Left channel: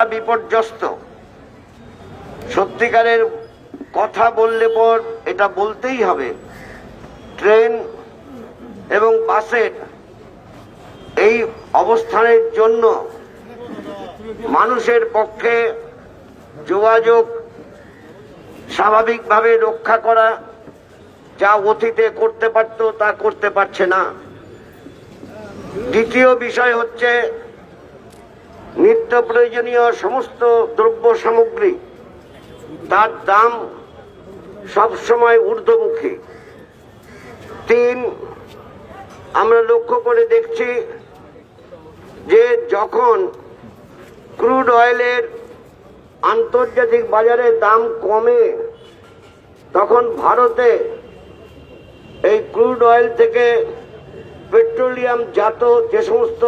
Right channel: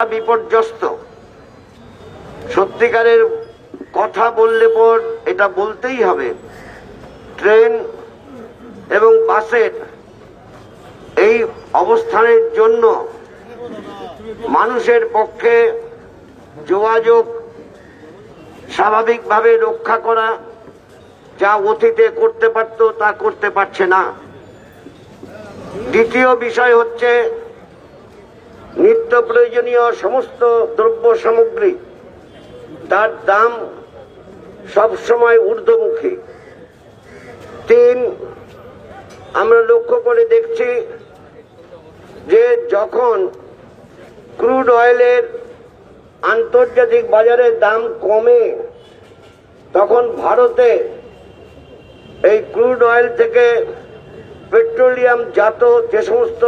বিপর্যস্ত। সত্যিকারের কথা বললে পর এটা বলতেই হবে, ট্রেন এবং বাসের এই অবস্থানের জন্য মানুষের পক্ষে যোগাযোগ স্বাভাবিকভাবে রক্ষা করা যা অতীতে করতে পারত তা করতে পারছে না। দ্বিতীয় বিষয় হচ্ছে নিত্য প্রয়োজনীয় সমস্ত দ্রব্য সামগ্রী তার দাম সবসময় ঊর্ধ্বমুখী। তিন, আমরা লক্ষ্য করে দেখছি যে যখন ক্রুড অয়েলের আন্তর্জাতিক বাজারে দাম কমে তখন ভারতে এই ক্রুড অয়েল থেকে পেট্রোলিয়াম জাত যে সমস্ত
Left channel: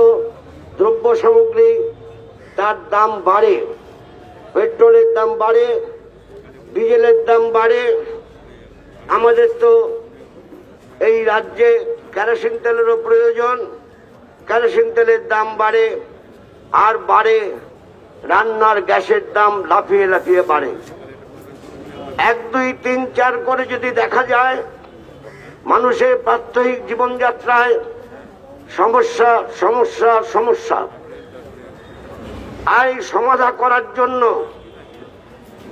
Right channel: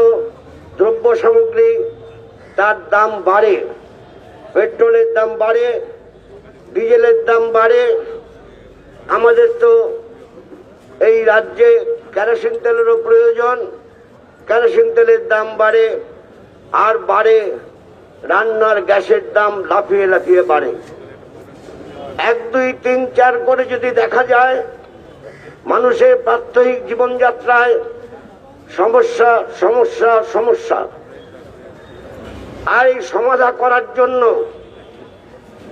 দ্রব্য সামগ্রী তার দাম বাড়ে, পেট্রোলের দাম বাড়ে, ডিজেলের দাম বাড়ে। আমাদের তো এই রাজ্যে কেরোসিন তেলেরও প্রয়োজন, কেরোসিন তেলের দাম বাড়ে, আর বাড়ে রান্নার গ্যাসের দাম লাফিয়ে লাফিয়ে বাড়ে। 1, 2, 3, 4 করে যদি দেখা যায়, মানুষের প্রাত্যহিক জীবনযাত্রায় সমস্যা সমস্যা সমস্যা। আর এই সমাধান করার জন্য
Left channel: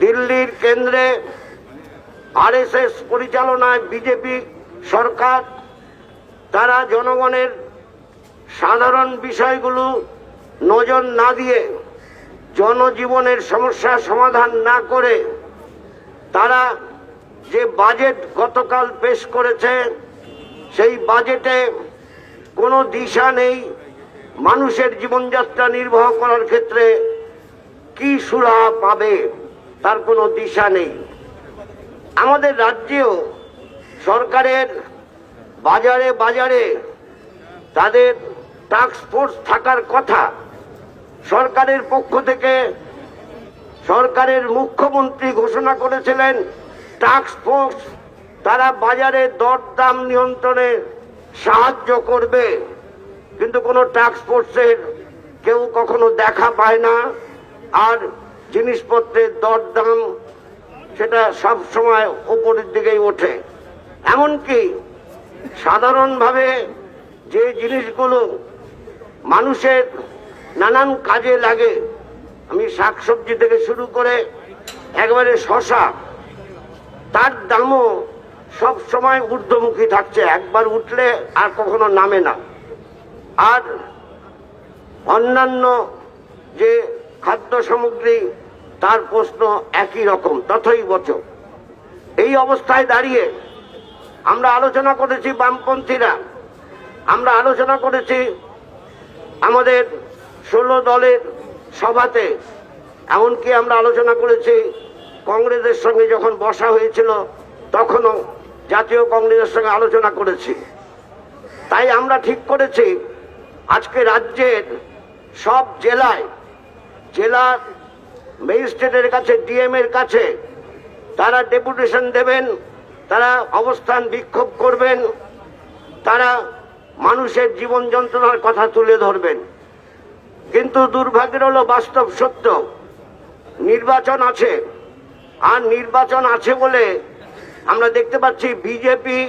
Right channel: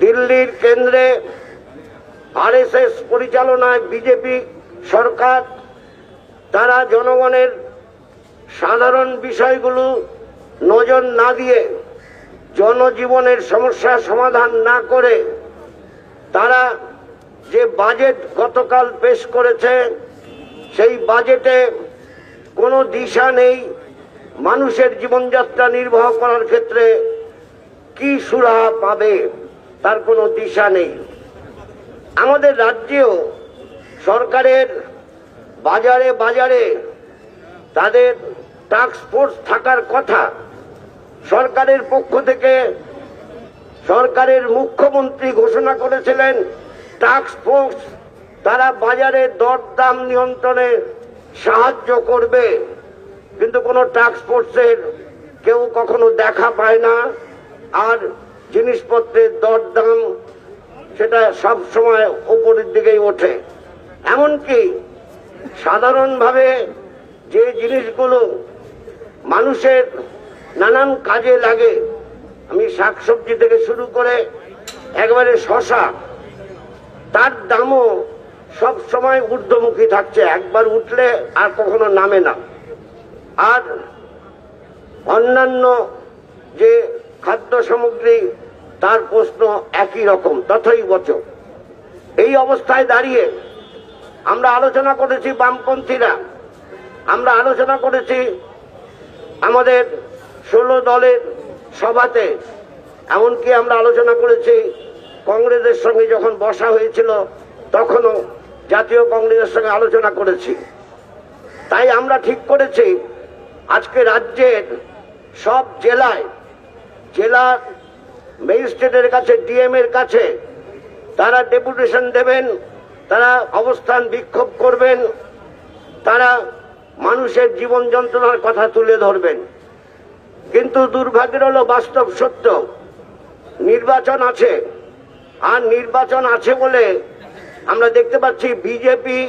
দিল্লির কেন্দ্রে আরএসএস পরিচালনায় বিজেপি সরকার তারা জনগণের সাধারণ বিষয়গুলো নজর না দিয়ে, জনজীবনের সমস্যার সমাধান না করে তারা যে বাজেট গতকাল পেশ করেছে সেই বাজেটে কোনো দিশা নেই। মানুষের জীবনযাত্রা নির্বাহ করার ক্ষেত্রে কি সুরাহা পাবে তার কোনো দিশা নেই। আমাদের রাজ্যেও সরকারের বাজারে বাজারে তাদের টাস্ক ফোর্স থাকার কথা। সরকারের পক্ষ থেকে সরকারের মুখ্যমন্ত্রী ঘোষণা করেছিলেন টাস্ক ফোর্স তারা বাজারে দরদাম নিয়ন্ত্রণে সাহায্য করবে, কিন্তু কোনো টাস্ক ফোর্সের কেউ কখনো দেখা পায় না। আর জিনিসপত্রের দরদাম সেটা সব সময় উপরের দিকেই ওঠে। এমনকি সাধারণভাবে যে জিনিসগুলো মানুষের নানান কাজে লাগে, আমি শাকসবজি থেকে শুরু করে একবারে শশা, তার দামও সব সময় ঊর্ধ্বমুখী থাকছে, একবার উঠলে আর কখনো নামে না। আর অন্যান্য যে খাদ্য সামগ্রী তার প্রশ্ন একই রকম, তথৈবচ। এই অবস্থায় দাঁড়িয়ে আমরা আলোচনা করেছি, বামপন্থীরা আমরা আলোচনা করেছি আমাদের 16 দলের সভাতে, এমনকি আমরা আলোচনা করেছি কংগ্রেসের সঙ্গে যখন বসা হয়েছিল তখনও জাতীয় কংগ্রেসের সঙ্গে আলোচনা করেছি। তাই আমরা ঠিক করেছি আজকে রাজ্যের সব জেলায় জেলার ম্যাজিস্ট্রেটের কাছে, ডিএম এর কাছে তারা ডেপুটেশন দেবেন, তারা অবস্থান বিক্ষোভ করবেন, তারা মানুষের জীবন যন্ত্রণার কথা তুলে ধরবেন। কিন্তু দুর্ভাগ্যের হলো বাস্তব সত্য, নির্বাচন আছে। আর নির্বাচন আছে বলে আমরা দেখতে পাচ্ছি বিজেপি,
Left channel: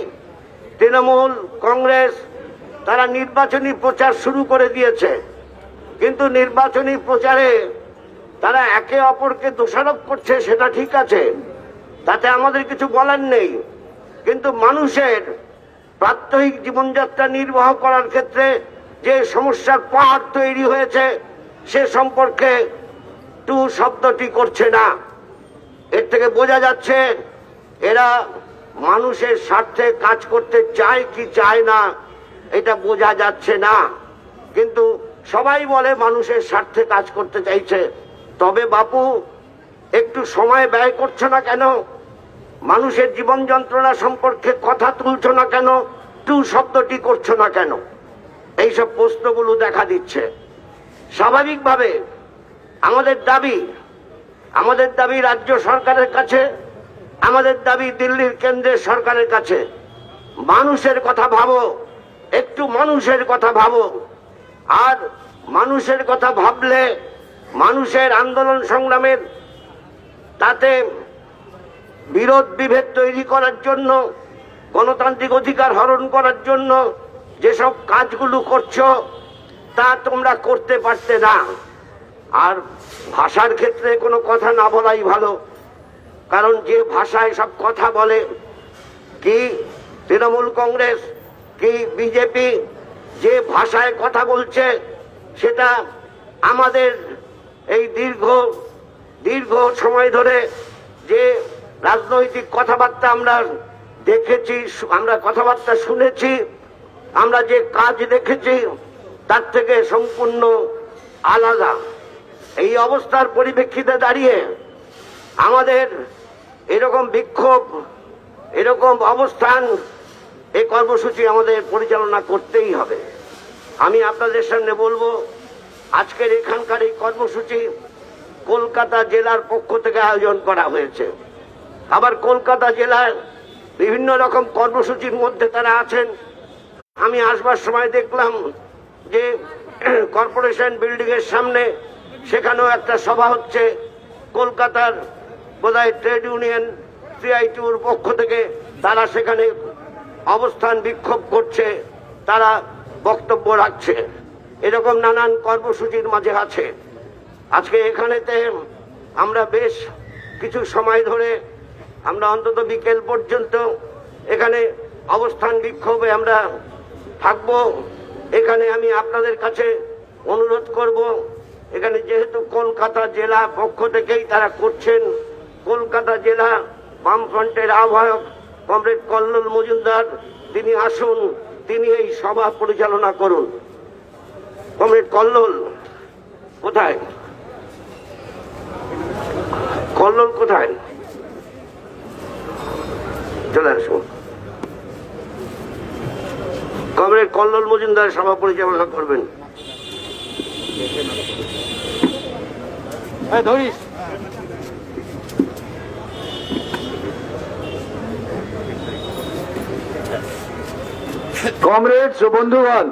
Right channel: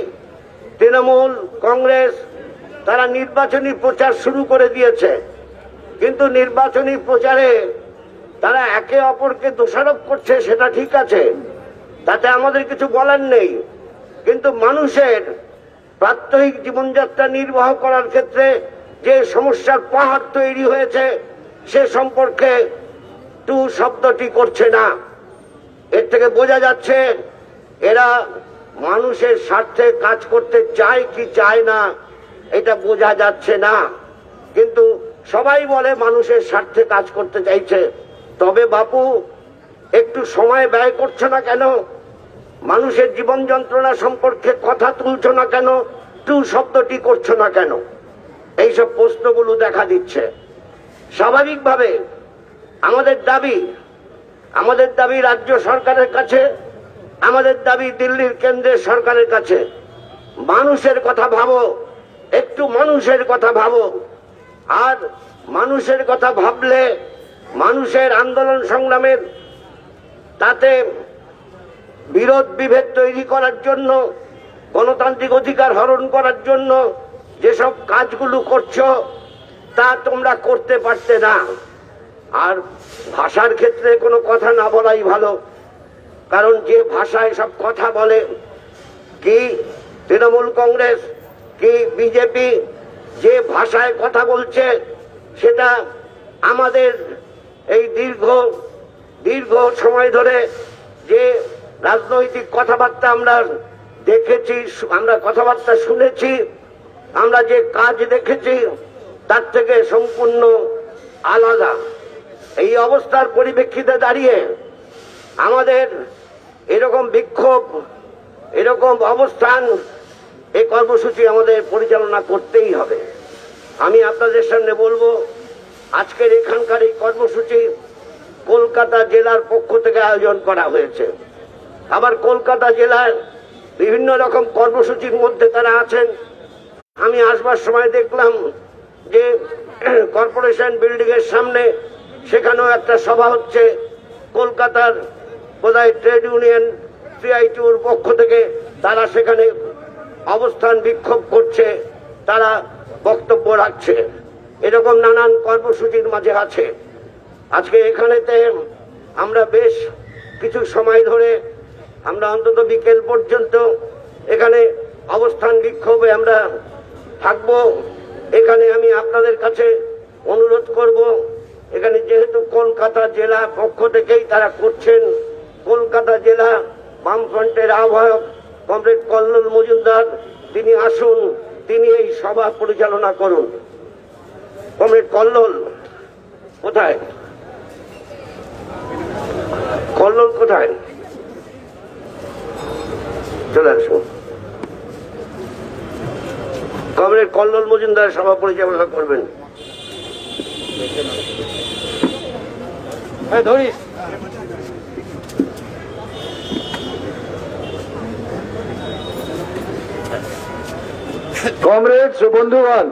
তৃণমূল, কংগ্রেস তারা নির্বাচনী প্রচার শুরু করে দিয়েছে। কিন্তু নির্বাচনী প্রচারে তারা একে অপরকে দোষারোপ করছে, সেটা ঠিক আছে, তাতে আমাদের কিছু বলার নেই। কিন্তু মানুষের প্রাত্যহিক জীবনযাত্রা নির্বাহ করার ক্ষেত্রে যে সমস্যার পাহাড় তৈরি হয়েছে সে সম্পর্কে টু শব্দটি করছে না। এর থেকে বোঝা যাচ্ছে এরা মানুষের স্বার্থে কাজ করতে চায় কি চায় না এটা বোঝা যাচ্ছে না। কিন্তু সবাই বলে মানুষের স্বার্থে কাজ করতে চাইছে। তবে বাপু, একটু সময় ব্যয় করছো না কেন? মানুষের জীবন যন্ত্রণা সম্পর্কে কথা তুলছো না কেন? টু শব্দটি করছো না কেন? এইসব প্রশ্নগুলো দেখা দিচ্ছে। স্বাভাবিকভাবে আমাদের দাবি রাজ্য সরকারের কাছে, আমাদের দাবি দিল্লির কেন্দ্রের সরকারের কাছে, মানুষের কথা ভাবো, একটু মানুষের কথা ভাবো। আর মানুষের কথা ভাবলে মানুষের আন্দোলন সংগ্রামের তাতে বিরোধ বিভেদ তৈরি করার জন্য, গণতান্ত্রিক অধিকার হরণ করার জন্য যেসব কাজগুলো করছো তা তোমরা করতে পারতে না। আর ভাষার ক্ষেত্রে কোনো কথা না বলাই ভালো, কারণ যে ভাষায় সব কথা বলে, কি তৃণমূল কংগ্রেস কি বিজেপি যে ভাষায় কথা বলছে, সেটা আমাদের এই দীর্ঘ সময় ধরে যে রাজনৈতিক কথাবার্তা আমরা দেখেছি, আমরা কথাবার্তা শুনেছি, আমরা যে কাজ দেখেছি তার থেকে সম্পূর্ণ আলাদা। এই অবস্থার পরিপ্রেক্ষিতে দাঁড়িয়ে আমাদের এরকম বিক্ষোভ, এরকম অবস্থান, এই কর্মসূচি আমাদের পরিচালনা করতেই হবে। আমি আপনাদের সামনে বলবো, আজকের এখানকার এই কর্মসূচি কলকাতা জেলার পক্ষ থেকে আয়োজন করা হয়েছে। আবার কলকাতা জেলার বিভিন্ন রকম কর্মসূচির মধ্যে তারা আছেন। আমি আসবার সময় দেখলাম যে কর্পোরেশন বিল্ডিং এর সামনে সেখানেও একটা সভা হচ্ছে। কলকাতার বোধহয় ট্রেড ইউনিয়ন সিআইটিউর পক্ষ থেকে তারা সেখানে অবস্থান বিক্ষোভ করছে, তারা বক্তব্য রাখছে। এরকম নানান কর্মসূচির মাঝে আছে। আজকে এখানেতে আমরা বেশ কিছু সময় ধরে, আমরা অন্তত বিকেল পর্যন্ত এখানে অবস্থান বিক্ষোভে আমরা থাকব। এখানে আমি আপনাদের কাছে অনুরোধ করব, এখানে যেহেতু কলকাতা জেলা পক্ষ থেকেই তারা করছেন, কলকাতা জেলা বামফ্রন্টের আহ্বায়ক কমরেড কল্লোল মজুমদার তিনি আসুন, তিনি এই সভা পরিচালনা করুন। কমরেড কল্লোল কোথায়? কল্লোল কোথায়? চলে আসুন। কমরেড কল্লোল মজুমদার সভা পরিচালনা করবেন। কমরেডস ও বন্ধুগণ,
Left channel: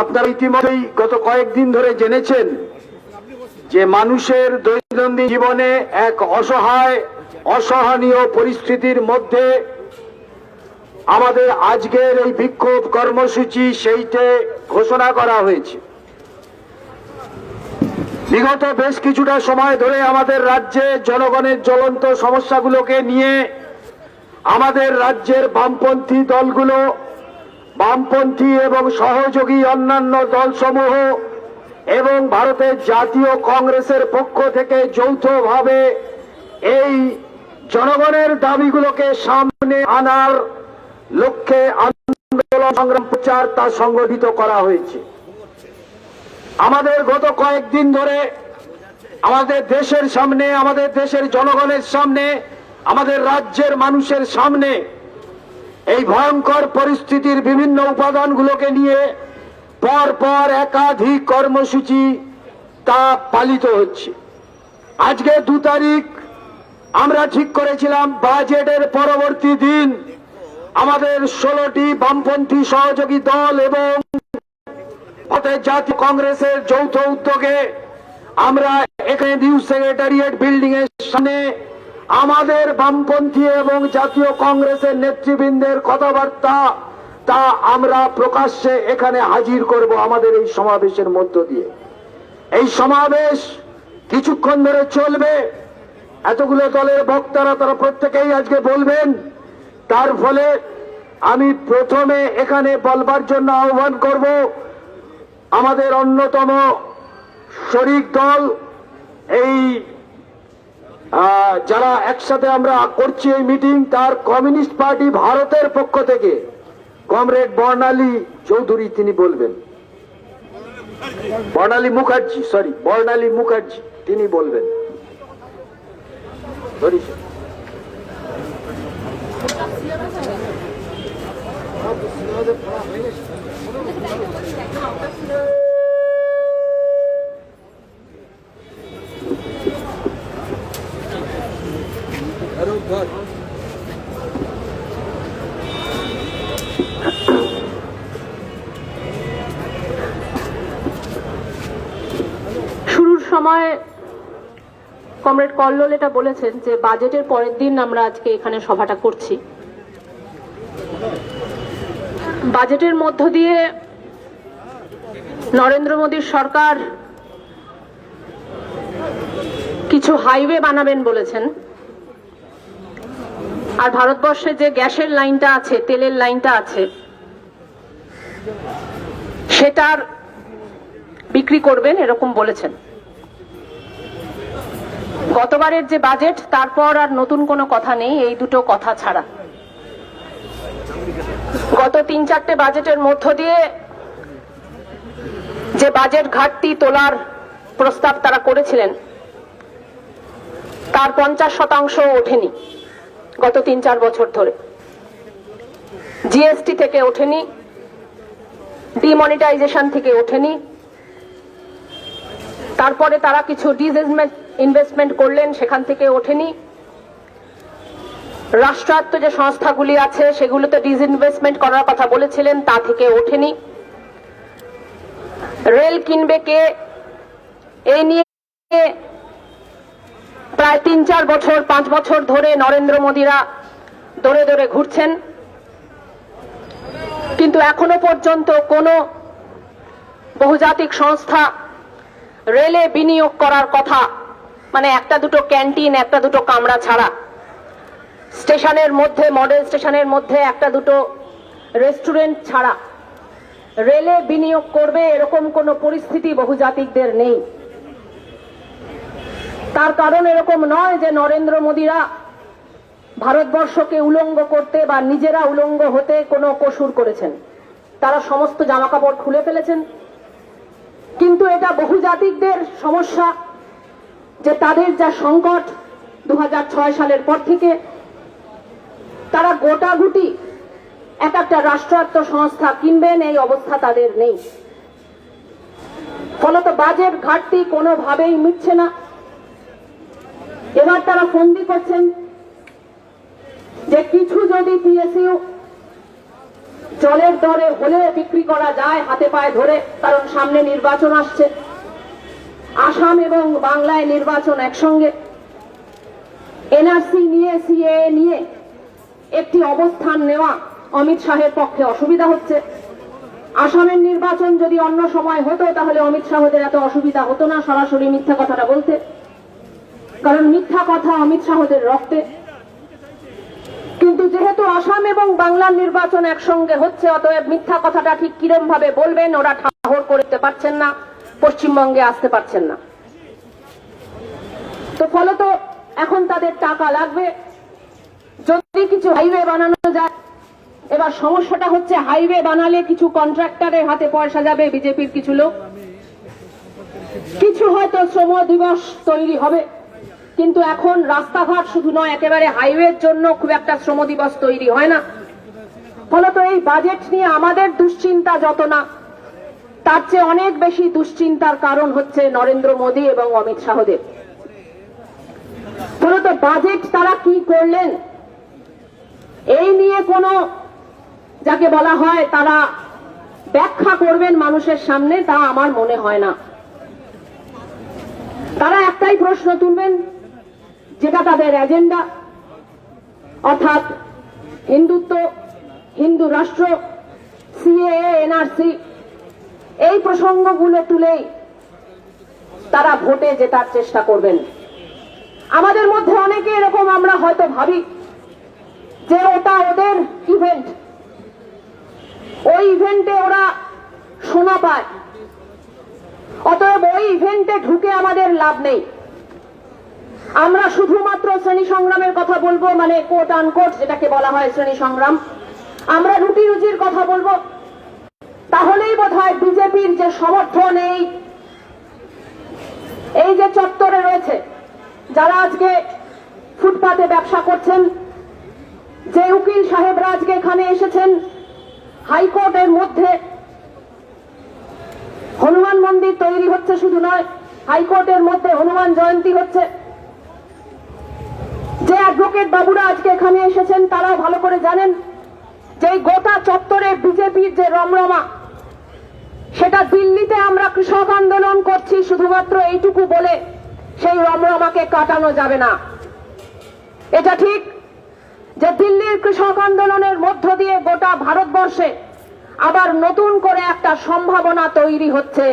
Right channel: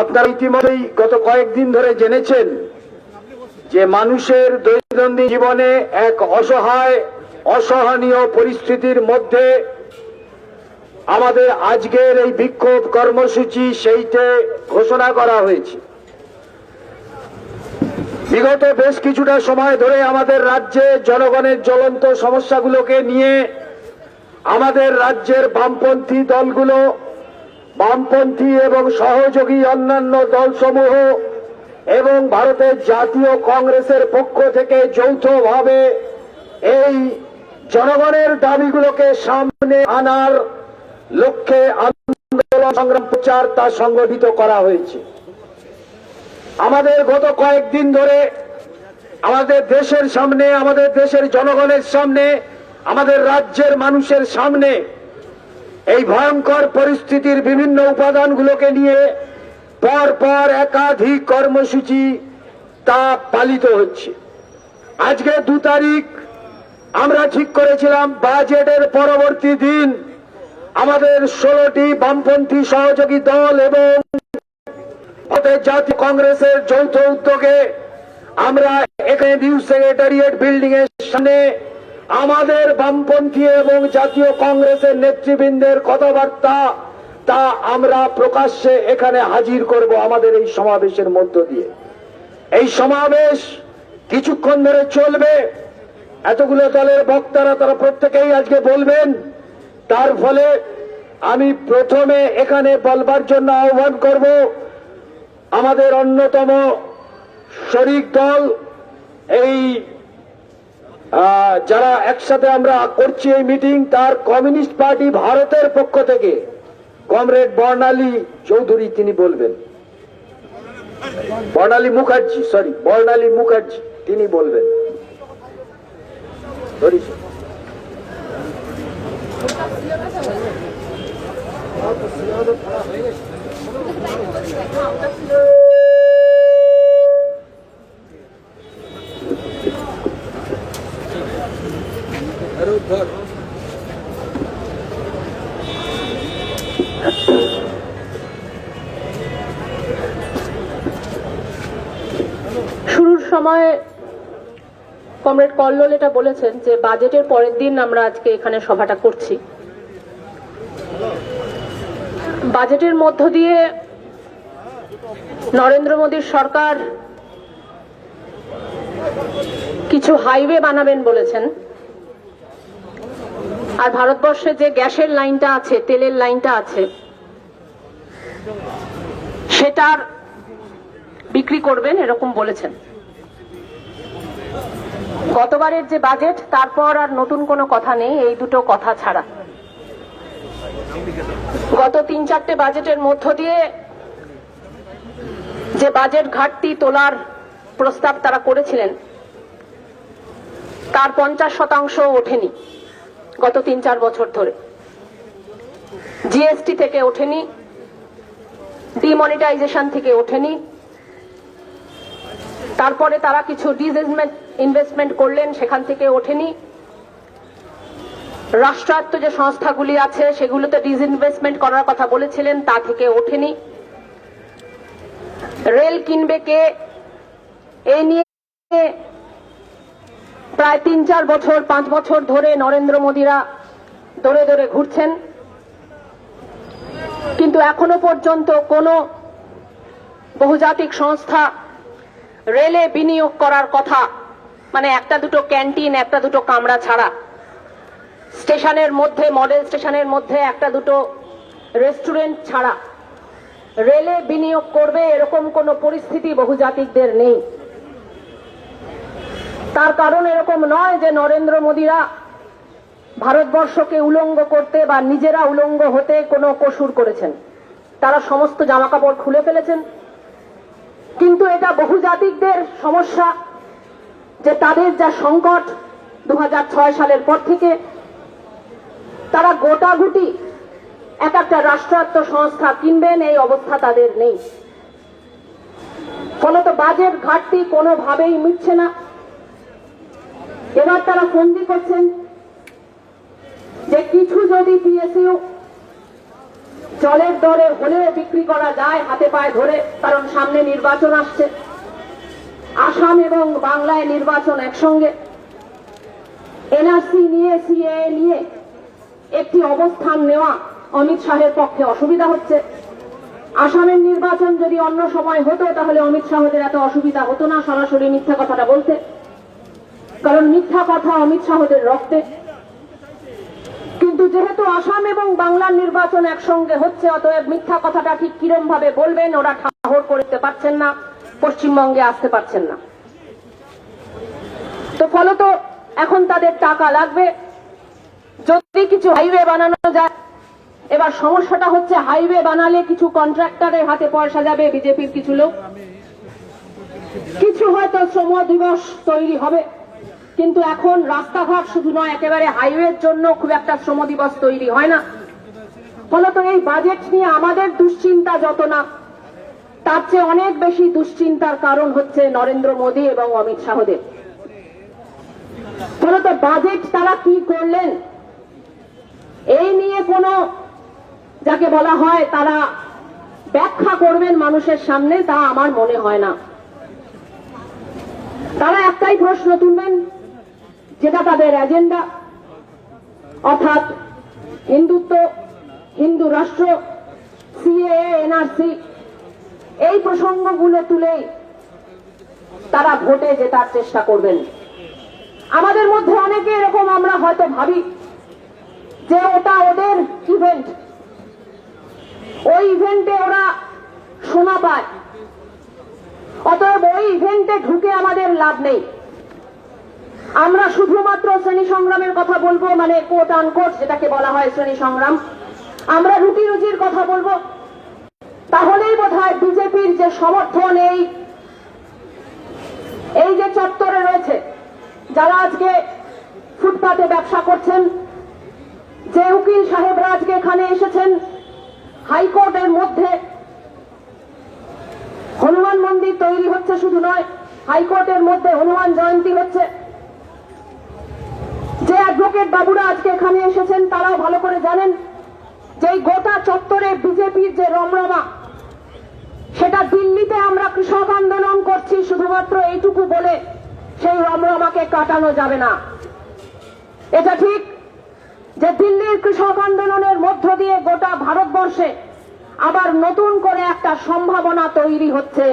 আপনারা ইতিমধ্যেই গত কয়েকদিন ধরে জেনেছেন যে মানুষের দৈনন্দিন জীবনে এক অসহায়, অসহনীয় পরিস্থিতির মধ্যে আমাদের আজকের এই বিক্ষোভ কর্মসূচি সেইটে ঘোষণা করা হয়েছে। বিগত বেশ কিছুটা সময় ধরে আমাদের রাজ্যে জনগণের জ্বলন্ত সমস্যাগুলোকে নিয়ে আমাদের রাজ্যের বামপন্থী দলগুলো, বামপন্থী এবং সহযোগী অন্যান্য দলসমূহ এবং ভারতের জাতীয় কংগ্রেসের পক্ষ থেকে যৌথভাবে এই জনগণের দাবিগুলোকে সামনে আনার লক্ষ্যে আন্দোলন সংগ্রাম প্রচার তা সংগঠিত করা হয়েছে। আমাদের গত কয়েকদিন ধরে আমাদের দেশের সামনে, আমাদের দেশের জনগণের সামনে, আমাদের রাজ্যের মানুষের সামনে এই ভয়ঙ্কর পরিস্থিতির বিভিন্ন উপাদানগুলোকে নিয়ে পরপর একাধিক কর্মসূচি তা পালিত হচ্ছে। আজকে 2 তারিখ আমরা ঠিক করেছিলাম বাজেটের পরবর্তী দিন আমাদের 16টি বামপন্থী সহযোগী দল এবং জাতীয় কংগ্রেসের যৌথ উদ্যোগে আমরা এখানে নিউ সেক্রেটারিয়েট বিল্ডিং এর সামনে আমাদের বামপন্থী এবং জাতীয় কংগ্রেসের নেতৃবৃন্দের কথাবার্তা তা আমরা প্রকাশ্যে এখানে হাজির করব আমাদের এই সমাবেশের মধ্য দিয়ে। এই সমাবেশ কিছুক্ষণ ধরে চলবে। এতগুলো দলের বক্তারা তারা প্রত্যেকেই আজকে বলবেন। তার ফলে আমি প্রথমে এখানে বলবার জন্য আহ্বান করব আমাদের অন্যতম শরিক দল, এই যারা একসাথে আমরা করছি এই মিটিং, তার কমিউনিস্ট পার্টি ভারতের পক্ষ থেকে কমরেড বর্ণালী চৌধুরী তিনি বলবেন। বর্ণালী মুখার্জি তিনি বলবেন। হয় কমরেড কল্লোল এটা বলেছেন যে বাজেটের পরের দিন আমরা আজকে এখানে সভাটা করছি। বাজেটের মধ্য দিয়ে নরেন্দ্র মোদীর সরকার কিছু হাইওয়ে বানাবেন বলেছেন, আর ভারতবর্ষে যে গ্যাসের লাইনটা আছে, তেলের লাইনটা আছে, সেটার বিক্রি করবেন এরকম বলেছেন। গতবারের যে বাজেট, তারপর আর নতুন কোনো কথা নেই এই দুটো কথা ছাড়া। গত 3-4টে বাজেটের মধ্য দিয়ে যে বাজেট ঘাটতি তোলার প্রস্তাব তারা করেছিলেন তার 50% ওঠেনি গত 3-4 বছর ধরে। জিএসটি থেকে ওঠেনি, ডিমনিটাইজেশন থেকে ওঠেনি, তারপরে তারা কিছু ইনভেস্টমেন্ট করলেন, সেখান থেকে ওঠেনি। রাষ্ট্রায়ত্ত যে সংস্থাগুলি আছে সেগুলোতে ডিসইনভেস্টমেন্ট করার কথা বলেছিলেন, তা থেকে ওঠেনি। রেল কিনবে কে, এই নিয়ে প্রায় 3-4 বছর 5 বছর ধরে নরেন্দ্র মোদীরা দৌড়ে দৌড়ে ঘুরছেন, কিন্তু এখনো পর্যন্ত কোনো বহুজাতিক সংস্থা রেলে বিনিয়োগ করার কথা, মানে একটা দুটো ক্যান্টিন, একটা দুটো কামরা ছাড়া, স্টেশনের মধ্যে, মডেল স্টেশনের মধ্যে একটা দুটো রেস্টুরেন্ট ছাড়া রেলে বিনিয়োগ করবে এরকম কোনো পরিস্থিতি বহুজাতিকদের নেই। তার কারণ এরকম নয় যে নরেন্দ্র মোদীরা ভারতবর্ষকে উলঙ্গ করতে বা নিজেরা উলঙ্গ হতে কোনো কসুর করেছেন। তারা সমস্ত জামাকাপড় খুলে ফেলেছেন, কিন্তু এটা বহুজাতিকদের সমস্যা যে তাদের যা সংকট 2006 সালের পর থেকে, তারা গোটাগুটি এক একটা রাষ্ট্রায়ত্ত সংস্থা কিনবেন এই অবস্থা তাদের নেই। ফলত বাজেট ঘাটতি কোনোভাবেই মিটছে না। এবার তারা ফন্দি করছেন যে কিছু যদি পিএসইউ জলের দরে হলেও বিক্রি করা যায় হাতে পায়ে ধরে, কারণ সামনে নির্বাচন আসছে, আসাম এবং বাংলায় নির্বাচন একসঙ্গে। এনআরসি নিয়ে, সিএএ নিয়ে একটি অবস্থান নেওয়া অমিত শাহের পক্ষে অসুবিধা হচ্ছে। আসামের নির্বাচন যদি অন্য সময় হতো তাহলে অমিত শাহদের এত অসুবিধা হতো না সরাসরি মিথ্যা কথাটা বলতে, কারণ মিথ্যা কথা অমিত শাহদের রক্তে। কিন্তু যেহেতু আসাম এবং বাংলার নির্বাচন একসঙ্গে হচ্ছে, অতএব মিথ্যা কথাটা ঠিক কিরম ভাবে বলবেন ওরা ঠাহর করতে পারছেন না, পশ্চিমবঙ্গে আসতে পারছেন না। তো ফলত এখন তাদের টাকা লাগবে, যদি কিছু হাইওয়ে বানানো যায়। এবার সমস্যাটা হচ্ছে হাইওয়ে বানালে কিছু কন্ট্রাক্টরের হাতে পয়সা যাবে, বিজেপির কিছু লোক, কিছু হয়তো শ্রম দিবস তৈরি হবে, কিন্তু এখন রাস্তাঘাট শুধু নয়, একেবারে হাইওয়ের জন্য খুব একটা শ্রম দিবস তৈরি হয় না। ফলত এই বাজেট নিয়ে আমাদের দুশ্চিন্তা যত না, তার চেয়ে অনেক বেশি দুশ্চিন্তার কারণ হচ্ছে নরেন্দ্র মোদী এবং অমিত শাহদের। ফলত বাজেট তারা কি করলেন এই নিয়ে কোনো, যাকে বলা হয় তারা ব্যাখ্যা করবেন মানুষের সামনে, তা আমার মনে হয় না। তারা একটাই প্রশ্ন তুলবেন, যেটা তাদের এজেন্ডা, অর্থাৎ হিন্দুত্ব, হিন্দু রাষ্ট্র, সিএএ, এনআরসি, এই প্রসঙ্গগুলো তুলেই তারা ভোটে জেতার চেষ্টা করবেন। আমাদের মধ্যে অনেকে এরকম আমরা হয়তো ভাবি যে ওটা ওদের ইভেন্ট, ওই ইভেন্টে ওরা শোনা পায়, অতএব ওই ইভেন্টে ঢুকে আমাদের লাভ নেই। আমরা শুধুমাত্র শ্রেণী সংগ্রামের কথা বলবো, মানে কোট আনকোট যেটাকে বলা হয় শ্রেণী সংগ্রাম, আমরা রুটি রুজির কথা বলবো, তাহলেই বোধহয় বিজেপির যে সমর্থন এই যে চত্বরে রয়েছে, যারা আজকে ফুটপাতে ব্যবসা করছেন, যে উকিল সাহেবরা আজকে এখানে এসেছেন, হাইকোর্টের মধ্যে হনুমান মন্দির তৈরি হচ্ছে, শুধু নয় হাইকোর্টের মধ্যে হনুমান জয়ন্তী হচ্ছে। যে অ্যাডভোকেট বাবুরা আজকে এখানে এসেছেন তারাও ভালো করে জানেন যে গোটা চত্বরে বিজেপির যে রমরমা, সেটা দিল্লিতে আমরা কৃষক আন্দোলন করছি শুধুমাত্র এইটুকু বলে সেই রমরমাকে কাটানো যাবে না। এটা ঠিক যে দিল্লির কৃষক আন্দোলনের মধ্য দিয়ে গোটা ভারতবর্ষে আবার নতুন করে একটা সম্ভাবনা তৈরি হচ্ছে।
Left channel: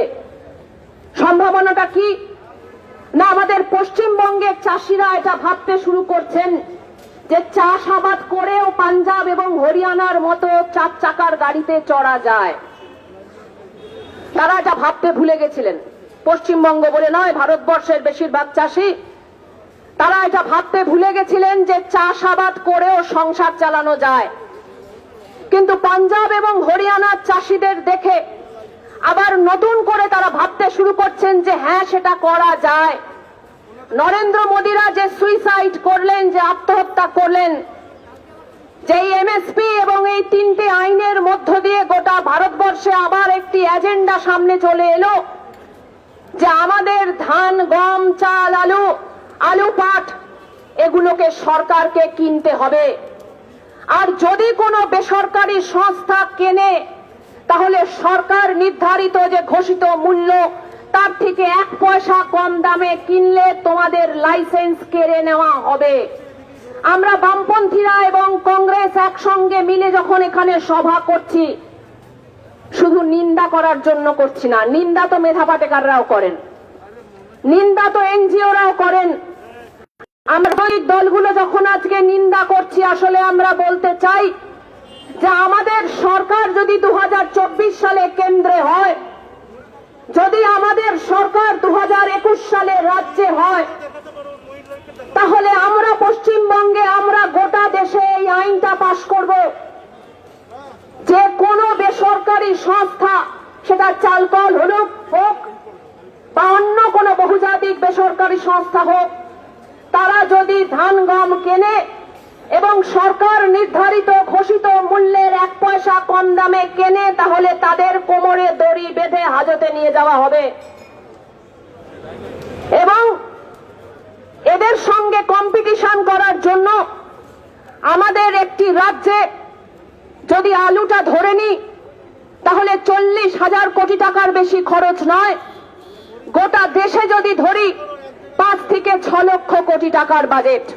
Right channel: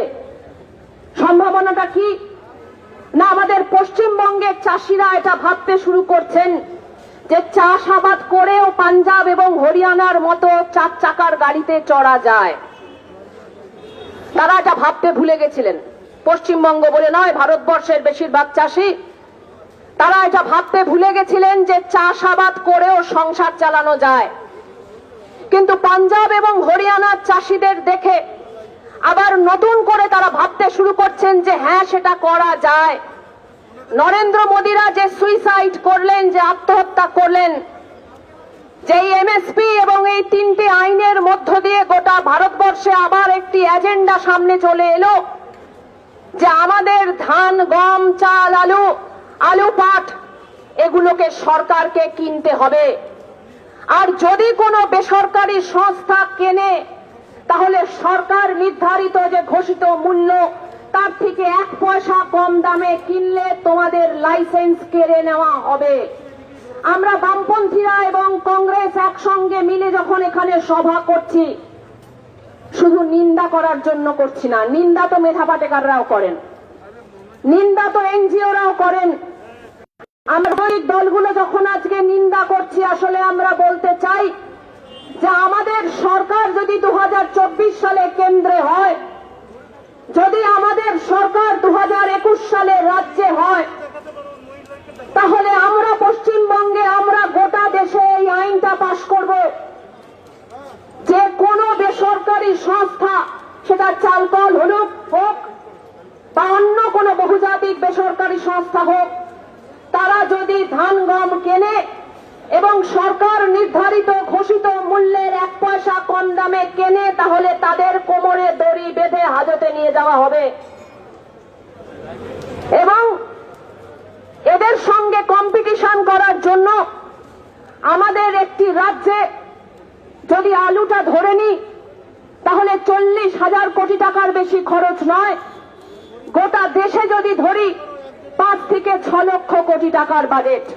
সম্ভাবনাটা কি না, আমাদের পশ্চিমবঙ্গের চাষিরা এটা ভাবতে শুরু করছেন যে চাষাবাদ করেও পাঞ্জাব এবং হরিয়ানার মতো 4 চাকার গাড়িতে চড়া যায়। তারা এটা ভাবতে ভুলে গেছিলেন। পশ্চিমবঙ্গ বলে নয়, ভারতবর্ষের বেশিরভাগ চাষি তারা এটা ভাবতে ভুলে গেছিলেন যে চাষাবাদ করেও সংসার চালানো যায়। কিন্তু পাঞ্জাব এবং হরিয়ানার চাষিদের দেখে আবার নতুন করে তারা ভাবতে শুরু করছেন যে হ্যাঁ, সেটা করা যায়। নরেন্দ্র মোদীরা যে সুইসাইড করলেন, যে আত্মহত্যা করলেন, যে এমএসপি এবং এই 3টে আইনের মধ্য দিয়ে গোটা ভারতবর্ষে আবার একটি এজেন্ডা সামনে চলে এলো যে আমাদের ধান, গম, চাল, আলু, পাট এগুলোকে সরকারকে কিনতে হবে। আর যদি কোনো বেসরকারি সংস্থা কেনে তাহলে সরকার নির্ধারিত যে ঘোষিত মূল্য তার থেকে 1 পয়সা কম দামে কিনলে তোমাদের লাইসেন্স কেড়ে নেওয়া হবে। আমরা বামপন্থীরা এবং কংগ্রেস একসঙ্গে মিলে যখন এখানে সভা করছি, শুধু নিন্দা করার জন্য করছি না। নিন্দা তো মেধা পাটেকাররাও করেন, নিন্দা তো এনজিওরাও করেন। আমরা ওই দলগুলো যখন আজকে নিন্দা করছি, আসলে আমরা বলতে চাই যে আমাদের সরকার যদি 2024 সালে কেন্দ্রে হয়, যদি আমাদের সরকার 2021 সালে রাজ্যে হয়, তাহলে আমরা পশ্চিমবঙ্গে আমরা গোটা দেশে এই আইনটা পাশ করব যে কোনো বেসরকারি সংস্থা, সেটা চালকল হোক বা অন্য কোনো বহুজাতিক বেসরকারি সংস্থা হোক, তারা যদি ধান, গম কেনে এবং সরকার নির্ধারিত ঘোষিত মূল্যের 1 পয়সা কম দামে কেনে, তাহলে তাদের কোমরে দড়ি বেঁধে হাজতে নিয়ে যাওয়া হবে। এবং এদের সঙ্গে কম্পিটিশন করার জন্য আমাদের একটি রাজ্যে যদি আলুটা ধরে নিই, তাহলে 40,000 কোটি টাকার বেশি খরচ নয়। গোটা দেশে যদি ধরি 5 থেকে 6 লক্ষ কোটি টাকার বাজেট।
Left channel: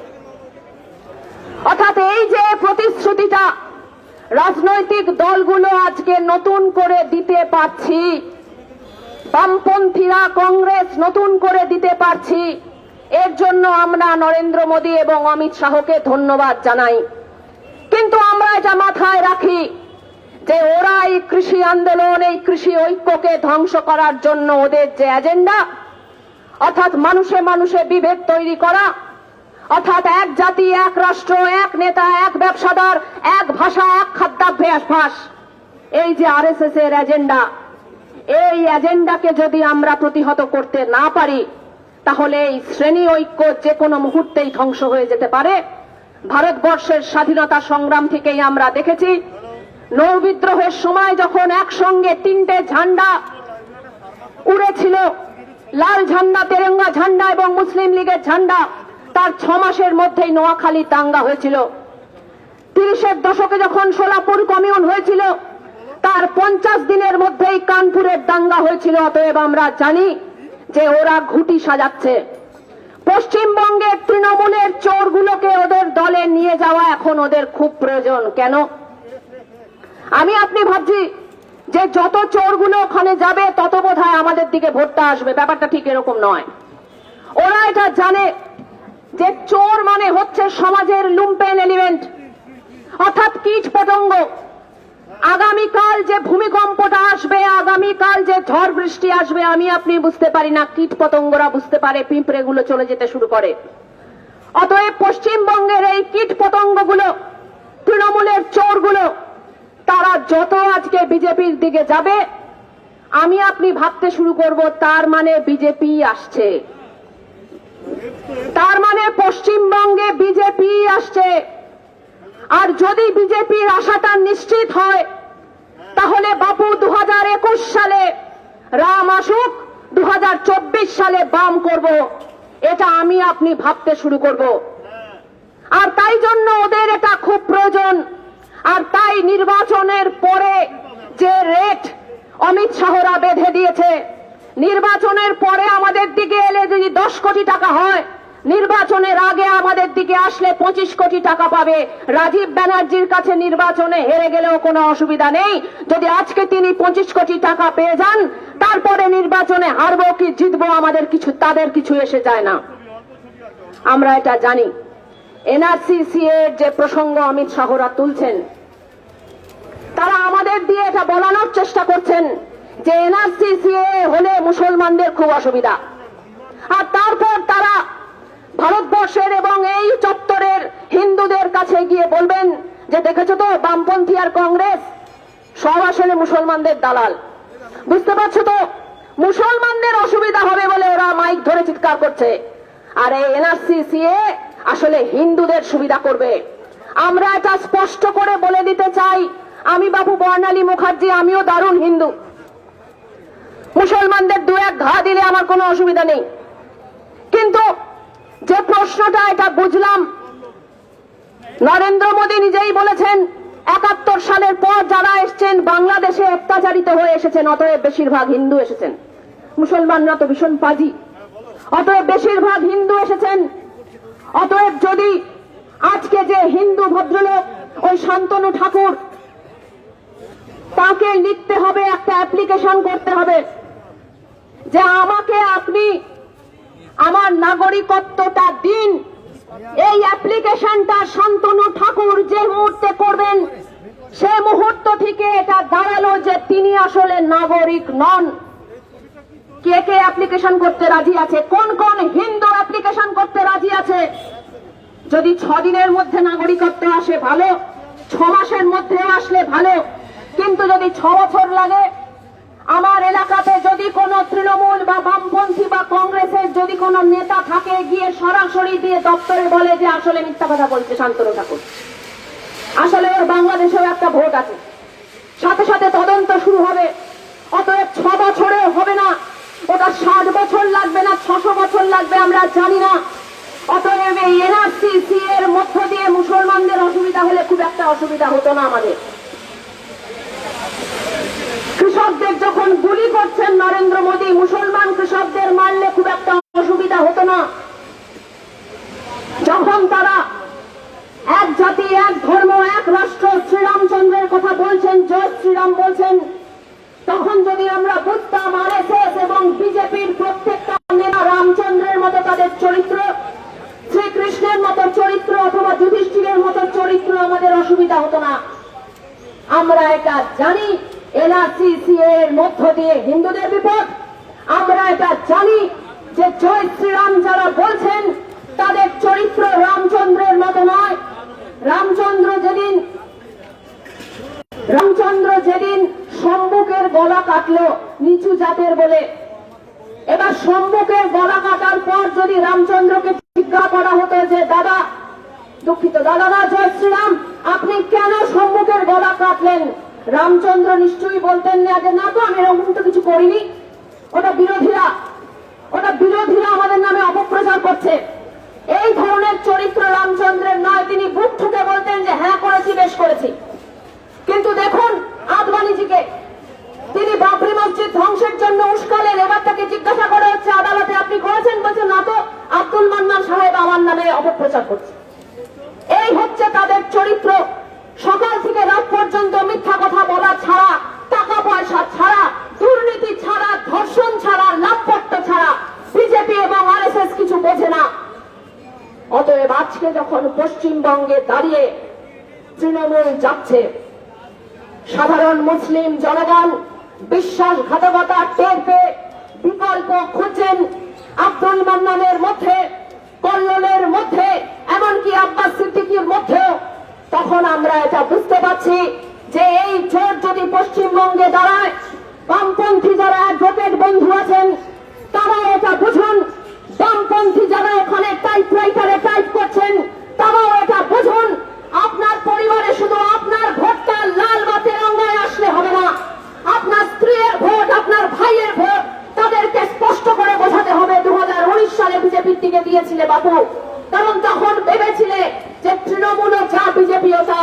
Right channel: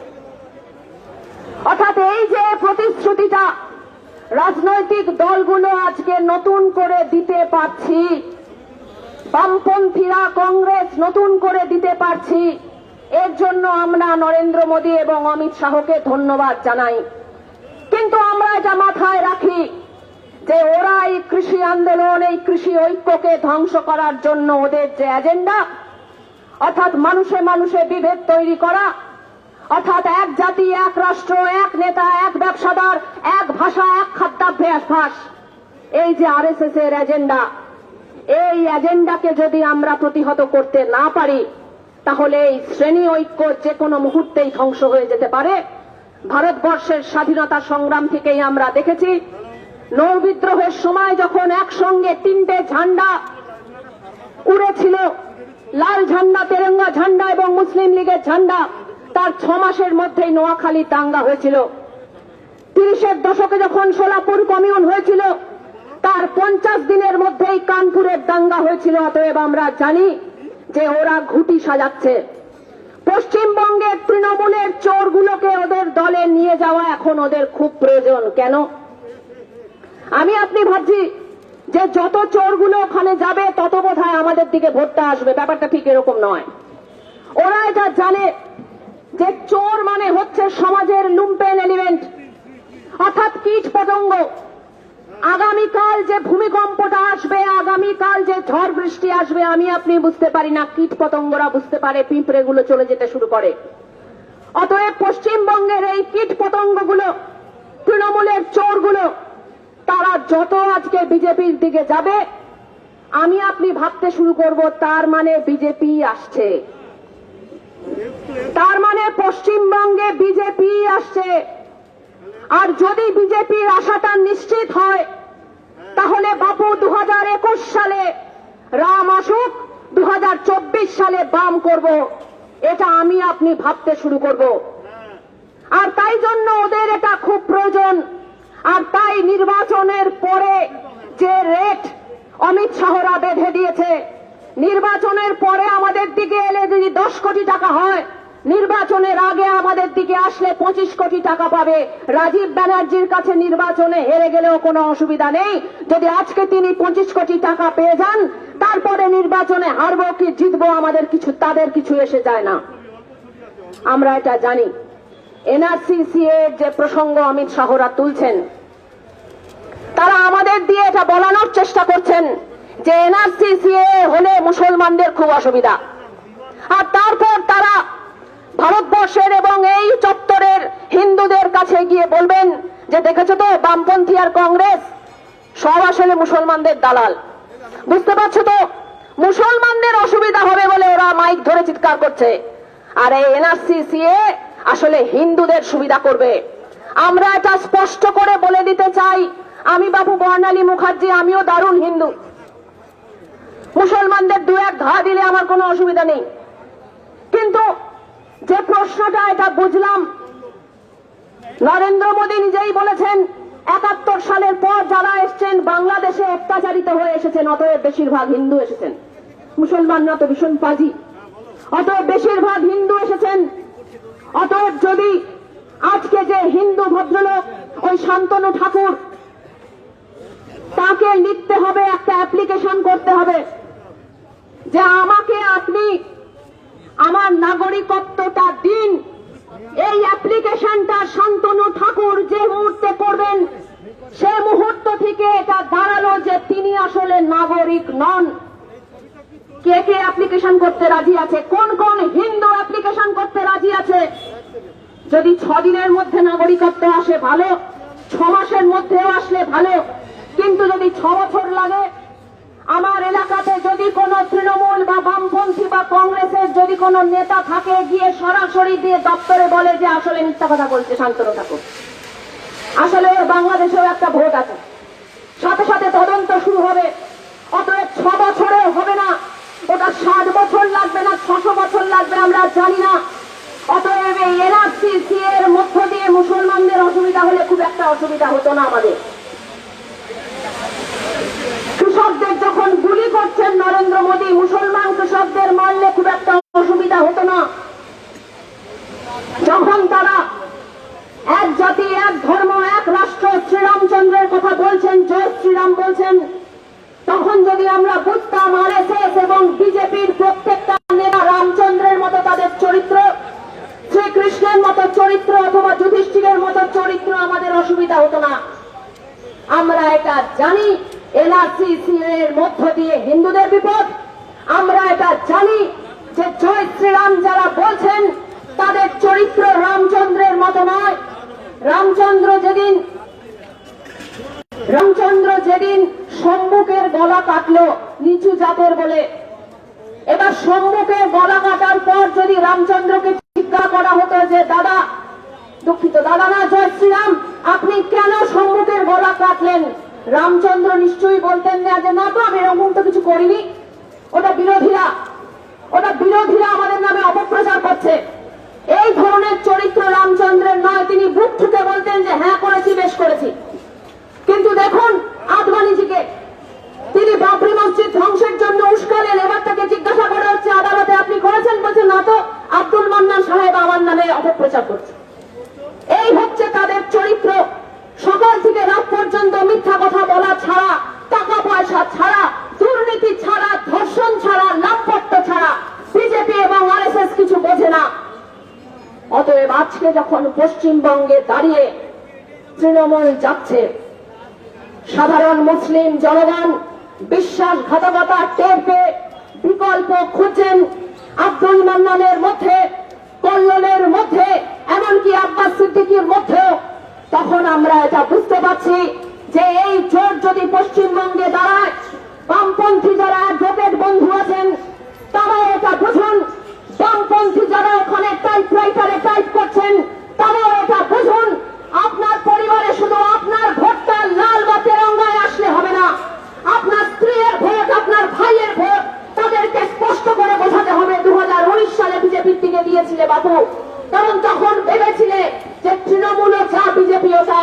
অর্থাৎ এই যে প্রতিশ্রুতিটা রাজনৈতিক দলগুলো আজকে নতুন করে দিতে পারছি, বামপন্থীরা, কংগ্রেস নতুন করে দিতে পারছি, এর জন্য আমরা নরেন্দ্র মোদী এবং অমিত শাহকে ধন্যবাদ জানাই। কিন্তু আমরা এটা মাথায় রাখি যে ওরা এই কৃষি আন্দোলন, এই কৃষি ঐক্যকে ধ্বংস করার জন্য ওদের যে এজেন্ডা, অর্থাৎ মানুষে মানুষে বিভেদ তৈরি করা, অর্থাৎ এক জাতি, এক রাষ্ট্র, এক নেতা, এক ব্যবসাদার, এক ভাষা, এক খাদ্যাভ্যাস, এই যে আরএসএস এর এজেন্ডা, এই এজেন্ডাকে যদি আমরা প্রতিহত করতে না পারি, তাহলে এই শ্রেণী ঐক্য যে কোনো মুহূর্তেই ধ্বংস হয়ে যেতে পারে। ভারতবর্ষের স্বাধীনতা সংগ্রাম থেকেই আমরা দেখেছি, নৌ বিদ্রোহের সময় যখন একসঙ্গে 3টে ঝান্ডা উড়েছিল, লাল ঝান্ডা, তেরঙ্গা ঝান্ডা এবং মুসলিম লীগের ঝান্ডা, তার 6 মাসের মধ্যেই নোয়াখালী দাঙ্গা হয়েছিল। 30-এর দশকে যখন সোলাপুর কমিউন হয়েছিল, তার 50 দিনের মধ্যেই কানপুরের দাঙ্গা হয়েছিল। অতএব আমরা জানি যে ওরা ঘুঁটি সাজাচ্ছে। পশ্চিমবঙ্গের তৃণমূলের চোরগুলোকে ওদের দলে নিয়ে যাওয়া এখন ওদের খুব প্রয়োজন। কেন? আপনি ভাবছি যে যত চোরগুলো ওখানে যাবে তত বোধহয় আমাদের দিকে ভোটটা আসবে। ব্যাপারটা ঠিক এরকম নয়। ওরা এটা জানে যে চোর মানে হচ্ছে সমাজের লুম্পেন এলিমেন্ট, অর্থাৎ কীট পতঙ্গ। আগামীকাল যে ভূমিকম্পটা আসবে, আগামীকাল যে ঝড় বৃষ্টি আসবে, আপনি বুঝতে পারি না, কীট পতঙ্গরা বুঝতে পারে, পিঁপড়েগুলো চলে যেতে শুরু করে। অতএব পশ্চিমবঙ্গের এই কীট পতঙ্গগুলো, তৃণমূলের চোরগুলো, তারা যত আজকে বিজেপির দিকে যাবে, আপনি ভাবতে শুরু করব তার মানে বিজেপি আসছে, তার মানে পশ্চিমবঙ্গে বিজেপি আসছে। আর যদি বিজেপির আশাটা নিশ্চিত হয়, তাহলে বাপু 2021 সালে রাম আসুক, 2024 সালে বাম করব, এটা আপনি ভাবতে শুরু করব। আর তাই জন্য ওদের এটা খুব প্রয়োজন। আর তাই নির্বাচনের পরে যে রেট অমিত শাহরা বেঁধে দিয়েছে, নির্বাচনের পরে আমাদের দিকে এলে যদি 10 কোটি টাকা হয়, নির্বাচনের আগে আমাদের দিকে আসলে 25 কোটি টাকা পাবে। রাজীব ব্যানার্জির কাছে নির্বাচনে হেরে গেলেও কোনো অসুবিধা নেই। যদি আজকে তিনি 25 কোটি টাকা পেয়ে যান, তারপরে নির্বাচনে হারবো কি জিতবো আমাদের কিছু, তাদের কিছু এসে যায় না। আমরা এটা জানি। এনআরসি সিএ এর যে প্রসঙ্গ অমিত শাহরা তুলছেন, তারা আমাদের দিয়ে এটা বলানোর চেষ্টা করছেন যে এনআরসি সিএ হলে মুসলমানদের খুব অসুবিধা। আর তারপর তারা ভারতবর্ষের এবং এই চত্বরের হিন্দুদের কাছে গিয়ে বলবেন যে দেখেছো তো বামপন্থী আর কংগ্রেস সব আসলে মুসলমানদের দালাল। বুঝতে পারছো তো, মুসলমানদের অসুবিধা হবে বলে ওরা মাইক ধরে চিৎকার করছে, আর এই এনআরসি সিএ আসলে হিন্দুদের সুবিধা করবে। আমরা এটা স্পষ্ট করে বলে দিতে চাই, আমি বাবু বর্ণালী মুখার্জি, আমিও দারুণ হিন্দু। মুসলমানদের দু এক ঘা দিলে আমার কোনো অসুবিধা নেই, কিন্তু যে প্রশ্নটা এটা বুঝলাম, নরেন্দ্র মোদী নিজেই বলেছেন 71 সালের পর যারা এসছেন বাংলাদেশে অত্যাচারিত হয়ে এসেছেন, অতএব বেশিরভাগ হিন্দু এসেছেন। মুসলমানরা তো ভীষণ পাজি, অতএব বেশিরভাগ হিন্দু এসেছেন। অতএব যদি আজকে যে হিন্দু ভদ্রলোক ওই শান্তনু ঠাকুর, তাকে লিখতে হবে, একটা অ্যাপ্লিকেশন করতে হবে যে আমাকে আপনি আমার নাগরিকত্বটা দিন। এই অ্যাপ্লিকেশনটা শান্তনু ঠাকুর যে মুহূর্তে করবেন, সে মুহূর্ত থেকে এটা দাঁড়ালো যে তিনি আসলে নাগরিক নন। কে কে অ্যাপ্লিকেশন করতে রাজি আছে? কোন কোন হিন্দু অ্যাপ্লিকেশন করতে রাজি আছে? যদি 6 দিনের মধ্যে নাগরিকত্ব আসে ভালো, 6 মাসের মধ্যে আসলে ভালো, কিন্তু যদি 6 বছর লাগে, আমার এলাকাতে যদি কোনো তৃণমূল বা বামপন্থী বা কংগ্রেসের যদি কোনো নেতা থাকে, গিয়ে সরাসরি দিয়ে দপ্তরে বলে যে আসলে মিথ্যা কথা বলছে শান্তনু ঠাকুর, আসলে ওর বাংলাদেশেও একটা ভোট আছে, সাথে সাথে তদন্ত শুরু হবে। অতএব 6 বছরেও হবে না, ওটা 7 বছর লাগবে না 600 বছর লাগবে আমরা জানি না। অতএব এই এনআরসি সিএ এর মধ্য দিয়ে মুসলমানদের অসুবিধা হলে খুব একটা অসুবিধা হতো না আমাদের। কৃষকদের যখন গুলি করছেন নরেন্দ্র মোদী, মুসলমান কৃষকদের মারলে খুব একটা অসুবিধা হতো না। যখন তারা এক জাতি এক ধর্ম এক রাষ্ট্র শ্রীরামচন্দ্রের কথা বলছেন, জয় শ্রীরাম বলছেন, তখন যদি আমরা বুঝতাম আরএসএস এবং বিজেপির প্রত্যেকটা নেতা রামচন্দ্রের মতো তাদের চরিত্র, শ্রীকৃষ্ণের মতো চরিত্র অথবা যুধিষ্ঠিরের মতো চরিত্র, আমাদের অসুবিধা হতো না। আমরা এটা জানি এনআরসি সিএ এর মধ্য দিয়ে হিন্দুদের বিপদ। আমরা এটা জানি যে জয় শ্রীরাম যারা বলছেন তাদের চরিত্র রামচন্দ্রের মতো নয়। রামচন্দ্র যেদিন সম্মুখের গলা কাটলো নিচু জাতের বলে, এবার সম্মুখের গলা কাটার পর যদি রামচন্দ্রকে জিজ্ঞাসা করা হতো যে দাদা, দুঃখিত দাদা না জয় শ্রীরাম, আপনি কেন সম্মুখের গলা কাটলেন, রামচন্দ্র নিশ্চয়ই বলতেন না যে না তো আমি এরকম তো কিছু করিনি, ওটা বিরোধীরা আমাদের নামে অপপ্রচার করছে। এই ধরনের চরিত্র রামচন্দ্রের নয়। তিনি বুক ঠুকে বলতেন যে হ্যাঁ করেছি, বেশ করেছি। কিন্তু দেখুন আদবানিজিকে, তিনি বাবরি মসজিদ ধ্বংসের জন্য উস্কালেন, এবার তাকে জিজ্ঞাসা করা হচ্ছে আদালতে আপনি করেছেন, বলছেন না তো আব্দুল মান্নান সাহেব আমার নামে অপপ্রচার করছে। এই হচ্ছে তাদের চরিত্র। সকাল থেকে রাত পর্যন্ত মিথ্যা কথা বলা ছাড়া, টাকা পয়সা ছাড়া, দুর্নীতি ছাড়া, ধর্ষণ ছাড়া, লাভপট্ট ছাড়া বিজেপি এবং আরএসএস কিছু বোঝে না। অতএব আজকে যখন পশ্চিমবঙ্গে দাঁড়িয়ে তৃণমূল যাচ্ছে, সাধারণ মুসলিম জনগণ বিশ্বাসঘাতকতা টের পেয়ে বিকল্প খুঁজছেন আব্দুল মান্নানের মধ্যে, কল্লোলের মধ্যে, এমনকি আব্বাস সিদ্দিকীর মধ্যে। তখন আমরা এটা বুঝতে পারছি যে এই জোট যদি পশ্চিমবঙ্গে দাঁড়ায়, বামপন্থী যারা অ্যাডভোকেট বন্ধু আছেন তারাও এটা বুঝুন, বামপন্থী যারা ওখানে টাইপরাইটারে টাইপ করছেন তারাও এটা বুঝুন। আপনার পরিবারে শুধু আপনার ভোটটা লাল বা তেরঙ্গায় আসলে হবে না, আপনার স্ত্রীর ভোট, আপনার ভাইয়ের ভোট তাদেরকে স্পষ্ট করে বোঝাতে হবে 2019 সালে বিজেপির দিকে দিয়েছিলে বাবু, কারণ তখন ভেবেছিলে যে তৃণমূলও যা বিজেপিও তা।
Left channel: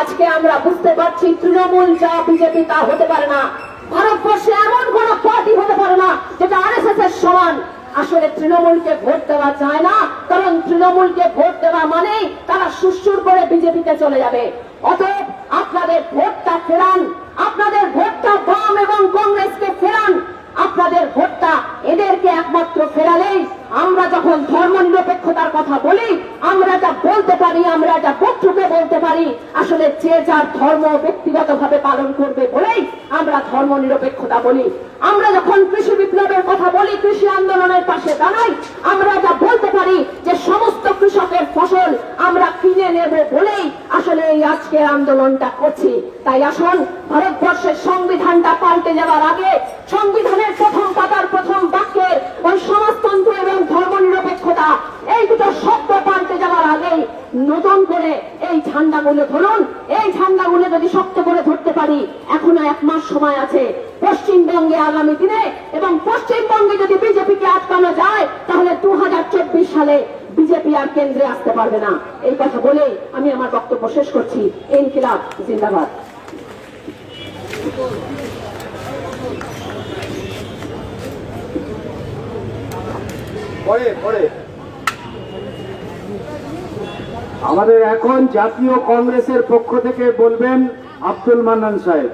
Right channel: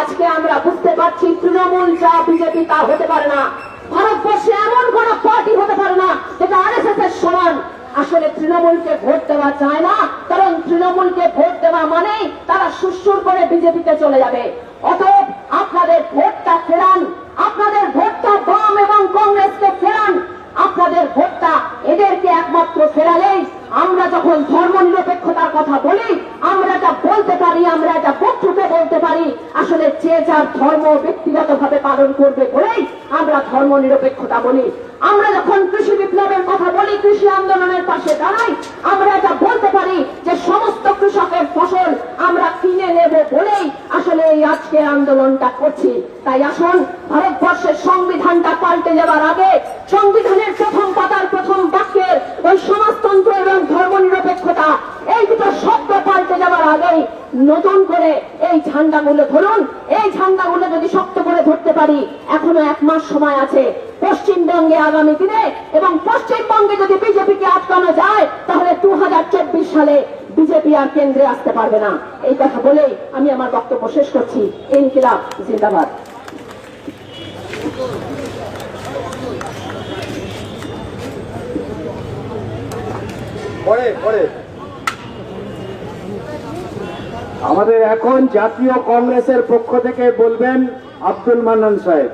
আজকে আমরা বুঝতে পারছি তৃণমূল যা বিজেপি তা হতে পারে না। ভারতবর্ষে এমন কোন পার্টি হতে পারে না যেটা আরএসএস এর সমান। আসলে তৃণমূলকে ভোট দেওয়া যায় না, কারণ তৃণমূলকে ভোট দেওয়া মানেই তারা সুরসুর করে বিজেপিতে চলে যাবে। অতএব আপনাদের ভোটটা ফেরান, আপনাদের ভোটটা বাম এবং কংগ্রেসকে ফেরান। আপনাদের ভোটটা এদেরকে একমাত্র ফেরালেই আমরা যখন ধর্ম নিরপেক্ষতার কথা বলি, আমরা যা বলতে পারি, আমরা যা বক্তব্যে বলতে পারি, আসলে যে যার ধর্ম ব্যক্তিগতভাবে পালন করবে বলেই আমরা ধর্ম নিরপেক্ষতা বলি। আমরা যখন কৃষি বিপ্লবের কথা বলি, কৃষি আন্দোলনের পাশে দাঁড়াই, আমরা যা বলতে পারি যে সমস্ত কৃষকের ফসল আমরা কিনে নেব বলেই আসলে এই আজকের আন্দোলনটা করছি। তাই আসুন, ভারতবর্ষের সংবিধানটা পাল্টে যাওয়ার আগে সংবিধানের প্রথম পাতার প্রথম বাক্যের ওই সমাজতন্ত্র এবং ধর্ম নিরপেক্ষতা এই দুটো শব্দ পাল্টে যাওয়ার আগেই নতুন করে এই ঝান্ডাগুলো ধরুন। এই ঝান্ডাগুলো যদি শক্ত করে ধরতে পারি, এখনো 1 মাস সময় আছে পশ্চিমবঙ্গে আগামী দিনে, এবং পশ্চিমবঙ্গে যদি বিজেপিকে আটকানো যায় তাহলে 2024 সালে বিজেপি আর কেন্দ্রে আসতে পারবে না। এই কথা বলেই আমি আমার বক্তব্য শেষ করছি। ইনকিলাব জিন্দাবাদ। আমাদের এখন জাতীয় কংগ্রেসের পক্ষ থেকে বলবেন আব্দুল মান্নান সাহেব।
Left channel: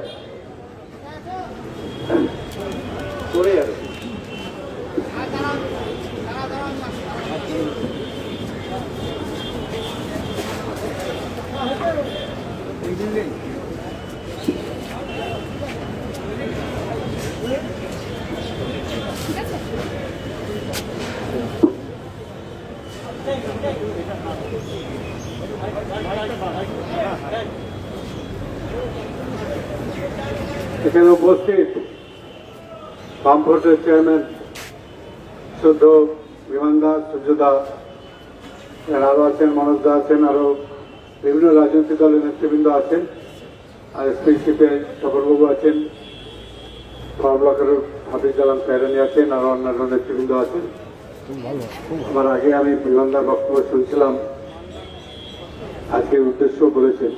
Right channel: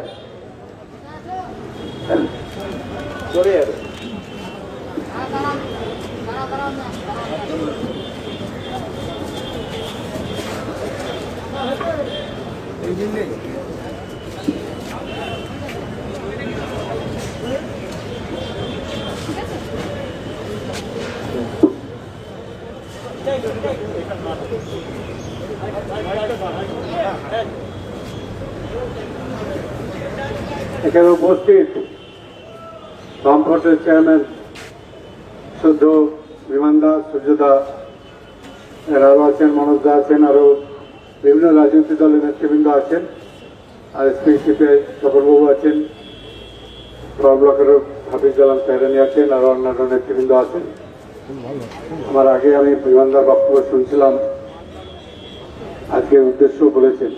এখানে উপস্থিত বামফ্রন্টের চেয়ারম্যান শুদ্ধ বিমানদা, সূর্যদা, এরাও আছেন, মনোজ দা আছেন, আরো বিভিন্ন রাজনৈতিক দলের নেতৃবৃন্দ আছেন, আর স্পিশিপে শকরবাবু আছেন, ব্লকেরও হাফিজ জালাম সাহেরানি আছেন, আরো অন্যান্য নেতৃবৃন্দ আছেন। আমার আগে আমি বিমানদার বক্তব্য শুনছিলাম, আজকে উদ্দেশ্য বলেছেন।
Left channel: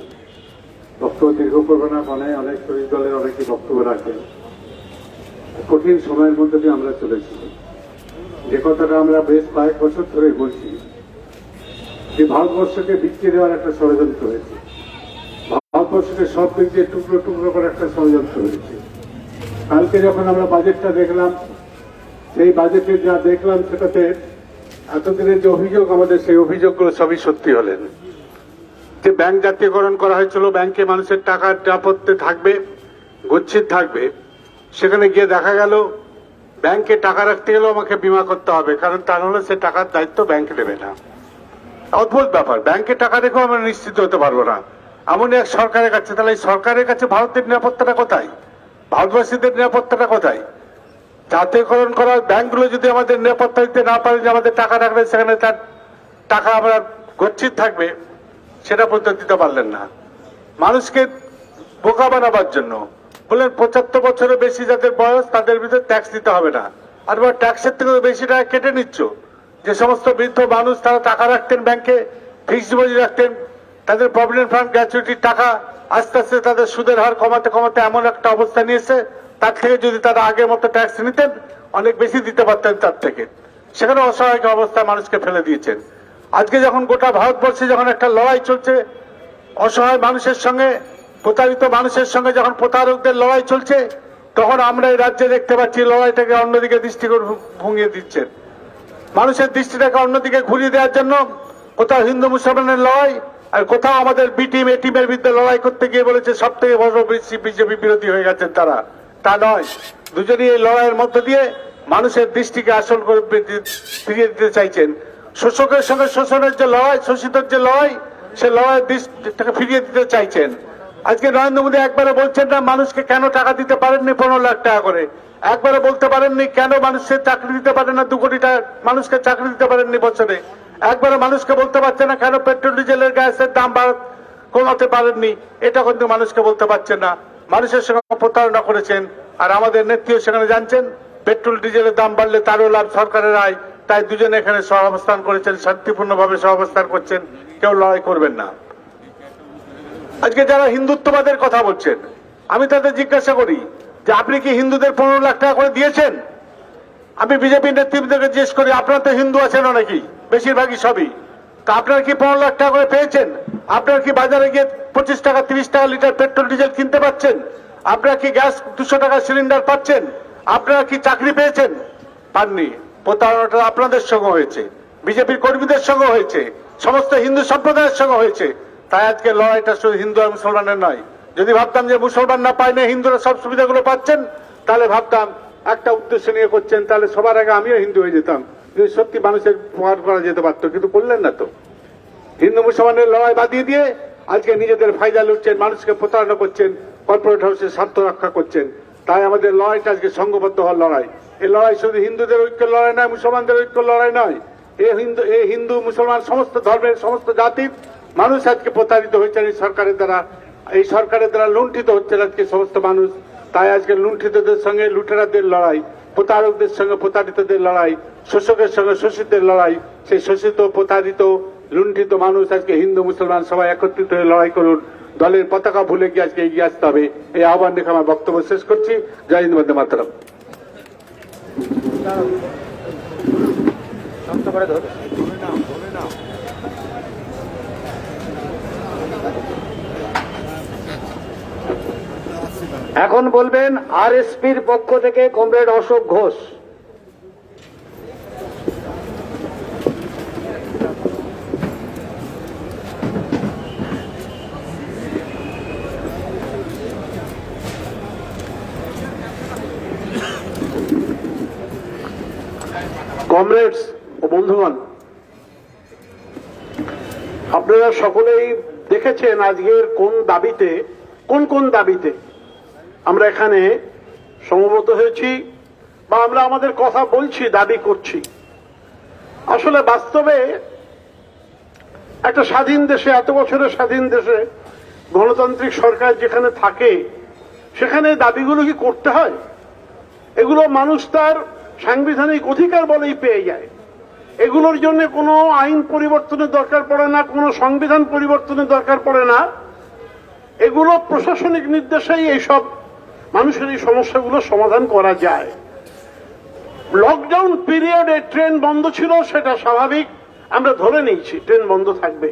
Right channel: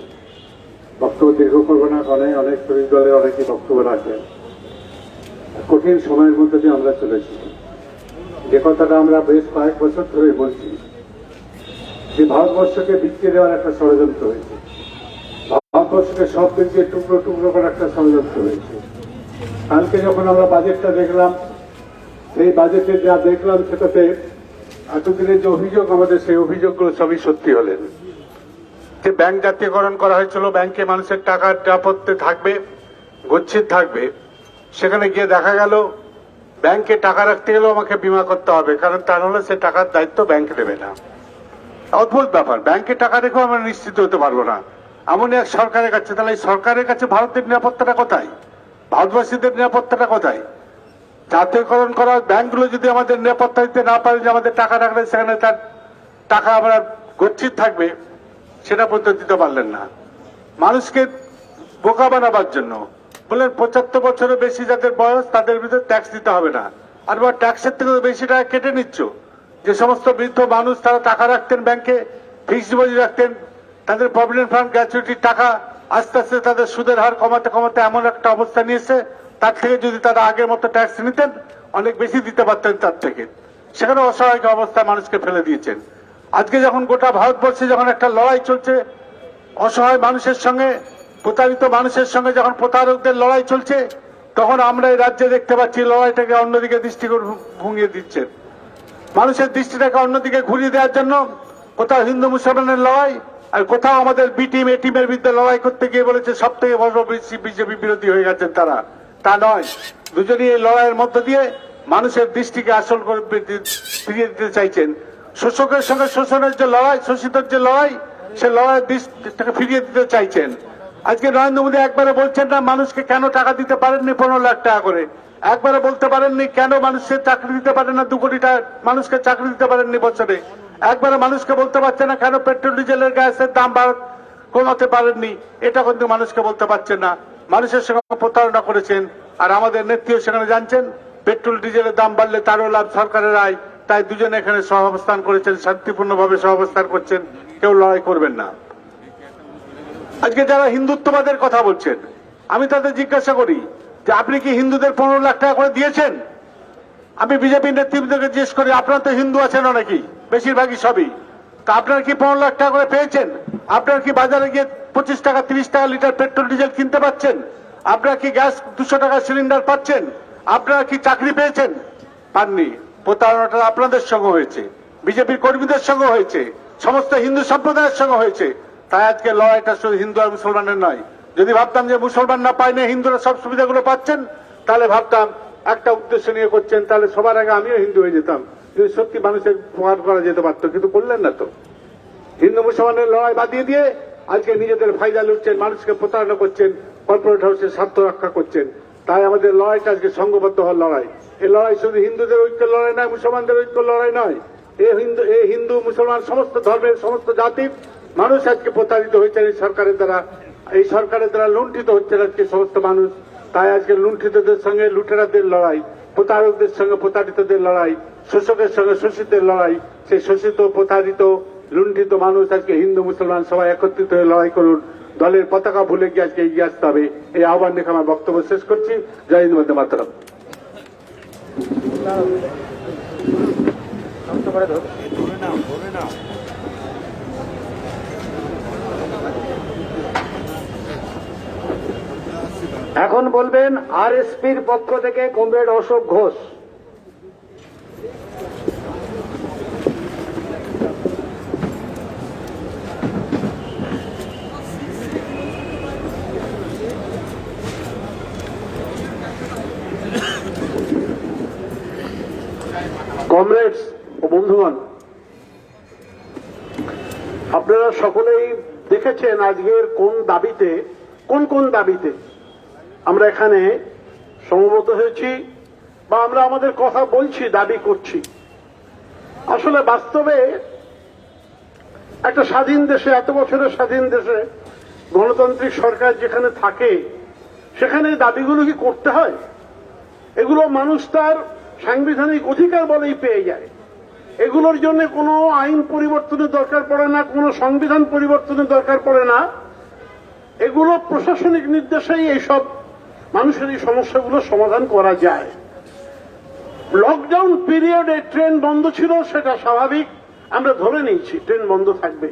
বক্তব্য দীর্ঘ করবে না, অনেক শরীর দলের অনেকেই বক্তব্য রাখেন। কঠিন সময়ের মধ্যে দিয়ে আমরা চলেছি। যে কথাটা আমরা বেশ কয়েক বছর ধরে বলছি, যে ভারতবর্ষকে বিক্রি দেওয়ার একটা ষড়যন্ত্র হয়েছে, ভারতবর্ষকে সব দিক দিয়ে টুকরো টুকরো করার একটা ষড়যন্ত্র হয়েছে। কালকে যখন আমরা বাজেটটা দেখলাম, এই বাজেটে যা দেখলাম সেটাতে এতদিনের যে অভিযোগ আমাদের, সেই অভিযোগগুলো সবই সত্যি হলেন। যে ব্যাংক জাতীয়করণ করা হয়েছিল, ব্যাংকে মানুষের টাকার নিরাপত্তা থাকবে, গচ্ছিত থাকবে, সেখানে গিয়ে দেখা গেল ব্যাংকে টাকা রাখতে গেলেও আমাকে বীমা করতে হবে, কারণ তা নাহলে সে টাকার দায়িত্ব ব্যাংক নেবে না। অদ্ভুত ব্যাপার, ব্যাংকে টাকা রেখেও আমরা নিশ্চিত হতে পারবো না এমন এক সরকারের কাছে। তাহলে এই সরকারের কাছে ভারতের নিরাপত্তাটা কোথায়? ভারতবাসীদের নিরাপত্তাটা কোথায়? জাতীয়করণ করা ব্যাংকগুলো যদি আমাদের নিরাপত্তা দিতে না পারে, যে আমাদের টাকা রাখবে সেখানে তার টাকা আমরা গচ্ছিত থাকবে, সেটা পর্যন্ত দিতে পারলেন না। মানুষকে বোকা বানাবার জন্য বললেন 75 বছরের বেশি যাদের বয়স তাদের ভিতরে ট্যাক্স দিতে হবে না, আর ট্যাক্সের থেকে বেশি টাকা কেটে নিচ্ছ। যে সমস্ত বৃদ্ধ মানুষ তারা টাকা রাখতেন ব্যাংকে, ফিক্সড ডিপোজিট রাখতেন, তাদের প্রভিডেন্ট ফান্ড গ্র্যাচুইটির টাকা আস্তে আস্তে তাদের সুদের হার কমাতে কমাতে এমন একটা অবস্থা নিয়েছে, তার থেকে যদি তারা আগের মতো ট্যাক্স নিতেন অনেক বেশি দিতে পারতেন তার থেকে। সেখানে অসহায় অবস্থা মানুষকে ফেলে দিয়েছেন। আজকে যখন গোটা ভারতবর্ষে যখন একটা লড়াই চলছে অসহায় মানুষের সঙ্গে, প্রতারিত মানুষের সঙ্গে যখন প্রতারকদের লড়াই চলছে, তখন আমরা এই রাজ্যে দেখতে পাচ্ছি লড়াইটাকে অন্যদিকে ভুঙিয়ে দিচ্ছেন। মানুষের দৃষ্টিটাকে অন্যদিকে ঘুরিয়ে দেওয়ার জন্য কোথাও হিন্দু মুসলমানের লড়াই, আর কোথাও আমাদের বি টিম এ টিমের বিরুদ্ধে লড়াই করতে গিয়ে বলেছে সব থেকে বড় বিজেপি বিরোধী হয়ে গেছেন তারা। তা নয়, দুজনই এই লড়াইয়ের মধ্য দিয়ে মানুষের দৃষ্টিকে আসল করে ফিরিয়ে দিতে চাইছেন। শোষকের সঙ্গে শোষণের যে লড়াই, শোষিতের যে লড়াই, সে লড়াইয়ের দৃষ্টিটাকে ফিরিয়ে দিতে চাইছেন। আজকে নরেন্দ্র মোদী একবারে বলছেন না মানুষকে কেন টাকা দিতে পারেননি 15 লাখ টাকা করে, একবারে বলতে পারেননি কেন মানুষের চাকরি দিতে পারেন না, 2 কোটি মানুষকে চাকরি দিতে পারেননি বছরে, একবারে মানুষকে বলতে পারছেন না কেন পেট্রোল ডিজেলের গ্যাসের দাম কমাতে পারেননি, এটা কিন্তু মানুষকে বলতে পারছেন না। মানুষের সঙ্গে প্রতারণা করেছেন। আর আমাদের নেত্রীও সেখানে জানছেন পেট্রোল ডিজেলের দাম বাড়লে তারও লাভ সরকারের আয়, তাই দুজনে এখানে সহাবস্থান করেছেন, শান্তিপূর্ণভাবে সহাবস্থান করছেন, কেউ লড়াই করবেন না। আজকে যারা হিন্দুত্ববাদের কথা বলছেন, আমি তাদের জিজ্ঞাসা করি যে আপনি কি হিন্দুদের 15 লাখ টাকা করে দিয়েছেন? আমি বিজেপি নেতৃত্বকে জিজ্ঞেস করি, আপনারা তো হিন্দু আছেন অনেকেই, বেশিরভাগই সবই, তা আপনারা কি 15 লাখ টাকা করে পেয়েছেন? আপনারা কি বাজারে গিয়ে 25 টাকা 30 টাকা লিটার পেট্রোল ডিজেল কিনতে পারছেন? আপনারা কি গ্যাস 200 টাকা সিলিন্ডার পাচ্ছেন? আপনারা কি চাকরি পেয়েছেন? পাননি। প্রতারণাটা আপনাদের সঙ্গে হয়েছে, বিজেপির কর্মীদের সঙ্গে হয়েছে, সমস্ত হিন্দু সম্প্রদায়ের সঙ্গে হয়েছে। তাই আজকে লড়াইটা শুধু হিন্দু আর মুসলমানের নয়। যদি ভাবতাম যে মুসলমান না পায় না, হিন্দুরা সব সুবিধাগুলো পাচ্ছেন, তাহলে ভাবতাম একটা উদ্দেশ্য নিয়ে করছেন, তাহলে সবার আগে আমিও হিন্দু হয়ে যেতাম, যদি সত্যি মানুষের উপকার করা যেতে পারতো। কিন্তু করলেন না তো। হিন্দু মুসলমানের লড়াই বাদিয়ে দিয়ে আজকে নিজেদের ফায়দা লুটছেন, মানুষকে প্রতারণা করছেন, কর্পোরেট হাউসের স্বার্থ রক্ষা করছেন। তাই আমাদের লড়াইটা আজকে সংঘবদ্ধ হওয়ার লড়াই। এই লড়াই শুধু হিন্দুদের ঐক্যের লড়াই নয়, মুসলমানদের ঐক্যের লড়াই নয়। এই হিন্দু মুসলমান সমস্ত ধর্মের সমস্ত জাতির মানুষ আজকে প্রতারিত হয়েছেন এই সরকারের দ্বারা। এই সরকারের দ্বারা লুণ্ঠিত হচ্ছেন আজকে সমস্ত মানুষ। তাই আজকে লুণ্ঠিতদের সঙ্গে লুটেরাদের লড়াই, প্রতারকদের সঙ্গে প্রতারিতদের লড়াই, শোষকের সঙ্গে শোষিতের লড়াই। সেই শোষিত, প্রতারিত, লুণ্ঠিত মানুষ আজকে হিন্দু মুসলমান সবাই একত্রিত হয়ে লড়াই করুন। দলের পতাকা ভুলে গিয়ে আজকে এগিয়ে আসতে হবে। এই আহ্বান রেখে আমার বক্তব্য শেষ করছি। জয় হিন্দ, বন্দে মাতরম। এখন বলবেন আরএসপির পক্ষ থেকে কমরেড অশোক ঘোষ। কমরেডস ও বন্ধুগণ, আপনারা সকলেই দেখেছেন আজকের কোন দাবিতে আমরা এখানে সমবেত হয়েছি বা আমরা আমাদের কথা বলছি, দাবি করছি। আসলে বাস্তবে একটা স্বাধীন দেশে, এত বছরের স্বাধীন দেশে গণতান্ত্রিক সরকার যেখানে থাকে, সেখানে দাবিগুলো কি করতে হয়? এগুলো মানুষ তার সাংবিধানিক অধিকার বলেই পেয়ে যায়। এগুলোর জন্য কোনো আইন পরিবর্তনের দরকার পড়ে না, কোনো সংবিধান পরিবর্তনের দরকার পড়ে না। এগুলো প্রশাসনিক নির্দেশেই এইসব মানুষের এই সমস্যাগুলো সমাধান করা যায়। লকডাউন পিরিয়ডে ট্রেন বন্ধ ছিল, সেটা স্বাভাবিক, আমরা ধরে নিয়েছি ট্রেন বন্ধ থাকবে।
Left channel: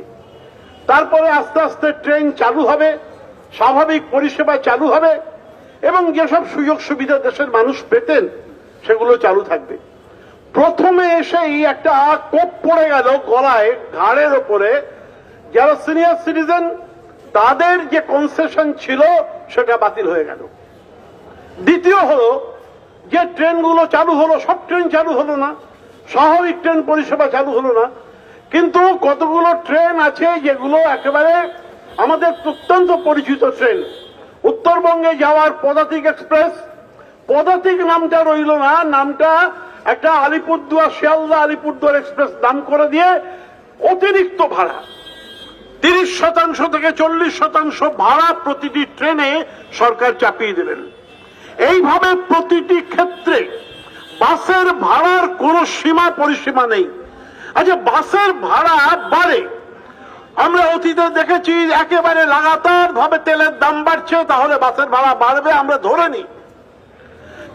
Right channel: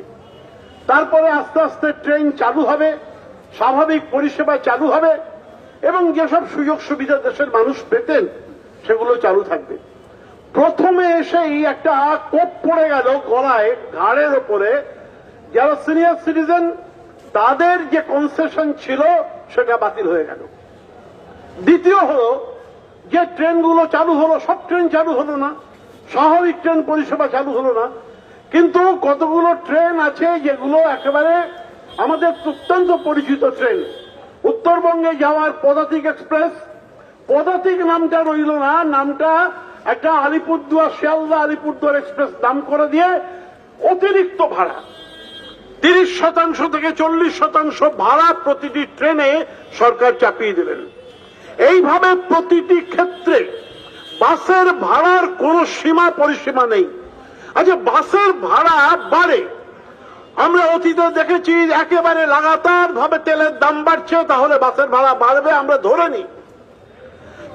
তারপরে আস্তে আস্তে ট্রেন চালু হবে, স্বাভাবিক পরিষেবা চালু হবে এবং যেসব সুযোগ সুবিধা দেশের মানুষ পেতেন সেগুলো চালু থাকবে। প্রথমে এসেই একটা কোপ পড়ে গেল গলায়, ঘাড়ের ওপরে। যারা সিনিয়র সিটিজেন তাদের যে কনসেশন ছিল সেটা বাতিল হয়ে গেল। দ্বিতীয় হলো যে ট্রেনগুলো চালু হলো, সব ট্রেন চালু হলো না, স্বাভাবিক ট্রেন পরিষেবা চালু হলো না। কিন্তু কতগুলো ট্রেন আছে যেগুলো একেবারে আমাদের প্রত্যন্ত পরিচিত ট্রেন। উত্তরবঙ্গে যাওয়ার পদাতিক এক্সপ্রেস, পদাতিক নামটা রইল না, নামটা একটা আলিপুরদুয়ার, শিয়ালদা আলিপুরদুয়ার এক্সপ্রেস নাম করে দিয়ে অতিরিক্ত ভাড়া 30% থেকে 40% ভাড়া প্রতিটি ট্রেনে সরকার চাপিয়ে দেবেন। এইভাবে প্রতিটি ক্ষেত্রে বাসের ভাড়ার কোনো সীমা পরিসীমা নেই। আচ্ছা, বাসের ভাড়া বাড়ে, আমরা অতীতে দেখেছি একেবারে লাগাতার ভাবে তেলের দাম বাড়ছে, তাহলে বাসের ভাড়া বাড়বে আমরা ধরে নিই।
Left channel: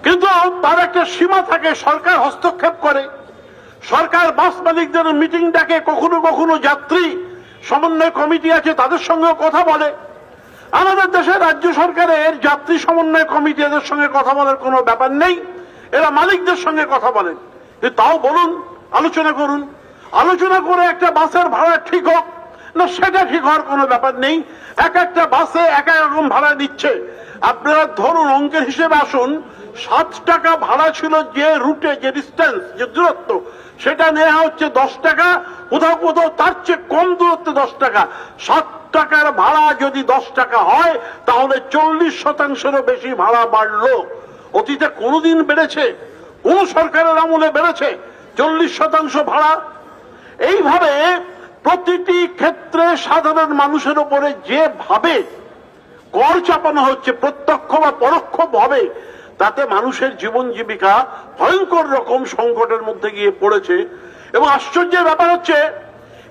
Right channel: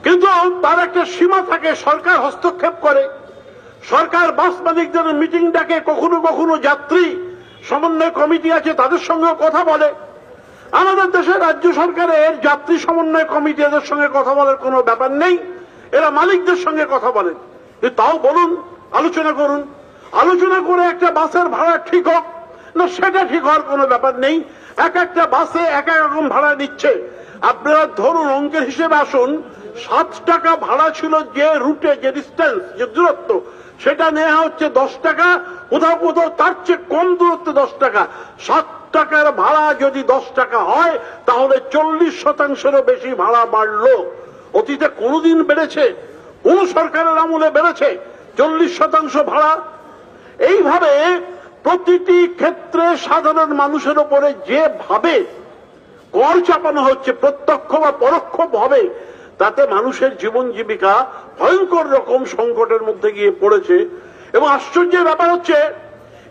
কিন্তু তার একটা সীমা থাকে, সরকার হস্তক্ষেপ করে। সরকার বাস মালিকদের মিটিং ডাকে, কখনো কখনো যাত্রী সমন্বয় কমিটি আছে তাদের সঙ্গে কথা বলে। আমাদের দেশের রাজ্য সরকারের যাত্রী সমন্বয় কমিটি এদের সঙ্গে কথা বলার কোনো ব্যাপার নেই, এরা মালিকদের সঙ্গে কথা বলেন। তাও বলুন, আলোচনা করুন, আলোচনা করে একটা বাসের ভাড়া ঠিক হোক না, সেটা ঠিক হওয়ার কোনো ব্যাপার নেই। এক একটা বাসে এক এক রকম ভাড়া নিচ্ছে। আপনারা ধরুন, অঙ্কের হিসেবে আসুন, 7 টাকা ভাড়া ছিল যে রুটে, যে ডিস্টেন্স, যে দূরত্ব, সেটা নেওয়া হচ্ছে 10 টাকা, কোথাও কোথাও তার চেয়ে কম দূরত্বে 10 টাকা। 7 টাকার ভাড়া যদি 10 টাকা হয় তাহলে 40%-এরও বেশি ভাড়া বাড়লো। অতীতে কোনদিন বেড়েছে? কোন সরকারের আমলে বেড়েছে 40% ভাড়া? এইভাবে প্রতিটি ক্ষেত্রে সাধারণ মানুষের উপরে যেভাবে কর চাপানো হচ্ছে, প্রত্যক্ষ বা পরোক্ষ ভাবে, তাতে মানুষের জীবন জীবিকা ভয়ঙ্কর রকম সংকটের মধ্যে গিয়ে পড়েছে। এবং আশ্চর্যের ব্যাপার হচ্ছে,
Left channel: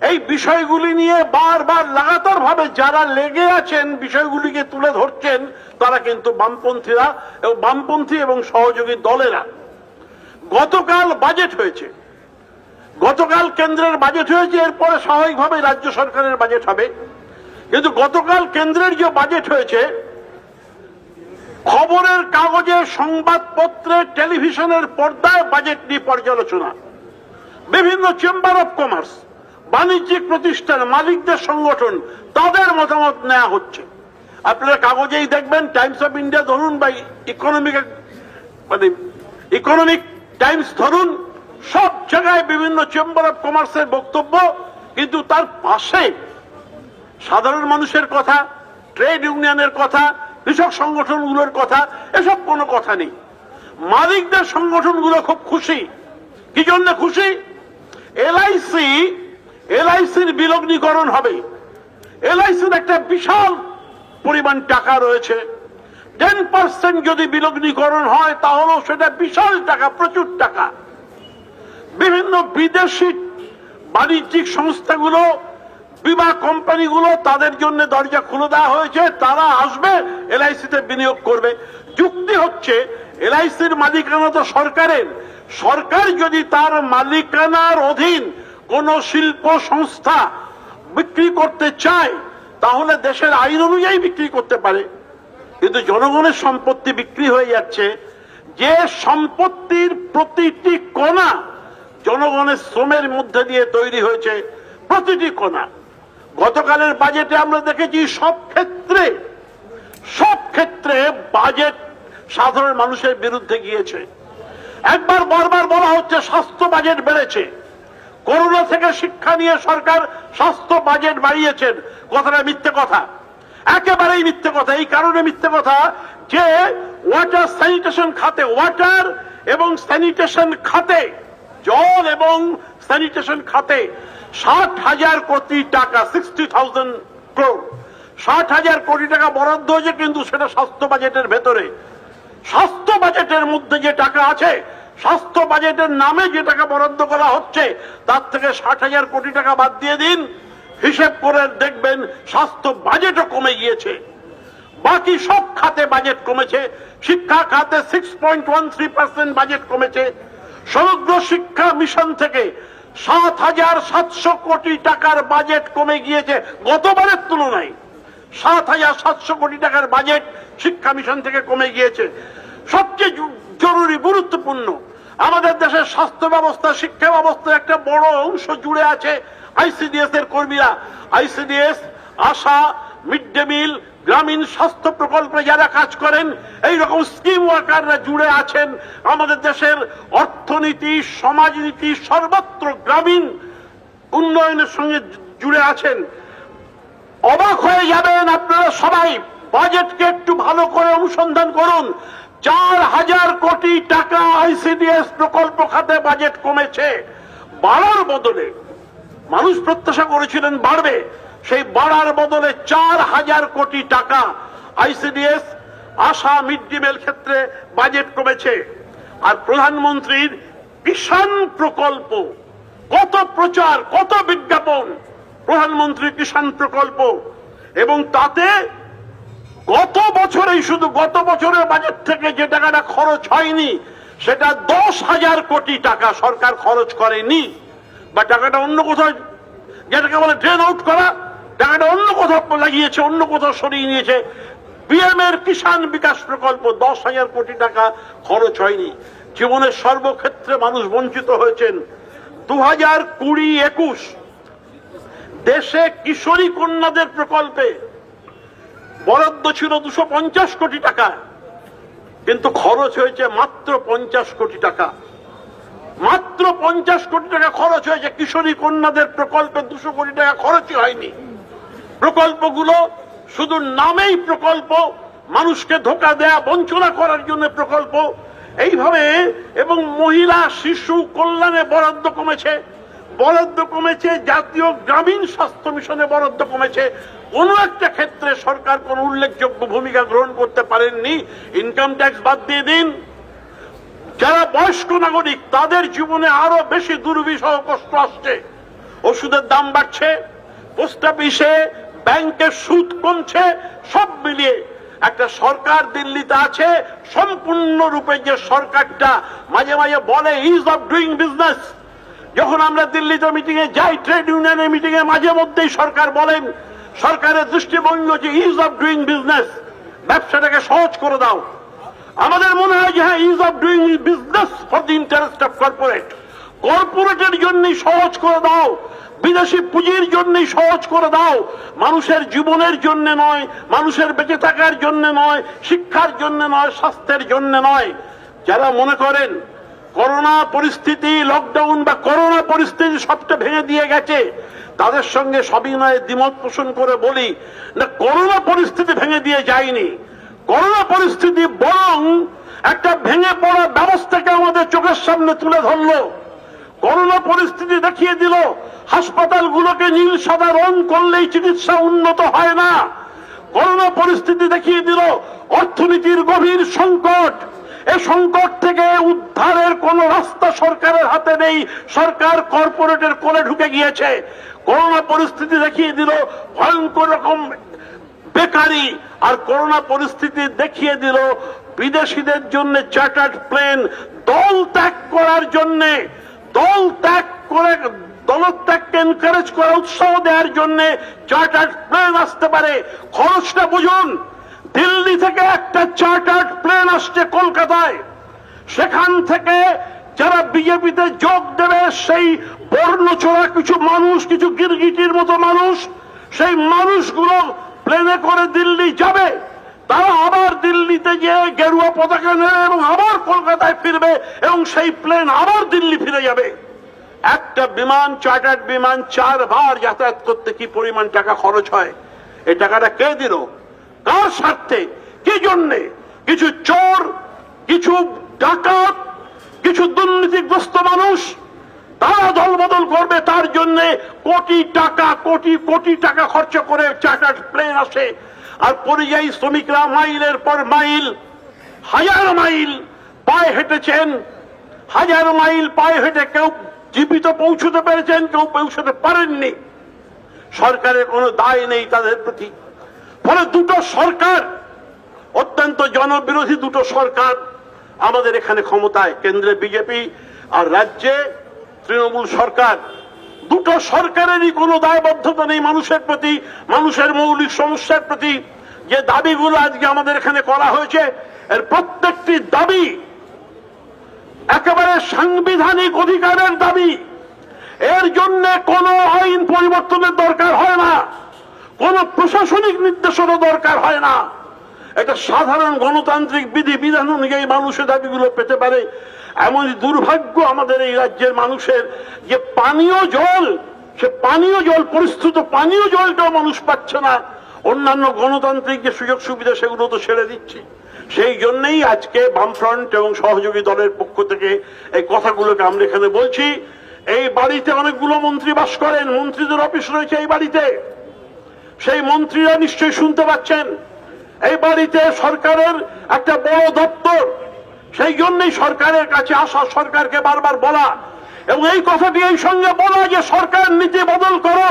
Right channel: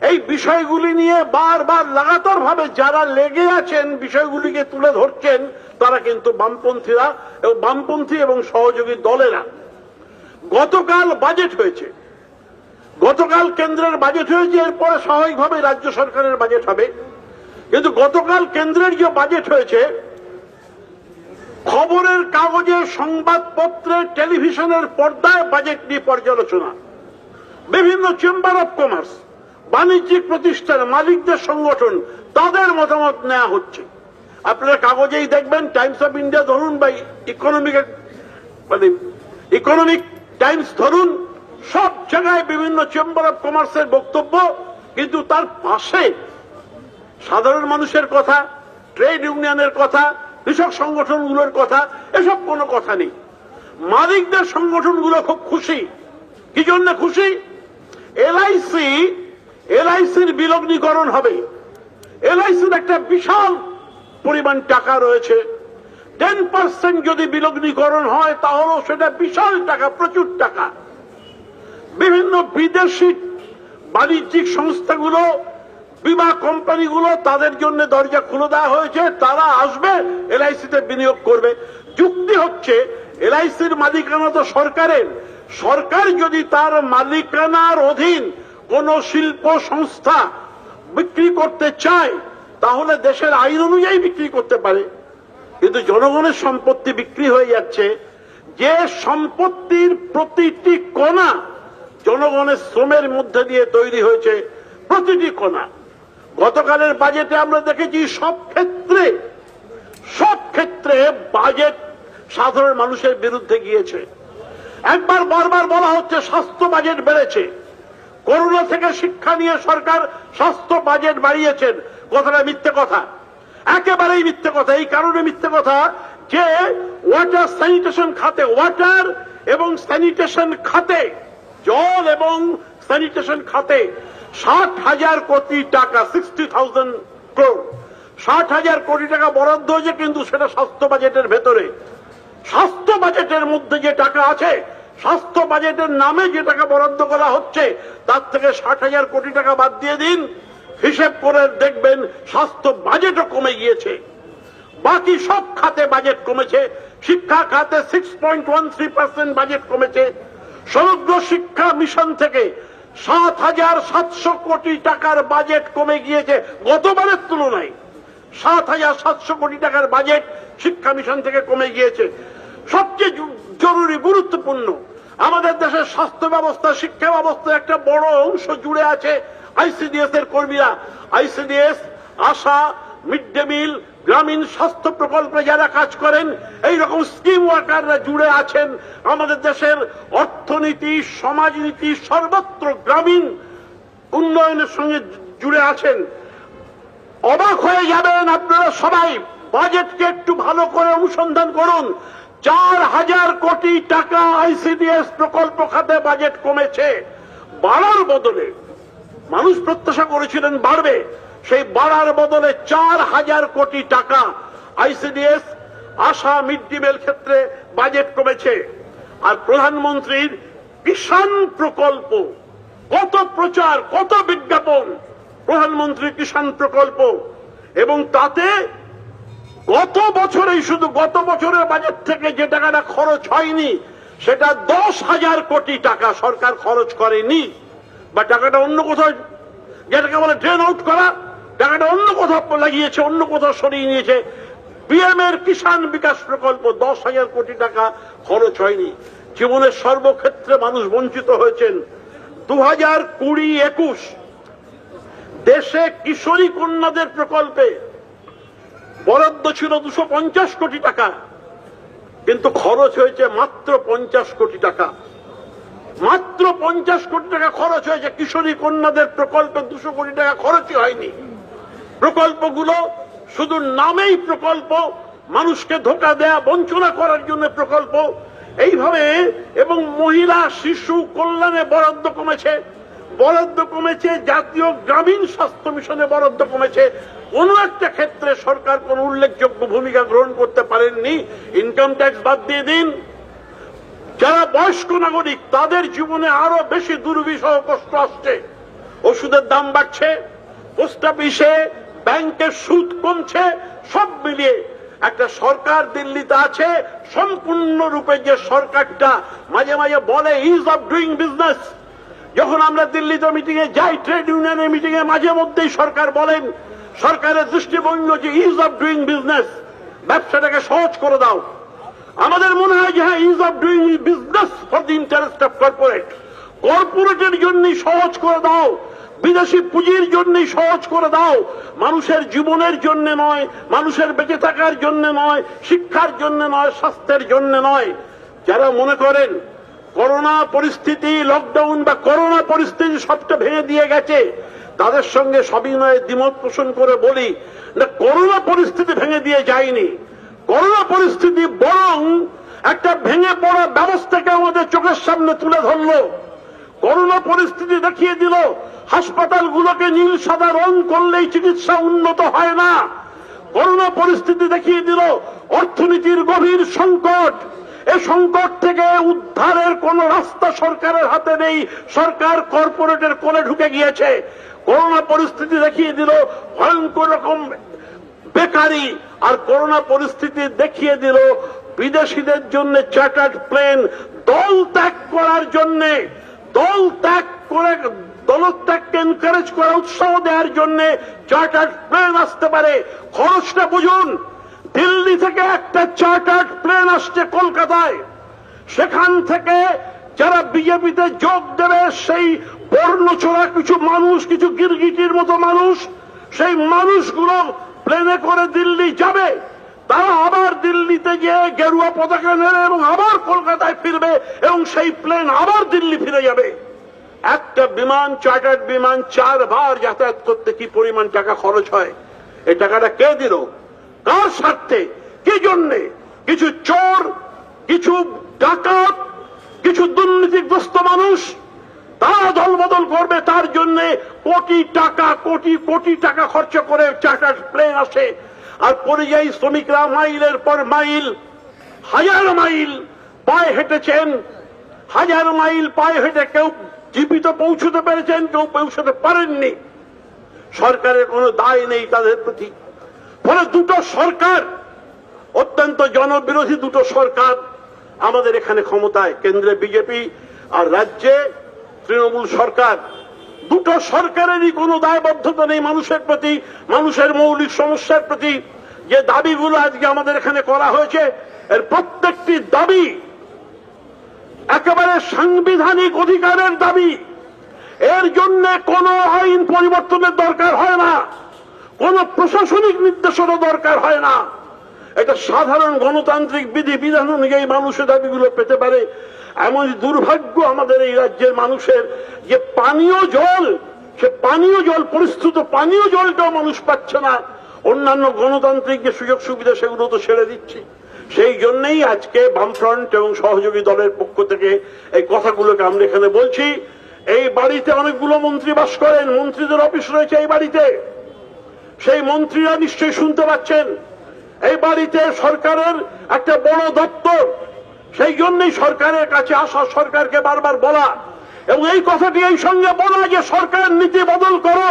এই বিষয়গুলি নিয়ে বারবার লাগাতার ভাবে যারা লেগে আছেন, বিষয়গুলিকে তুলে ধরছেন, তারা কিন্তু বামপন্থীরা এবং বামপন্থী এবং সহযোগী দলেরা। গতকাল বাজেট হয়েছে, গতকাল কেন্দ্রের বাজেট হয়েছে, এরপরে স্বাভাবিকভাবে রাজ্য সরকারের বাজেট হবে। কিন্তু গতকাল কেন্দ্রের যে বাজেট হয়েছে, খবরের কাগজে, সংবাদপত্রে, টেলিভিশনের পর্দায় বাজেট নিয়ে পর্যালোচনা, বিভিন্ন চেম্বার অব কমার্স, বাণিজ্যিক প্রতিষ্ঠান, মালিকদের সংগঠন, তাদের মতামত নেওয়া হচ্ছে। আপনারা কাগজেই দেখবেন, টাইমস অফ ইন্ডিয়া ধরুন বা ইকোনমিক টাইমস ধরুন, সব জায়গায় বিভিন্ন চেম্বার অব কমার্সের বক্তব্য, কিন্তু তার পাশে সাধারণ মানুষের কথা, ট্রেড ইউনিয়নের কথা, কৃষক সংগঠনগুলোর কথা, এসব কোনো কথা নেই। মালিকদের সংগঠনগুলো খুব খুশি। কি জন্য খুশি? এলআইসির বিলগ্নীকরণ হবে। এলআইসির একটা বিশাল পরিমাণ টাকা রয়েছে। 10% যদি বিলগ্নীকরণ হয় তাহলেও সেটা বিশাল টাকা, প্রচুর টাকা। বিভিন্ন বিদেশি বাণিজ্যিক সংস্থাগুলো, বীমা কোম্পানিগুলো, তাদের জন্য দরজা খুলে দেওয়া হয়েছে, তারা আসবে এলআইসিতে বিনিয়োগ করবে। যুক্তি হচ্ছে এলআইসির মালিকানা তো সরকারের, সরকার যদি তার মালিকানার অধীন কোন শিল্প সংস্থা বিক্রি করতে চায় তাহলে দেশের আইন অনুযায়ী বিক্রি করতে পারে। কিন্তু জনগণের সম্পত্তি বিক্রি হয়ে যাচ্ছে, যে সম্পত্তির প্রতিটি কণা জনগণের শ্রমের মধ্যে দিয়ে তৈরি হয়েছে, প্রতিটি কণা। গতকালের বাজেটে আমরা দেখেছি সব ক্ষেত্রে বাজেট সাধারণ মানুষের বিরুদ্ধে গিয়েছে। একবার বারবার বলা হচ্ছে স্বাস্থ্য বাজেট বেড়েছে, করোনা থেকে শিক্ষা নিয়ে সরকার স্বাস্থ্য বাজেট বাড়িয়েছেন। কথাটা মিথ্যে কথা, একেবারেই মিথ্যে কথা। এই কারণে মিথ্যে কথা যে ওয়াটার স্যানিটেশন খাতে, ওয়াটার এবং স্যানিটেশন খাতে, জল এবং স্যানিটেশন খাতে 60,000 কোটি টাকা, 60,000 crore, 60,000 কোটি টাকা বরাদ্দ হয়েছে, কিন্তু সেটা স্বাস্থ্য বাজেটের ভেতরে। স্বাস্থ্য বাজেটের মধ্যে যে টাকা আছে, স্বাস্থ্য বাজেটের নামে যে টাকা বরাদ্দ করা হচ্ছে, তার থেকে 60,000 কোটি টাকা বাদ দিয়ে দিন, হিসেব করে দেখবেন স্বাস্থ্য বাজেটও কমে গিয়েছে। বাকি সব খাতে বাজেট কমেছে। শিক্ষা খাতে 6.13% বাজেট কমেছে। সমগ্র শিক্ষা মিশন থেকে 7,700 কোটি টাকার বাজেট কমে গিয়েছে গতবারের তুলনায়। 7,700 কোটি টাকার বাজেট শিক্ষা মিশন থেকে কমে গিয়েছে। সবচেয়ে জরুরি, গুরুত্বপূর্ণ, আমাদের দেশের স্বাস্থ্য ব্যবস্থা, শিক্ষা ব্যবস্থার একটা বড় অংশ জুড়ে আছে আইসিডিএস এর কর্মীরা। আইসিডিএস, আশা, মিড ডে মিল, গ্রামীণ স্বাস্থ্য প্রকল্পে যারা কাজ করেন, এইরকম স্কিম ওয়ার্কাররা জুড়ে আছেন। আমাদের দেশের অর্থনীতি, সমাজনীতি, সর্বত্র গ্রামীণ উন্নয়নের সঙ্গে জুড়ে আছেন। অবাক হয়ে যাবেন আপনারা সবাই, বাজেটকে একটু ভালো করে অনুসন্ধান করুন। 4,000 কোটি টাকা আইসিডিএস প্রকল্প খাতে বাজেট কমেছে। বাড়ার বদলে, মানুষ প্রত্যাশা করেছিলেন বাড়বে, সেই বাড়ার বদলে 4,000 কোটি টাকা আইসিডিএস, আশা, মিড ডে মিল ক্ষেত্রে বাজেট কমেছে। আর প্রধানমন্ত্রীর কিষাণ প্রকল্প, কত প্রচার, কত বিজ্ঞাপন, প্রধানমন্ত্রীর কিষাণ প্রকল্প, এবং তাতে গত বছরেই, শুধু গত বছরের বাজেট থেকে যে টাকাটা খরচ হয়নি, সেটা 10,000 কোটি টাকা সরকার খরচ করেনি, বা টাকাটা অন্য কোথাও, যেটাকে বলে ড্রেন আউট করা, টাকাটা অন্য কোথাও লাগিয়েছে, অন্য কোথাও সরিয়ে নিয়েছে। পিএম এর কিষাণ বিকাশ প্রকল্প 10,000 কোটি টাকা খরচ হয়নি। জীবনের সর্বক্ষেত্রে মানুষ বঞ্চিত হয়েছেন। 2020-21 দেশে কিশোরী কন্যাদের প্রকল্পে বরাদ্দ ছিল 250 কোটি টাকা, কিন্তু খরচ হয়েছে মাত্র 50 কোটি টাকা। মাত্র 50 কোটি টাকা খরচ হয়েছে কিশোরী কন্যাদের প্রকল্পে, 200 কোটি টাকা খরচই হয়নি। প্রকল্পগুলো শুধু নামেই প্রকল্প, মানুষকে ধোঁকা দেয়া, বঞ্চনা করার জন্য প্রকল্প, এইভাবে। এবং মহিলা শিশু কল্যাণে বরাদ্দ কমেছে, জাতীয় গ্রামীণ স্বাস্থ্য মিশনে বরাদ্দ কমেছে। কোন একটা ক্ষেত্রে সরকার কোন উল্লেখযোগ্য ভূমিকা গ্রহণ করতে পারেননি। ইনকাম ট্যাক্স বাদ দিয়ে দিন, যারা বয়স্ক নাগরিক তাদের জীবনে আরো বেশি দুর্বিষহ কষ্ট আসছে, ওষুধের দাম বাড়ছে, পোস্ট অফিসে ব্যাংকের সুদ কমছে, সব মিলিয়ে একটা সরকার দিল্লিতে আছে সম্পূর্ণরূপে যে সরকারটা মাঝে মাঝে বলে ইজ অফ ডুইং বিজনেস। যখন আমরা দিল্লিতে মিটিং এ যাই, ট্রেড ইউনিয়নের মিটিং এ মাঝে মধ্যেই সরকার বলেন, সরকারের দৃষ্টিভঙ্গি হচ্ছে ইজ অফ ডুইং বিজনেস, ব্যবসাটাকে সহজ করে দাও। আমাদের মনে হয় যে হ্যাঁ, is of doing business for the interest of corporate, কর্পোরেটের জন্যই সহজ করে দাও, বিদেশি পুঁজির জন্যই সহজ করে দাও, মানুষের জীবনের জন্য নয়, মানুষের বেঁচে থাকার জন্য নয়, শিক্ষার জন্য নয়, স্বাস্থ্যের জন্য নয়। যারা মনে করেন করোনা পরিস্থিতি, লকডাউন বা করোনা পরিস্থিতি সবটা ভেঙে দিয়ে গেছে, তাদের সঙ্গে সবিনয়ে দ্বিমত পোষণ করে বলি না, করোনা পরিস্থিতি ভেঙে দিয়ে যায়নি। করোনা পরিস্থিতি বরং একটা ভেঙে পড়া ব্যবস্থাকে আমাদের চোখের সামনে তুলে ধরল। করোনা পরিস্থিতি দেখিয়ে দিল হাসপাতালগুলোকে নীল সাদা রং করলেই চিকিৎসা উন্নত হয় না। করোনা পরিস্থিতি দেখিয়ে দিল অর্থনীতির গভীর সংকট, এই সংকট থেকে উদ্ধারের কোন রাস্তা সরকারের হাতে নেই, সরকার কর্পোরেটের কোলে ঢুকে গিয়েছে। করোনা পরিস্থিতি দেখিয়ে দিল ভয়ঙ্কর রকম বেকারি, আর করোনা পরিস্থিতি দেখিয়ে দিল বিদেশিদের জন্য চার্টার্ড প্লেন দল ত্যাগ করার জন্য, দল ত্যাগ করে দলত্যাগকে এনকারেজ করা, উৎসাহ দেওয়ার জন্য চার্টার্ড প্লেন আসতে পারে। খরচটা বুঝুন, দিল্লি থেকে একটা চার্টার্ড প্লেন আসছে কলকাতায়, সেখান থেকে যারা বিজেপিতে যোগ দেবে সেই বর্ণছোড়া কিছু মানুষ, কিছু গিরগিটির মতো মানুষ, সেই মানুষগুলো প্লেনে করে দিল্লি যাবে, তারা আবার দিল্লিতে গিয়ে গেরুয়া পতাকা নেবে এবং আবার কলকাতায় ফিরবে এবং সেই প্লেন আবার দিল্লি ফিরে যাবে। একটা বিমান, চার্টার্ড বিমান 4 বার যাতায়াত করতে কি পরিমাণ টাকা খরচ হয়? এই টাকাটা কে দিল? কার স্বার্থে? কি জন্যে? কিছু চোর, কিছু ডাকাত, কিছু দুর্নীতিগ্রস্ত মানুষ তারা দলবদল করবে, তার জন্য কোটি টাকা, কোটি কোটি টাকা খরচ করে চার্টার্ড প্লেন আসে। আর পরিযায়ী শ্রমিকরা মাইলের পর মাইল, হাজার মাইল পায়ে হেঁটেছেন, হাজার মাইল পায়ে হেঁটে কেউ জীবিত পৌঁছতে পেরেছেন, কেউ পৌঁছতে পারেননি। সরকারের কোনো দায় নেই তাদের প্রতি। ফলে দুটো সরকার, অত্যন্ত জনবিরোধী দুটো সরকার আমাদের এখানে ক্ষমতায়, কেন্দ্রে বিজেপি আর রাজ্যে তৃণমূল সরকার। দুটো সরকারেরই কোনো দায়বদ্ধতা নেই মানুষের প্রতি, মানুষের মৌলিক সমস্যার প্রতি। যে দাবিগুলো আজকে আমাদের এখানে করা হয়েছে, এর প্রত্যেকটি দাবি একেবারে সাংবিধানিক অধিকারের দাবি। এর জন্য কোনো আইন পরিবর্তনের দরকার হয় না, কোনো প্রশাসনিক নির্দেশনও দরকার হয় না। এটা সাধারণ গণতান্ত্রিক বিধি বিধান অনুযায়ী মানুষের দাবিগুলো পেতে পারে। এমন দুর্ভাগ্য আমাদের এই রাজ্যের মানুষের যে পানীয় জল, সে পানীয় জল, পরিস্থিত পানীয় জলটাও মানুষ পাচ্ছে না। অন্যান্য গণতান্ত্রিক যে সুযোগ সুবিধা সেগুলো তো ছেড়ে দিচ্ছি। সেই জন্যই আজকে বামফ্রন্ট এবং সহযোগী দলের পক্ষ থেকে এই কথাগুলোকে আমরা এখানে বলছি। এই বাড়িতে অনেকগুলো মন্ত্রী বাস করেন, মন্ত্রীদের অফিস রয়েছে এই বাড়িতে, সেই মন্ত্রীরা নিশ্চয়ই শুনতে পাচ্ছেন। এই বাড়িতে সরকারের একটা বড় দপ্তর, সেই জন্যই সরকারের কাছে আসা, সরকারকে বারবার বলা এবং এই কথাটি এই সঙ্গে বলা যে সরকার নীতি বদল করো,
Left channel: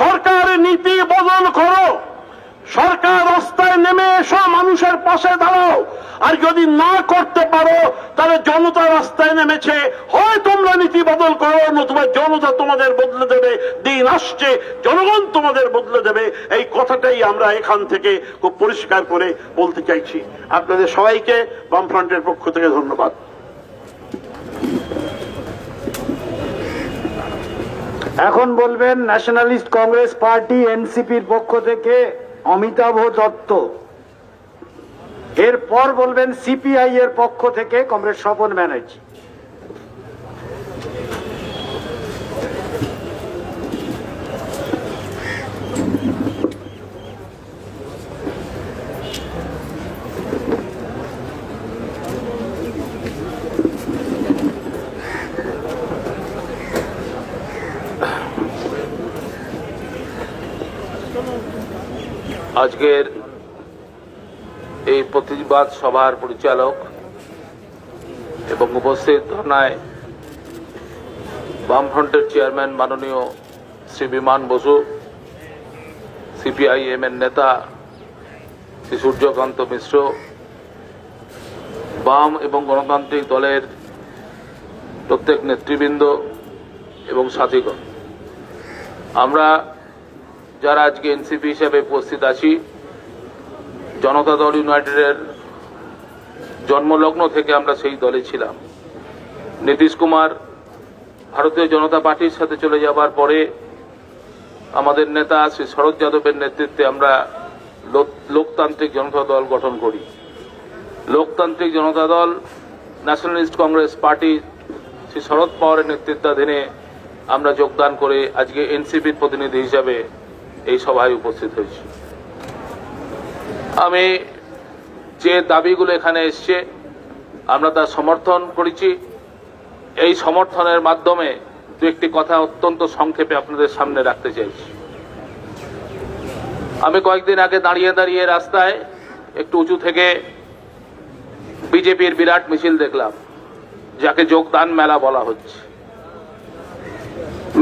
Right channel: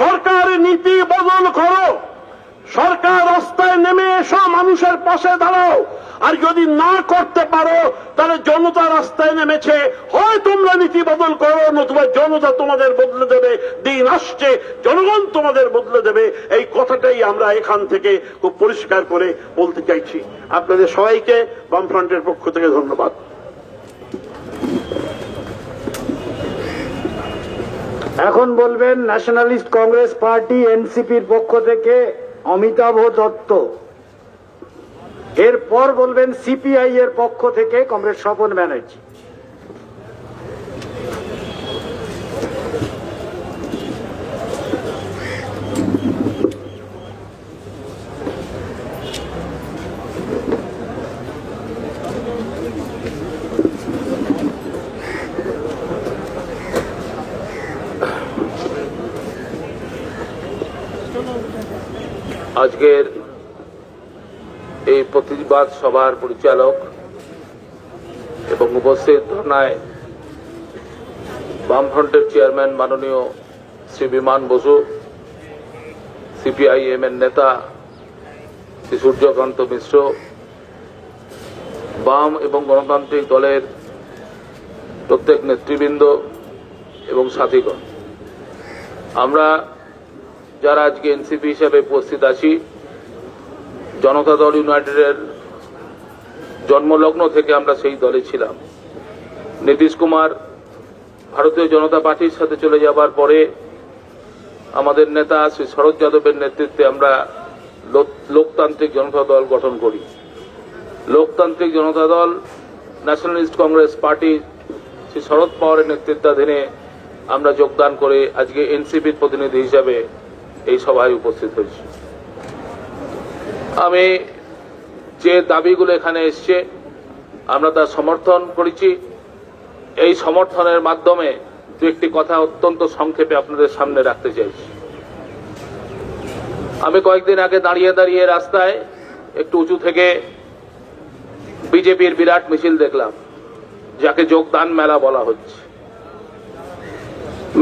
সরকার নীতি বদল করো, সরকার রাস্তায় নেমে এসো, মানুষের পাশে দাঁড়াও। আর যদি না করতে পারো তাহলে জনতা রাস্তায় নেমেছে, হয় তোমরা নীতি বদল করো, নতুবা জনতা তোমাদের বদলে দেবে। দিন আসছে জনগণ তোমাদের বদলে দেবে। এই কথাটাই আমরা এখান থেকে খুব পরিষ্কার করে বলতে চাইছি। আপনাদের সবাইকে বামফ্রন্টের পক্ষ থেকে ধন্যবাদ। এখন বলবেন ন্যাশনালিস্ট কংগ্রেস পার্টি এনসিপির পক্ষ থেকে অমিতাভ দত্ত। এরপর বলবেন সিপিআই এর পক্ষ থেকে কমরেড স্বপন ব্যানার্জি। আজকের এই প্রতিবাদ সভার পরিচালক এবং উপস্থিত ধর্নায় বামফ্রন্টের চেয়ারম্যান মাননীয় শ্রী বিমান বসু, সিপিআইএম এর নেতা শ্রী সূর্যকান্ত মিশ্র, বাম এবং গণতান্ত্রিক দলের প্রত্যেক নেতৃবৃন্দ এবং সাথীগণ, আমরা যারা আজকে এনসিপি হিসেবে উপস্থিত আছি, জনতা দল ইউনাইটেডের জন্মলগ্ন থেকে আমরা সেই দলে ছিলাম। নীতিশ কুমার ভারতীয় জনতা পার্টির সাথে চলে যাবার পরে আমাদের নেতা শ্রী শরদ যাদবের নেতৃত্বে আমরা লোকতান্ত্রিক জনতা দল গঠন করি। লোকতান্ত্রিক জনতা দল ন্যাশনালিস্ট কংগ্রেস পার্টি শ্রী শরদ পাওয়ারের নেতৃত্বাধীনে আমরা যোগদান করে আজকে এনসিপির প্রতিনিধি হিসাবে এই সভায় উপস্থিত হয়েছি। আমি যে দাবিগুলো এখানে এসছে আমরা তা সমর্থন করেছি। এই সমর্থনের মাধ্যমে দু একটি কথা অত্যন্ত সংক্ষেপে আপনাদের সামনে রাখতে চাইছি। আমি কয়েকদিন আগে দাঁড়িয়ে দাঁড়িয়ে রাস্তায় একটু উঁচু থেকে বিজেপির বিরাট মিছিল দেখলাম, যাকে যোগদান মেলা বলা হচ্ছে।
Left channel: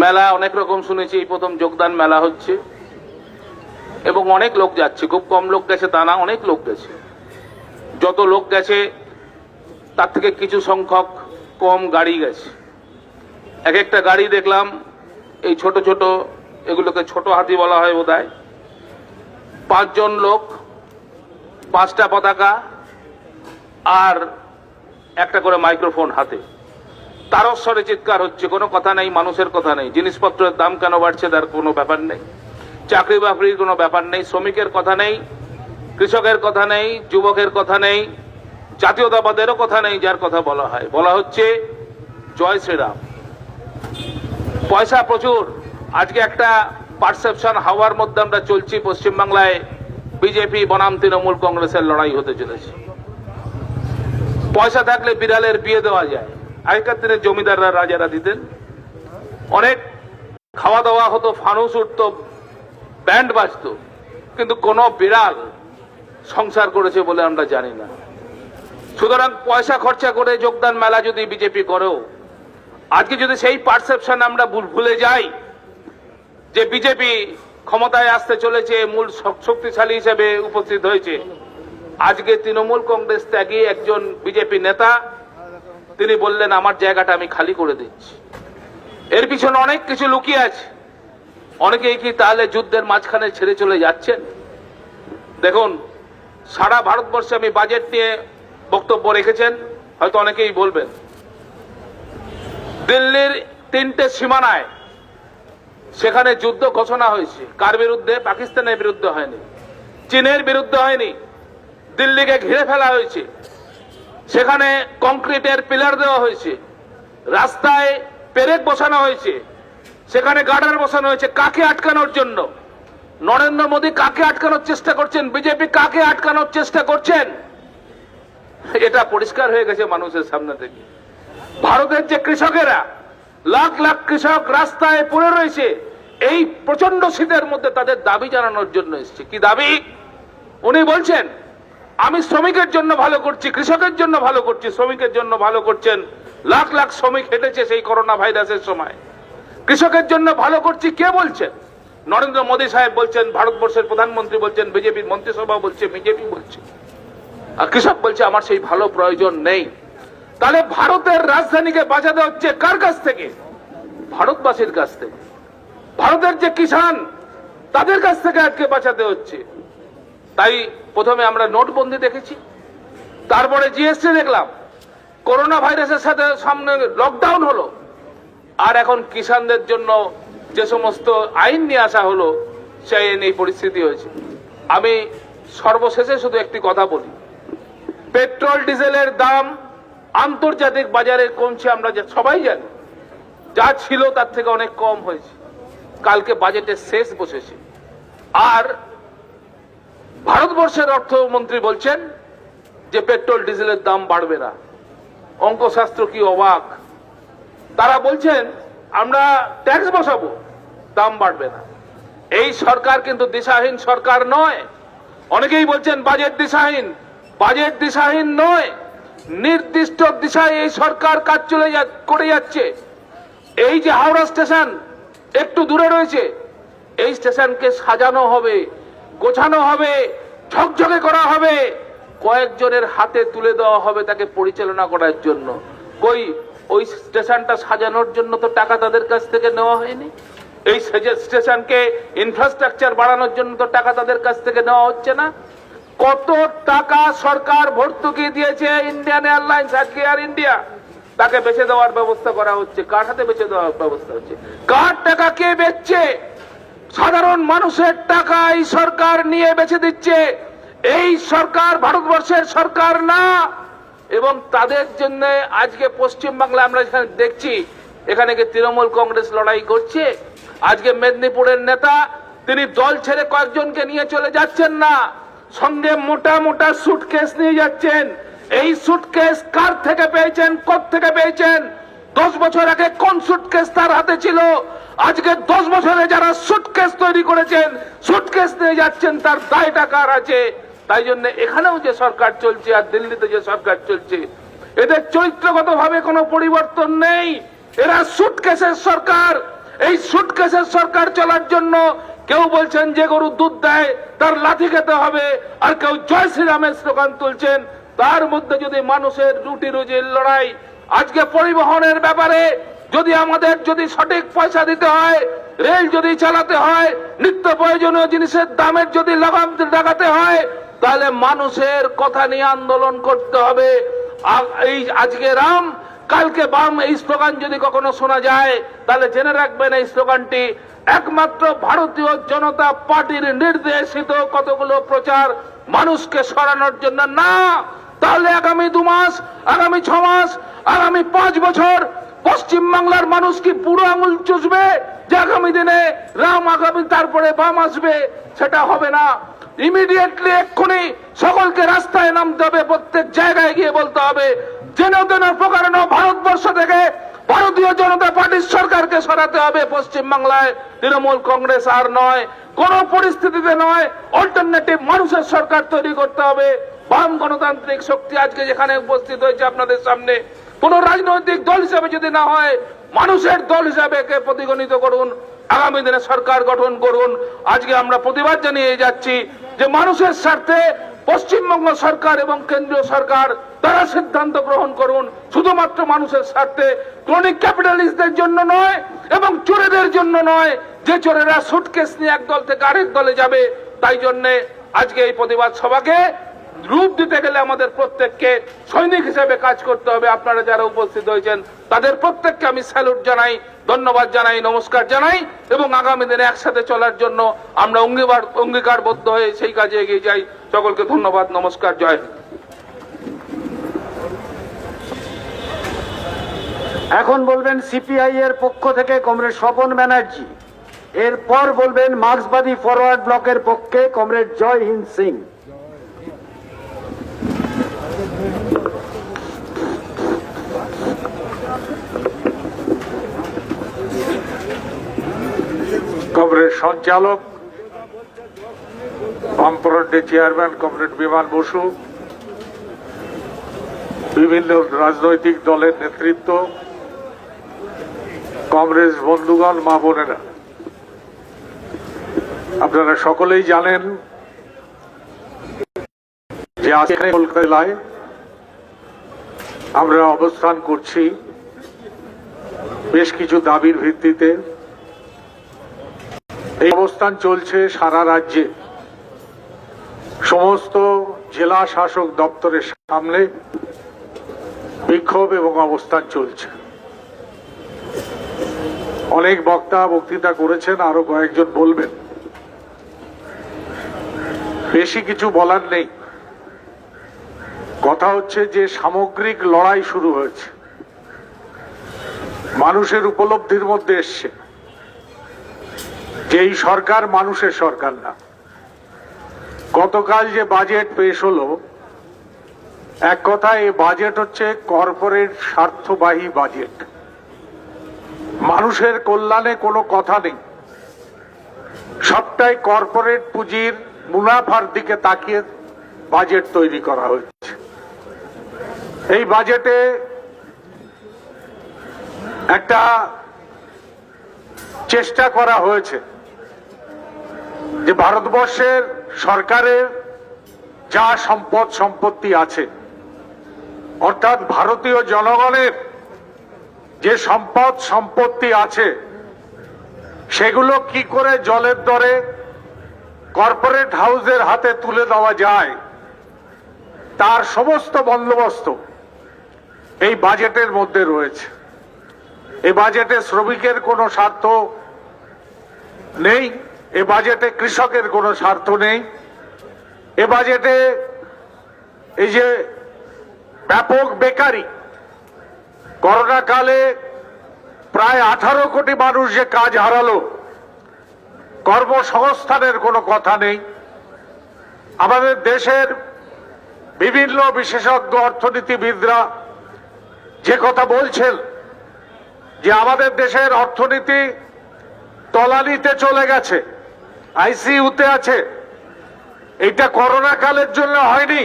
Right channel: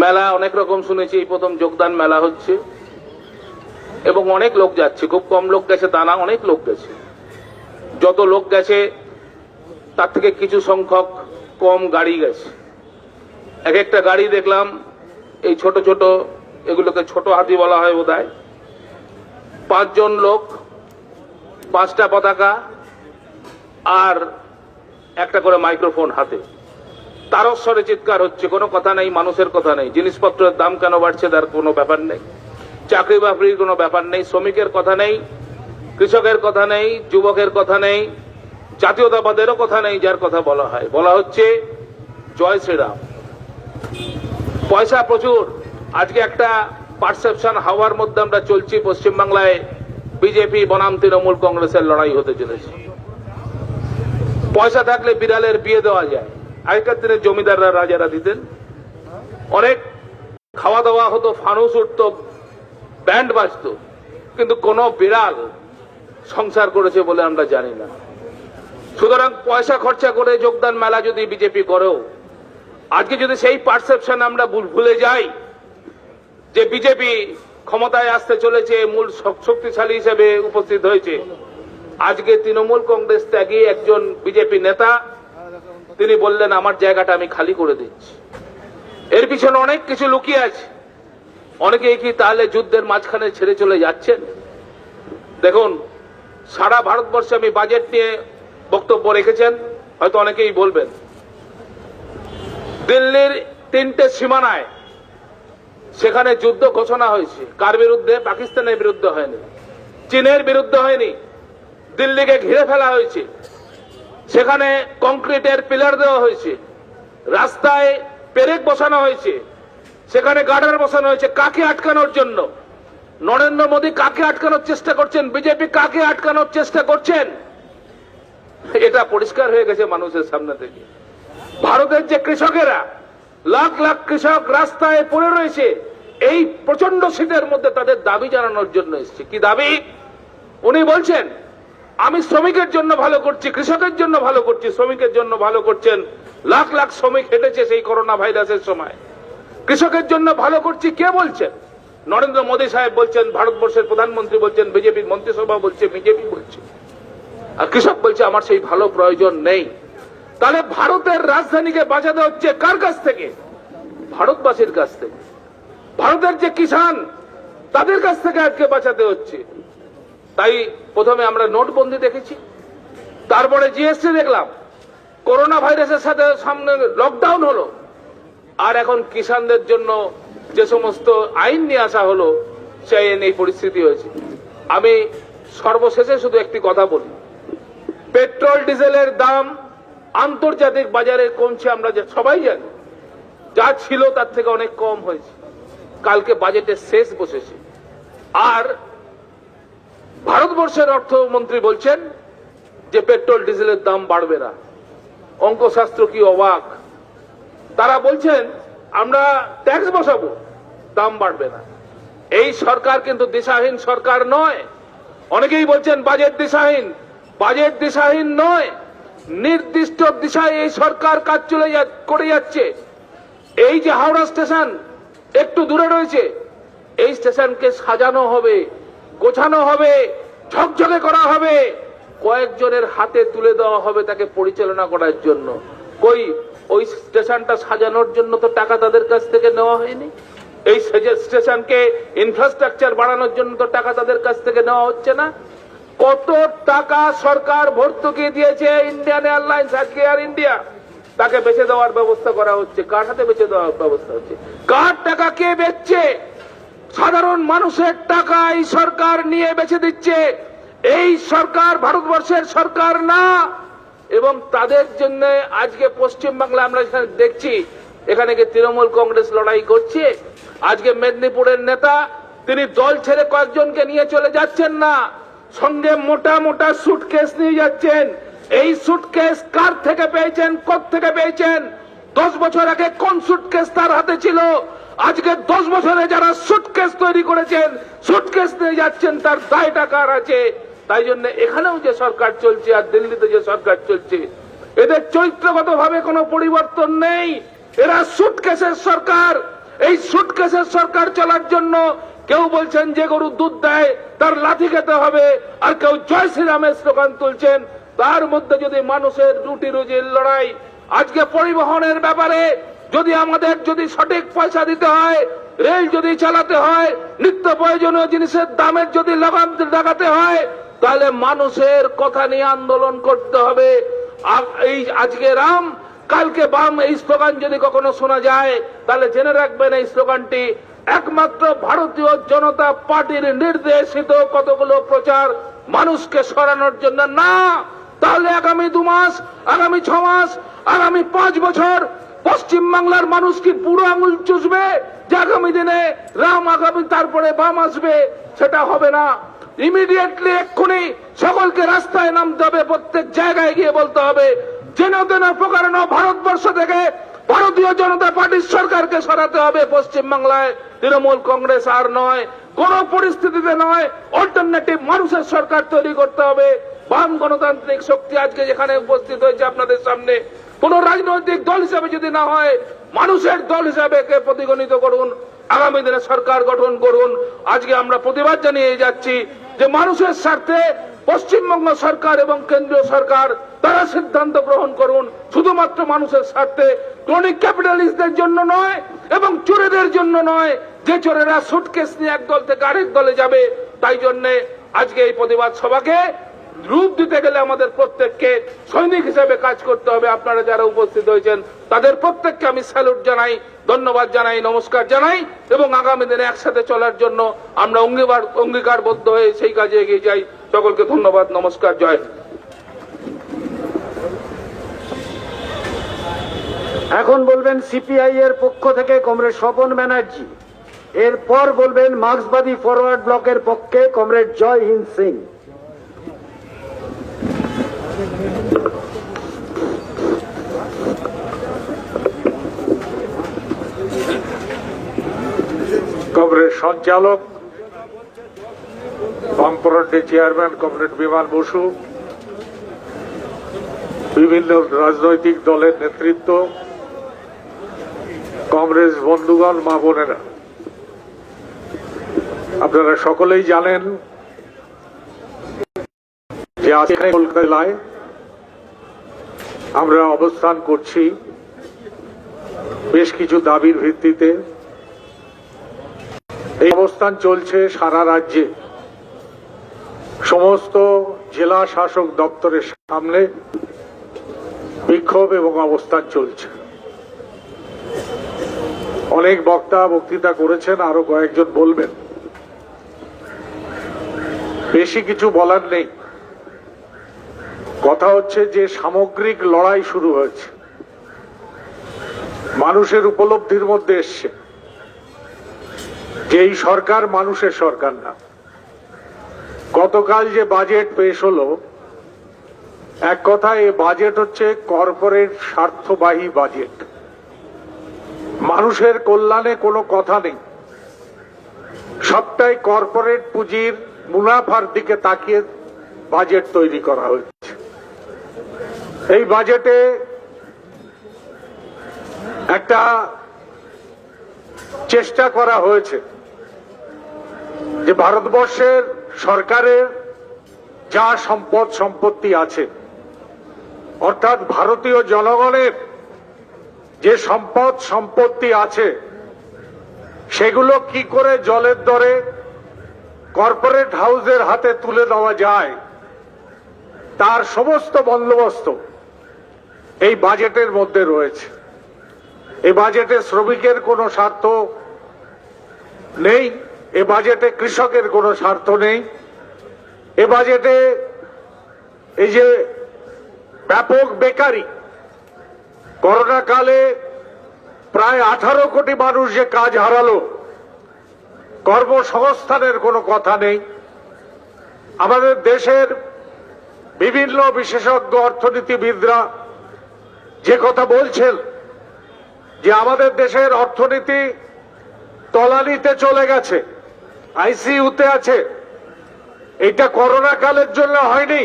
মেলা অনেক রকম শুনেছি, এই প্রথম যোগদান মেলা হচ্ছে এবং অনেক লোক যাচ্ছে। খুব কম লোক গেছে তা না, অনেক লোক গেছে। যত লোক গেছে তার থেকে কিছু সংখ্যক কম গাড়ি গেছে। এক একটা গাড়ি দেখলাম এই ছোট ছোট, এগুলোকে ছোট হাতি বলা হয় বোধহয়, 5 জন লোক, 5টা পতাকা আর একটা করে মাইক্রোফোন হাতে। তারস্বরে চিৎকার হচ্ছে, কোনো কথা নেই, মানুষের কথা নেই। জিনিসপত্রের দাম কেন বাড়ছে তার কোনো ব্যাপার নেই, চাকরি বাকরির কোনো ব্যাপার নেই, শ্রমিকের কথা নেই, কৃষকের কথা নেই, যুবকের কথা নেই, জাতীয়তাবাদেরও কথা নেই। যার কথা বলা হচ্ছে জয় শ্রীরাম। পয়সা প্রচুর। আজকে একটা পারসেপশন হাওয়ার মধ্যে আমরা চলছি, পশ্চিমবাংলায় বিজেপি বনাম তৃণমূল কংগ্রেসের লড়াই হতে চলেছে। পয়সা থাকলে বিড়ালের বিয়ে দেওয়া যায়। আগেকার দিনে জমিদাররা, রাজারা দিতেন, অনেক খাওয়া দাওয়া হতো, ফানুস উঠত, ব্যান্ড বাজতো, কিন্তু কোন বিড়াল সংসার করেছে বলে আমরা জানি না। সুতরাং পয়সা খরচা করে যোগদান মেলা যদি বিজেপি করেও, আজকে যদি সেই পারসেপশন আমরা ভুলে যাই যে বিজেপি ক্ষমতায় আসতে চলেছে, মূল শক্তিশালী হিসেবে উপস্থিত হয়েছে, আজকে তৃণমূল কংগ্রেস ত্যাগী একজন বিজেপি নেতা তিনি বললেন আমার জায়গাটা আমি খালি করে দিচ্ছি। এর পিছনে অনেক কিছু লুকিয়ে আছে। অনেকেই কি তাহলে যুদ্ধের মাঝখানে ছেড়ে চলে যাচ্ছেন? দেখুন, সারা ভারতবর্ষে আমি বাজেট নিয়ে বক্তব্য রেখেছেন, হয়তো অনেকেই বলবেন দিল্লির 3টে সীমানায় সেখানে যুদ্ধ ঘোষণা হয়েছে। কার বিরুদ্ধে? পাকিস্তানের বিরুদ্ধে হয়নি, চীনের বিরুদ্ধে হয়নি, দিল্লিকে ঘিরে ফেলা হয়েছে। সেখানে কংক্রিটের পিলার দেওয়া হয়েছে, রাস্তায় পেরেক বসানো হয়েছে, সেখানে গার্ডার বসানো হয়েছে। কাকে আটকানোর জন্য? নরেন্দ্র মোদী কাকে আটকানোর চেষ্টা করছেন? বিজেপি কাকে আটকানোর চেষ্টা করছেন? এটা পরিষ্কার হয়ে গেছে মানুষের সামনে থেকে। ভারতের যে কৃষকেরা, লাখ লাখ কৃষক রাস্তায় পড়ে রয়েছে, এই প্রচন্ড শীতের মধ্যে তাদের দাবি জানানোর জন্য এসছে। কি দাবি? উনি বলছেন আমি শ্রমিকের জন্য ভালো করছি, কৃষকের জন্য ভালো করছি। শ্রমিকের জন্য ভালো করছেন, লাখ লাখ শ্রমিক হেঁটেছে সেই করোনা ভাইরাসের সময়। কৃষকের জন্য ভালো করছি কে বলছেন? নরেন্দ্র মোদী সাহেব বলছেন, ভারতবর্ষের প্রধানমন্ত্রী বলছেন, বিজেপির মন্ত্রিসভা বলছে, বিজেপি বলছে। আর কৃষক বলছে আমার সেই ভালো প্রয়োজন নেই। তাহলে ভারতের রাজধানীকে বাঁচাতে হচ্ছে কার কাছ থেকে? ভারতবাসীর কাছ থেকে। ভারতের যে কিষাণ, তাদের কাছ থেকে আজকে বাঁচাতে হচ্ছে। তাই প্রথমে আমরা নোটবন্দি দেখেছি, তারপরে জিএসটি দেখলাম, করোনা ভাইরাসের সাথে সামনে লকডাউন হলো, আর এখন কিষাণদের জন্য যে সমস্ত আইন নিয়ে আসা হলো সেই আইন এই পরিস্থিতি হয়েছে। আমি সর্বশেষে শুধু একটি কথা বলি, পেট্রোল ডিজেলের দাম আন্তর্জাতিক বাজারে কমছে, আমরা সবাই জানি। যা ছিল তার থেকে অনেক কম হয়েছে। কালকে বাজেটের শেষ বসেছে, আর ভারতবর্ষের অর্থমন্ত্রী বলছেন যে পেট্রোল ডিজেলের দাম বাড়বে না। অঙ্কশাস্ত্র কি অবাক! তারা বলছেন আমরা ট্যাক্স বসাবো, দাম বাড়বে না। এই সরকার কিন্তু দিশাহীন সরকার নয়। অনেকেই বলছেন বাজেট দিশাহীন। বাজেট দিশাহীন নয়, নির্দিষ্ট দিশায় এই সরকার কাজ করে যাচ্ছে। এই যে হাওড়া স্টেশন একটু দূরে রয়েছে, এই স্টেশনকে সাজানো হবে, গোছানো হবে, ঝকঝকে করা হবে, কয়েকজনের হাতে তুলে দেওয়া হবে তাকে পরিচালনা করার জন্য। ওই স্টেশনটা সাজানোর জন্য তো টাকা তাদের কাছ থেকে নেওয়া হয়নি। এই স্টেশনকে ইনফ্রাস্ট্রাকচার বাড়ানোর জন্য তো টাকা তাদের কাছ থেকে নেওয়া হচ্ছে না। কত টাকা সরকার ভর্তুকি দিয়েছে ইন্ডিয়ান এয়ারলাইন্স, আজকে এয়ার ইন্ডিয়া, তাকে বেচে দেওয়ার ব্যবস্থা করা হচ্ছে। কার হাতে বেচে দেওয়ার ব্যবস্থা হচ্ছে? কার টাকা কে বেচছে? সাধারণ মানুষের টাকা এই সরকার নিয়ে বেচে দিচ্ছে। এই সরকার ভারতবর্ষের সরকার না। এবং তাদের জন্য আজকে পশ্চিমবাংলায় আমরা এখানে দেখছি, এখানে কি তৃণমূল কংগ্রেস লড়াই করছে? আজকে মেদিনীপুরের নেতা তিনি দল ছেড়ে কয়েকজনকে নিয়ে চলে যাচ্ছেন না, সঙ্গে মোটা মোটা সুটকেস নিয়ে যাচ্ছেন। এই সুটকেস কার থেকে পেয়েছেন, কোত্থেকে পেয়েছেন? 10 বছর আগে কোন সুটকেস তার হাতে ছিল? আজকে 10 বছরে যারা সুটকেস তৈরি করেছেন, সুটকেস নিয়ে যাচ্ছেন, তার দায়টা কার আছে? তাই জন্য এখানেও যে সরকার চলছে আর দিল্লিতে যে সরকার চলছে, এদের চরিত্রগতভাবে কোনো পরিবর্তন নেই। এরা সুটকেসের সরকার। এই সুটকেসের সরকার চলার জন্য কেউ বলছেন যে গরু দুধ দেয় তার লাঠি খেতে হবে, আর কেউ জয় শ্রীরামের স্লোগান তুলছেন। তার মধ্যে যদি মানুষের রুটি রুজির লড়াই, আজকে পরিবহনের ব্যাপারে যদি আমাদের যদি সঠিক পয়সা দিতে হয়, রেল যদি চালাতে হয়, নিত্য প্রয়োজনীয় জিনিসের দামের যদি লাগাম লাগাতে হয়, তাহলে মানুষের কথা নিয়ে আন্দোলন করতে হবে। এই আজকে রাম কালকে বাম, এই স্লোগান যদি কখনো শোনা যায় তাহলে জেনে রাখবেন এই স্লোগানটি একমাত্র ভারতীয় জনতা পার্টির নির্দেশিত কতগুলো প্রচার মানুষকে সরানোর জন্য না। তাহলে আগামী 2 মাস, আগামী 6 মাস, আগামী 5 বছর পশ্চিমবাংলার মানুষ কি বুড়ো আঙুল চুষবে যে আগামী দিনে রাম, আগামী তারপরে বাম আসবে? সেটা হবে না। ইমিডিয়েটলি এক্ষুনি সকলকে রাস্তায় নামতে হবে, প্রত্যেক জায়গায় গিয়ে বলতে হবে যেন তেন প্রকারণ ভারতবর্ষ থেকে ভারতীয় জনতা পার্টির সরকারকে সরাতে হবে। পশ্চিমবাংলায় তৃণমূল কংগ্রেস আর নয়, কোন পরিস্থিতিতে নয়। অল্টারনেটিভ মানুষের সরকার তৈরি করতে হবে। বাম গণতান্ত্রিক শক্তি আজকে যেখানে উপস্থিত হয়েছে আপনাদের সামনে, কোন রাজনৈতিক দল হিসাবে যদি না হয়, মানুষের দল হিসাবে একে প্রতিগণিত করুন, আগামী দিনে সরকার গঠন করুন। আজকে আমরা প্রতিবাদ জানিয়ে যাচ্ছি যে মানুষের স্বার্থে পশ্চিমবঙ্গ সরকার এবং কেন্দ্রীয় সরকার তারা সিদ্ধান্ত গ্রহণ করুন, শুধুমাত্র মানুষের স্বার্থে, ক্রনিক ক্যাপিটালিস্টদের জন্য নয় এবং চোরেদের জন্য নয়, যে চোরেরা সুটকেস নিয়ে এক দল থেকে আরেক দলে যাবে। তাই জন্য আজকে এই প্রতিবাদ সভাকে রূপ দিতে গেলে আমাদের প্রত্যেককে সৈনিক হিসেবে কাজ করতে হবে। আপনারা যারা উপস্থিত হয়েছেন তাদের প্রত্যেককে আমি স্যালুট জানাই, ধন্যবাদ জানাই, নমস্কার জানাই এবং আগামী দিনে একসাথে চলার জন্য আমরা অঙ্গীকারবদ্ধ হয়ে সেই কাজে এগিয়ে যাই। সকলকে ধন্যবাদ, নমস্কার, জয় হিন্দ। এখন বলবেন সিপিআই এর পক্ষ থেকে কমরেড স্বপন ব্যানার্জি, এরপর বলবেন মার্ক্সবাদী ফরওয়ার্ড ব্লকের পক্ষে কমরেড জয় হিন্দ সিং। কমরেড সঞ্চালক, বামফ্রন্টের চেয়ারম্যান কমরেড বিমান বসু, বিভিন্ন রাজনৈতিক দলের নেতৃত্ব, কংগ্রেস বন্ধুগণ, মা বোনেরা, আপনারা সকলেই জানেন যে আজকে কলকাতা জেলায় আমরা অবস্থান করছি বেশ কিছু দাবির ভিত্তিতে। এই অবস্থান চলছে সারা রাজ্যে, সমস্ত জেলা শাসক দপ্তরের সামনে বিক্ষোভ এবং অবস্থান চলছে। অনেক বক্তৃতা করেছেন, আরো কয়েকজন বলবেন। বেশি কিছু বলার নেই। কথা হচ্ছে যে সামগ্রিক লড়াই শুরু হয়েছে, মানুষের উপলব্ধির মধ্যে এসছে যে এই সরকার মানুষের সরকার না। গতকাল যে বাজেট পেশ হলো, এক কথায় এই বাজেট হচ্ছে কর্পোরেট স্বার্থবাহী বাজেট। মানুষের কল্যাণে কোনো কথা নেই, সবটাই কর্পোরেট পুঁজির মুনাফার দিকে তাকিয়ে বাজেট তৈরি করা হয়েছে। এই বাজেটে একটা চেষ্টা করা হয়েছে যে ভারতবর্ষের সরকারের যা সম্পত্তি আছে, অর্থাৎ ভারতীয় জনগণের যে সম্পত্তি আছে, সেগুলো কি করে জলের দরে কর্পোরেট হাউসের হাতে তুলে দেওয়া যায়, তার সমস্ত বন্দোবস্ত এই বাজেটের মধ্যে রয়েছে। এই বাজেটে শ্রমিকের কোনো স্বার্থ নেই, এ বাজেটে কৃষকের কোনো স্বার্থ নেই, এ বাজেটে এই যে ব্যাপক বেকারি, করোনা কালে প্রায় 18 কোটি মানুষ যে কাজ হারালো, কর্মসংস্থানের কোনো কথা নেই। আমাদের দেশের বিভিন্ন বিশেষজ্ঞ অর্থনীতিবিদরা যে কথা বলছেন যে আমাদের দেশের অর্থনীতি তলানিতে চলে গেছে, আইসিইউতে আছে, এটা করোনা কালের জন্য হয়নি।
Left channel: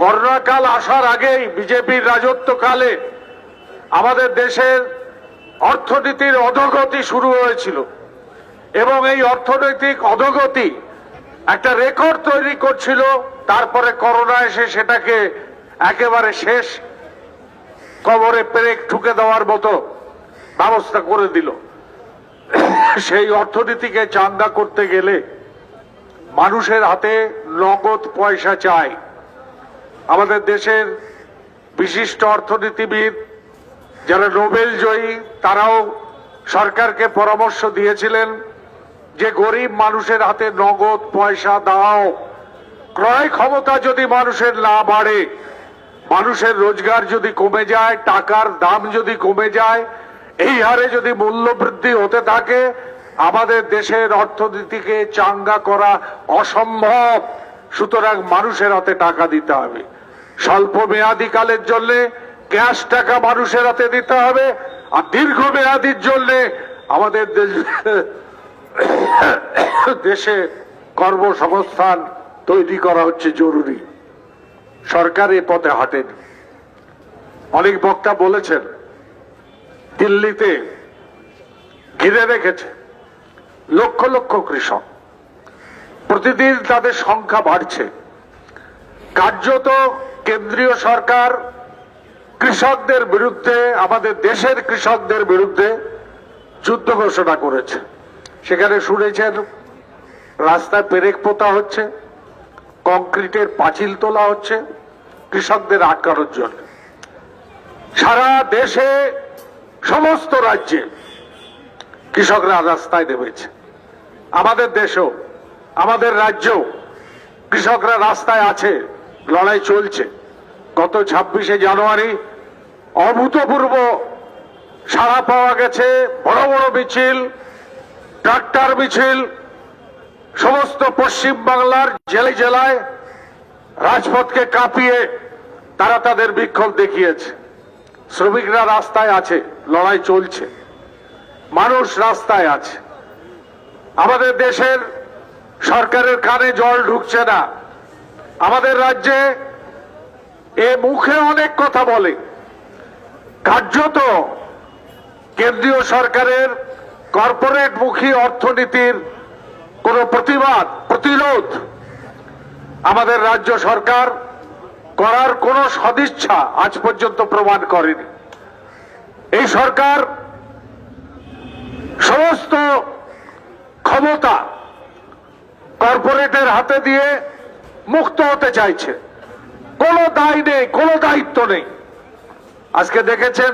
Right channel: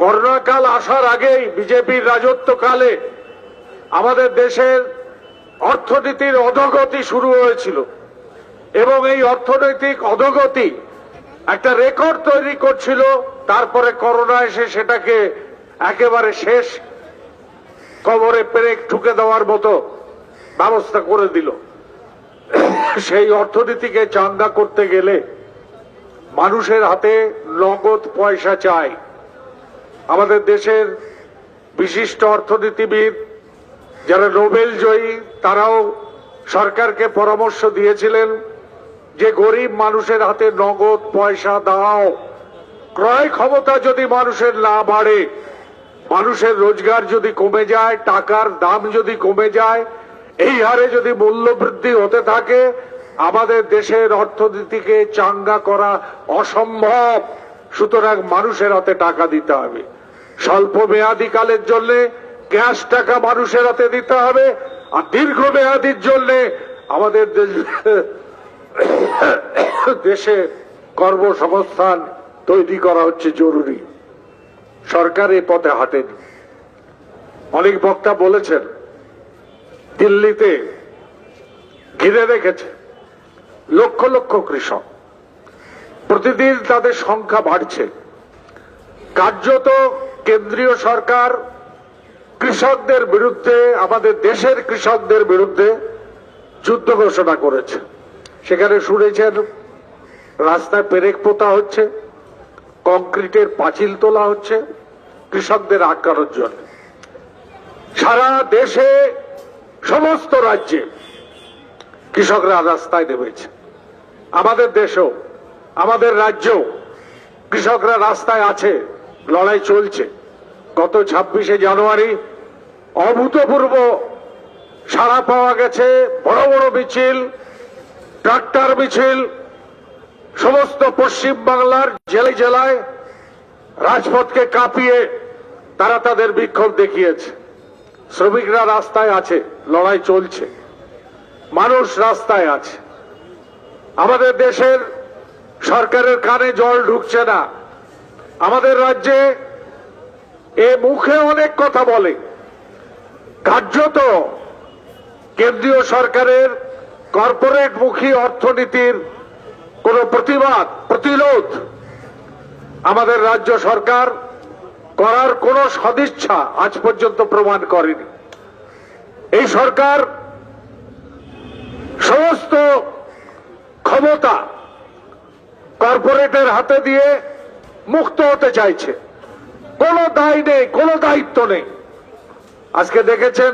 করোনা কাল আসার আগেই বিজেপির রাজত্বকালে আমাদের দেশের অর্থনীতির অধোগতি শুরু হয়েছিল এবং এই অর্থনৈতিক অধোগতি একটা রেকর্ড তৈরি করছিল। তারপরে করোনা এসে সেটাকে একেবারে শেষ কবরে পেরেক ঠুকে দেওয়ার মতো ব্যবস্থা করে দিল। সেই অর্থনীতিকে চাঙ্গা করতে গেলে মানুষের হাতে নগদ পয়সা চাই। আমাদের দেশের বিশিষ্ট অর্থনীতিবিদ যারা নোবেল জয়ী, তারাও সরকারকে পরামর্শ দিয়েছিলেন যে গরিব মানুষের হাতে নগদ পয়সা দাও। ক্রয় ক্ষমতা যদি মানুষের না বাড়ে, মানুষের রোজগার যদি কমে যায়, টাকার দাম যদি কমে যায়, এই হারে যদি মূল্য বৃদ্ধি হতে থাকে, আমাদের দেশের অর্থনীতিকে চাঙ্গা করা অসম্ভব। সুতরাং মানুষের হাতে টাকা দিতে হবে। স্বল্প মেয়াদী কালের জন্য ক্যাশ টাকা মানুষের হাতে দিতে হবে, আর দীর্ঘমেয়াদীর জন্য আমাদের দেশে কর্মসংস্থান তৈরি করা হচ্ছে জরুরি। সরকার এ পথে হাঁটেনি। অনেক বক্তা বলেছেন দিল্লিতে ঘিরে রেখেছে লক্ষ লক্ষ কৃষক, প্রতিদিন তাদের সংখ্যা বাড়ছে। কার্যত কেন্দ্রীয় সরকার কৃষকদের বিরুদ্ধে, আমাদের দেশের কৃষকদের বিরুদ্ধে যুদ্ধ ঘোষণা করেছে। সেখানে শুনেছেন রাস্তায় পেরেক পোতা হচ্ছে, কংক্রিটের পাঁচিল তোলা হচ্ছে কৃষকদের আটকানোর জন্য। সারা দেশে সমস্ত রাজ্যে কৃষকরা রাস্তায় নেমেছে। আমাদের দেশেও, আমাদের রাজ্যেও কৃষকরা রাস্তায় আছে, লড়াই চলছে। গত 26শে জানুয়ারি অভূতপূর্ব সাড়া পাওয়া গেছে। বড় বড় মিছিল, ট্রাক্টর মিছিল সমস্ত পশ্চিম বাংলার জেলায় জেলায় রাজপথকে কাঁপিয়ে তারা তাদের বিক্ষোভ দেখিয়েছে। শ্রমিকরা রাস্তায় আছে, লড়াই চলছে, মানুষ রাস্তায় আছে। আমাদের দেশের সরকারের কানে জল ঢুকছে না। আমাদের রাজ্যে এ মুখে অনেক কথা বলে, কার্যত কেন্দ্রীয় সরকারের কর্পোরেট মুখী অর্থনীতির কোন প্রতিরোধ আমাদের রাজ্য সরকার করার কোন সদিচ্ছা আজ পর্যন্ত প্রমাণ করেনি। এই সরকার সমস্ত ক্ষমতা কর্পোরেটের হাতে দিয়ে মুক্ত হতে চাইছে। কোনো দায় নেই, কোনো দায়িত্ব নেই। আজকে দেখেছেন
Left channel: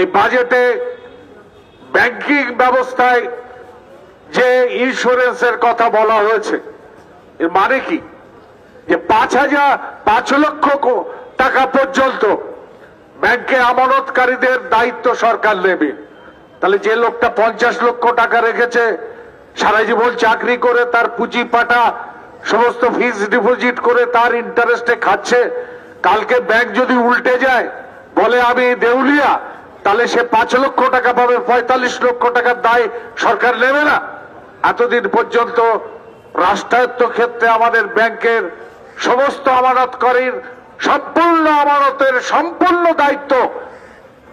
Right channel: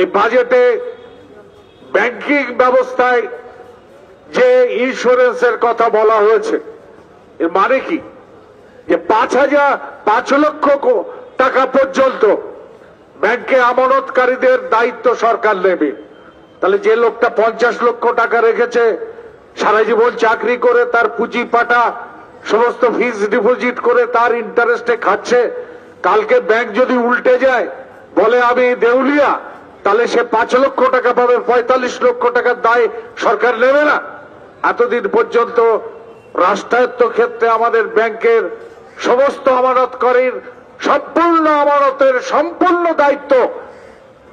এই বাজেটে ব্যাংকিং ব্যবস্থায় যে ইন্স্যুরেন্সের কথা বলা হয়েছে, এর মানে কি? যে 5 লক্ষ টাকা পর্যন্ত ব্যাংকে আমানতকারীদের দায়িত্ব সরকার নেবে। তাহলে যে লোকটা 50 লক্ষ টাকা রেখেছে, সারা জীবন চাকরি করে তার পুঁজি পাটা সমস্ত ফিক্সড ডিপোজিট করে তার ইন্টারেস্টে খাচ্ছে, কালকে ব্যাংক যদি উল্টে যায়, বলে আমি দেউলিয়া, তাহলে সে 5 লক্ষ টাকা পাবে, 45 লক্ষ টাকার দায় সরকার নেবে না? এতদিন পর্যন্ত রাষ্ট্রায়ত্ত ক্ষেত্রে আমাদের ব্যাংকের সমস্ত আমানতকারীর সম্পূর্ণ আমানতের সম্পূর্ণ দায়িত্ব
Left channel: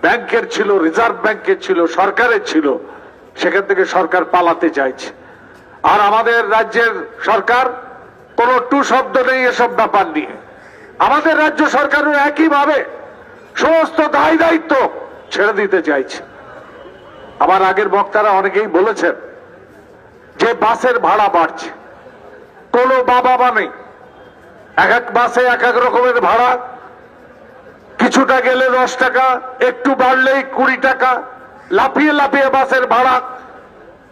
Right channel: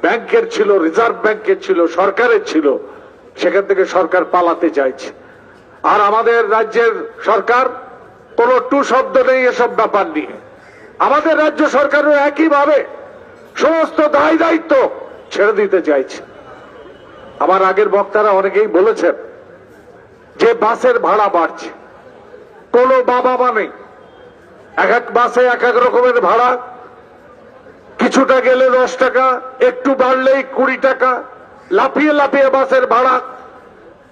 ব্যাংকের ছিল, রিজার্ভ ব্যাংকের ছিল, সরকারের ছিল। সেখান থেকে সরকার পালাতে চাইছে। আর আমাদের রাজ্যের সরকার কোনো টু শব্দ নেই এসব ব্যাপার নিয়ে। আমাদের রাজ্য সরকারও একইভাবে সমস্ত দায় দায়িত্ব ছেড়ে দিতে চাইছে। আমার আগের বক্তারা অনেকেই বলেছেন যে বাসের ভাড়া বাড়ছে, কোনো বাবা নেই। এক এক বাসে এক এক রকমের ভাড়া, কিছুটা গেলে 10 টাকা, একটু বাড়লেই 20 টাকা, লাফিয়ে লাফিয়ে বাসের ভাড়া।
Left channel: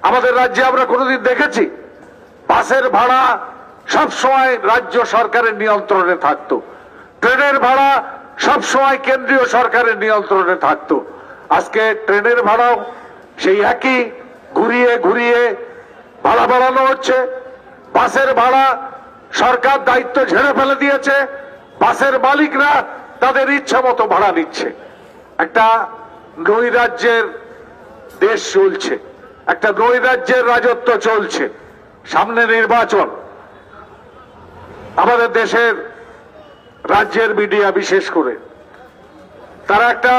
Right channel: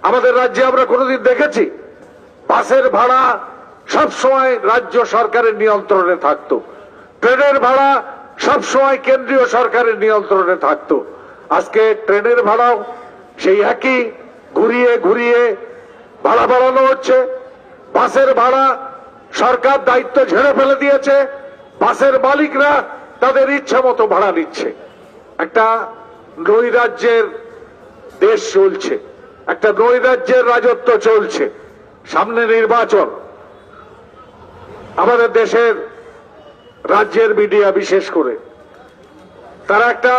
আমাদের রাজ্যে আমরা কোনোদিন দেখেছি বাসের ভাড়া সব সময় রাজ্য সরকারের নিয়ন্ত্রণে থাকতো, ট্রেনের ভাড়া সব সময় কেন্দ্রীয় সরকারের নিয়ন্ত্রণে থাকতো। আজকে ট্রেনের ভাড়াও সেই একই ঘুরিয়ে ঘুরিয়ে ভাড়া বাড়ানো হচ্ছে। বাসের ভাড়া সরকার দায়িত্ব ঝেড়ে ফেলে দিয়েছে, বাসের মালিকরা তাদের ইচ্ছা মতো ভাড়া নিচ্ছে। একটা নৈরাজ্যের দেশ চলছে, একটা নৈরাজ্যের রাজত্ব চলছে। সামনে নির্বাচন। আমাদের দেশের রাজ্যের মিডিয়া বিশেষ করে তারা একটা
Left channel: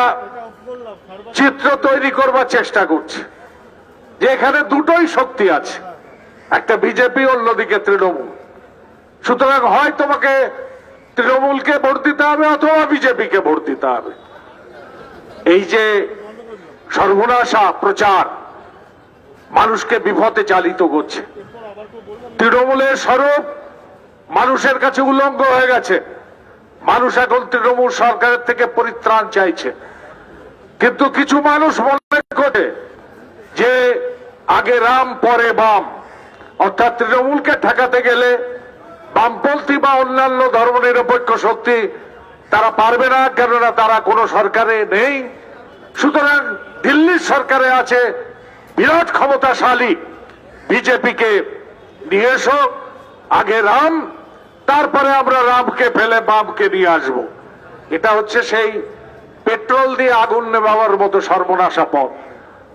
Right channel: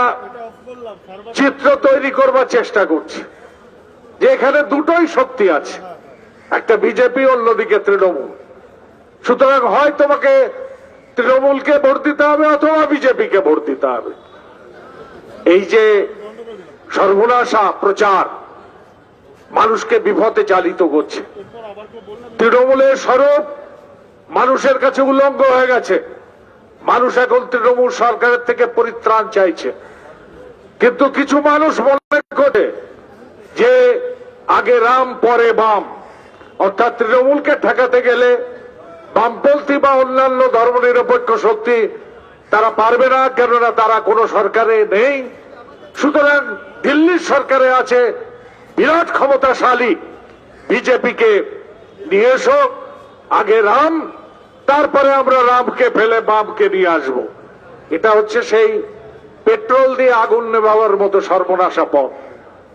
চিত্র তৈরি করবার চেষ্টা করছে যে এখানে দুটোই শক্তি আছে, একটা বিজেপি, অন্যদিকে তৃণমূল। সুতরাং হয় তোমাকে তৃণমূলকে ভোট দিতে হবে অথবা বিজেপিকে ভোট দিতে হবে। এই যে সর্বনাশা প্রচার মানুষকে বিপথে চালিত করছে। তৃণমূলের স্বরূপ মানুষের কাছে উলঙ্গ হয়ে গেছে। মানুষ এখন তৃণমূল সরকারের থেকে পরিত্রাণ চাইছে। কিন্তু কিছু মানুষ মনে করে যে আগে রাম পরে বাম, অর্থাৎ তৃণমূলকে ঠেকাতে গেলে বামপন্থী বা অন্যান্য ধর্মনিরপেক্ষ শক্তি তারা পারবে না, কেননা তারা কোনো সরকারে নেই। সুতরাং দিল্লির সরকারে আছে বিরাট ক্ষমতাশালী বিজেপিকে নিয়ে এসো, আগে রাম, তারপরে আমরা রামকে ফেলে বামকে নিয়ে আসব। এটা হচ্ছে সেই পেট্রোল দিয়ে আগুন নেভাবার মতো সর্বনাশা পথ।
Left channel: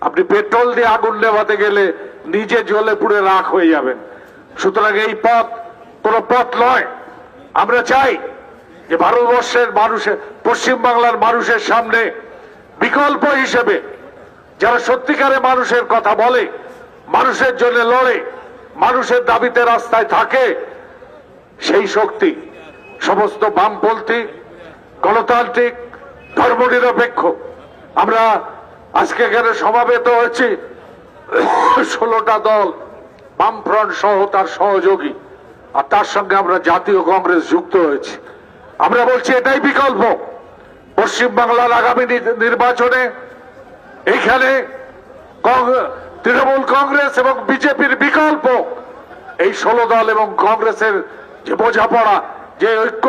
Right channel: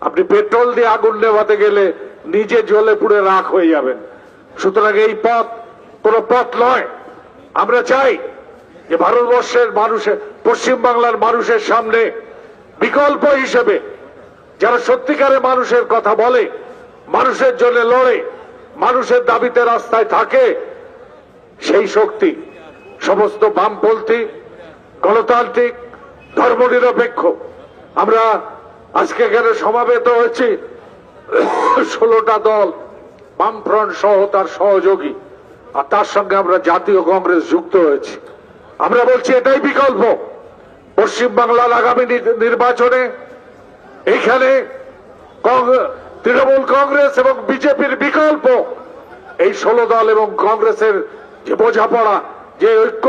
আপনি পেট্রোল দিয়ে আগুন নেভাতে গেলে নিজে জ্বলে পুড়ে রাখ হয়ে যাবেন। সুতরাং এই পথ কোনো পথ নয়। আমরা চাই যে ভারতবর্ষের মানুষের, পশ্চিমবাংলার মানুষের সামনে বিকল্প হিসেবে যারা সত্যিকারে মানুষের কথা বলে, মানুষের জন্য লড়ে, মানুষের দাবিতে রাস্তায় থাকে, সেই শক্তি সমস্ত বামপন্থী, গণতান্ত্রিক, ধর্মনিরপেক্ষ। আমরা আজকে এখানে সমাবেত হয়েছি 16টা দল, বামফ্রন্ট সহ তার সহযোগী, আর তার সঙ্গে আমরা জাতীয় কংগ্রেস যুক্ত হয়েছি। আমরা বলছি এটাই বিকল্প। পশ্চিমবাংলার আগামী নির্বাচনে এইখানে তৃণমূল কংগ্রেস এবং বিজেপির বিকল্প এই 16 দল এবং কংগ্রেসের যে বোঝাপড়া, যে ঐক্য,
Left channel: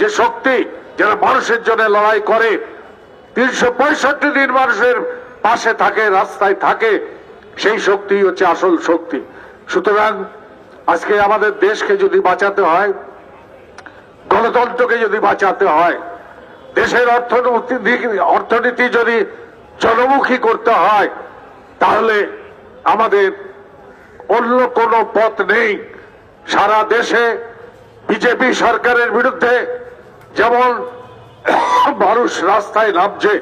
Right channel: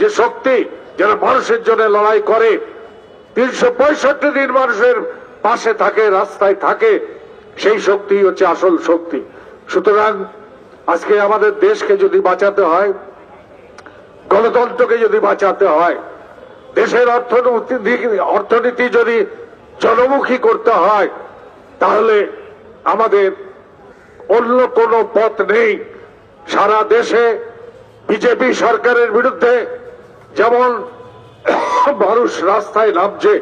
যে শক্তি, যারা মানুষের জন্য লড়াই করে, 365 দিন মানুষের পাশে থাকে, রাস্তায় থাকে, সেই শক্তি হচ্ছে আসল শক্তি। সুতরাং আজকে আমাদের দেশকে যদি বাঁচাতে হয়, গণতন্ত্রকে যদি বাঁচাতে হয়, দেশের অর্থনীতি যদি জনমুখী করতে হয়, তাহলে আমাদের অন্য কোনো পথ নেই। সারা দেশে বিজেপি সরকারের বিরুদ্ধে যেমন মানুষ রাস্তায় নামছে,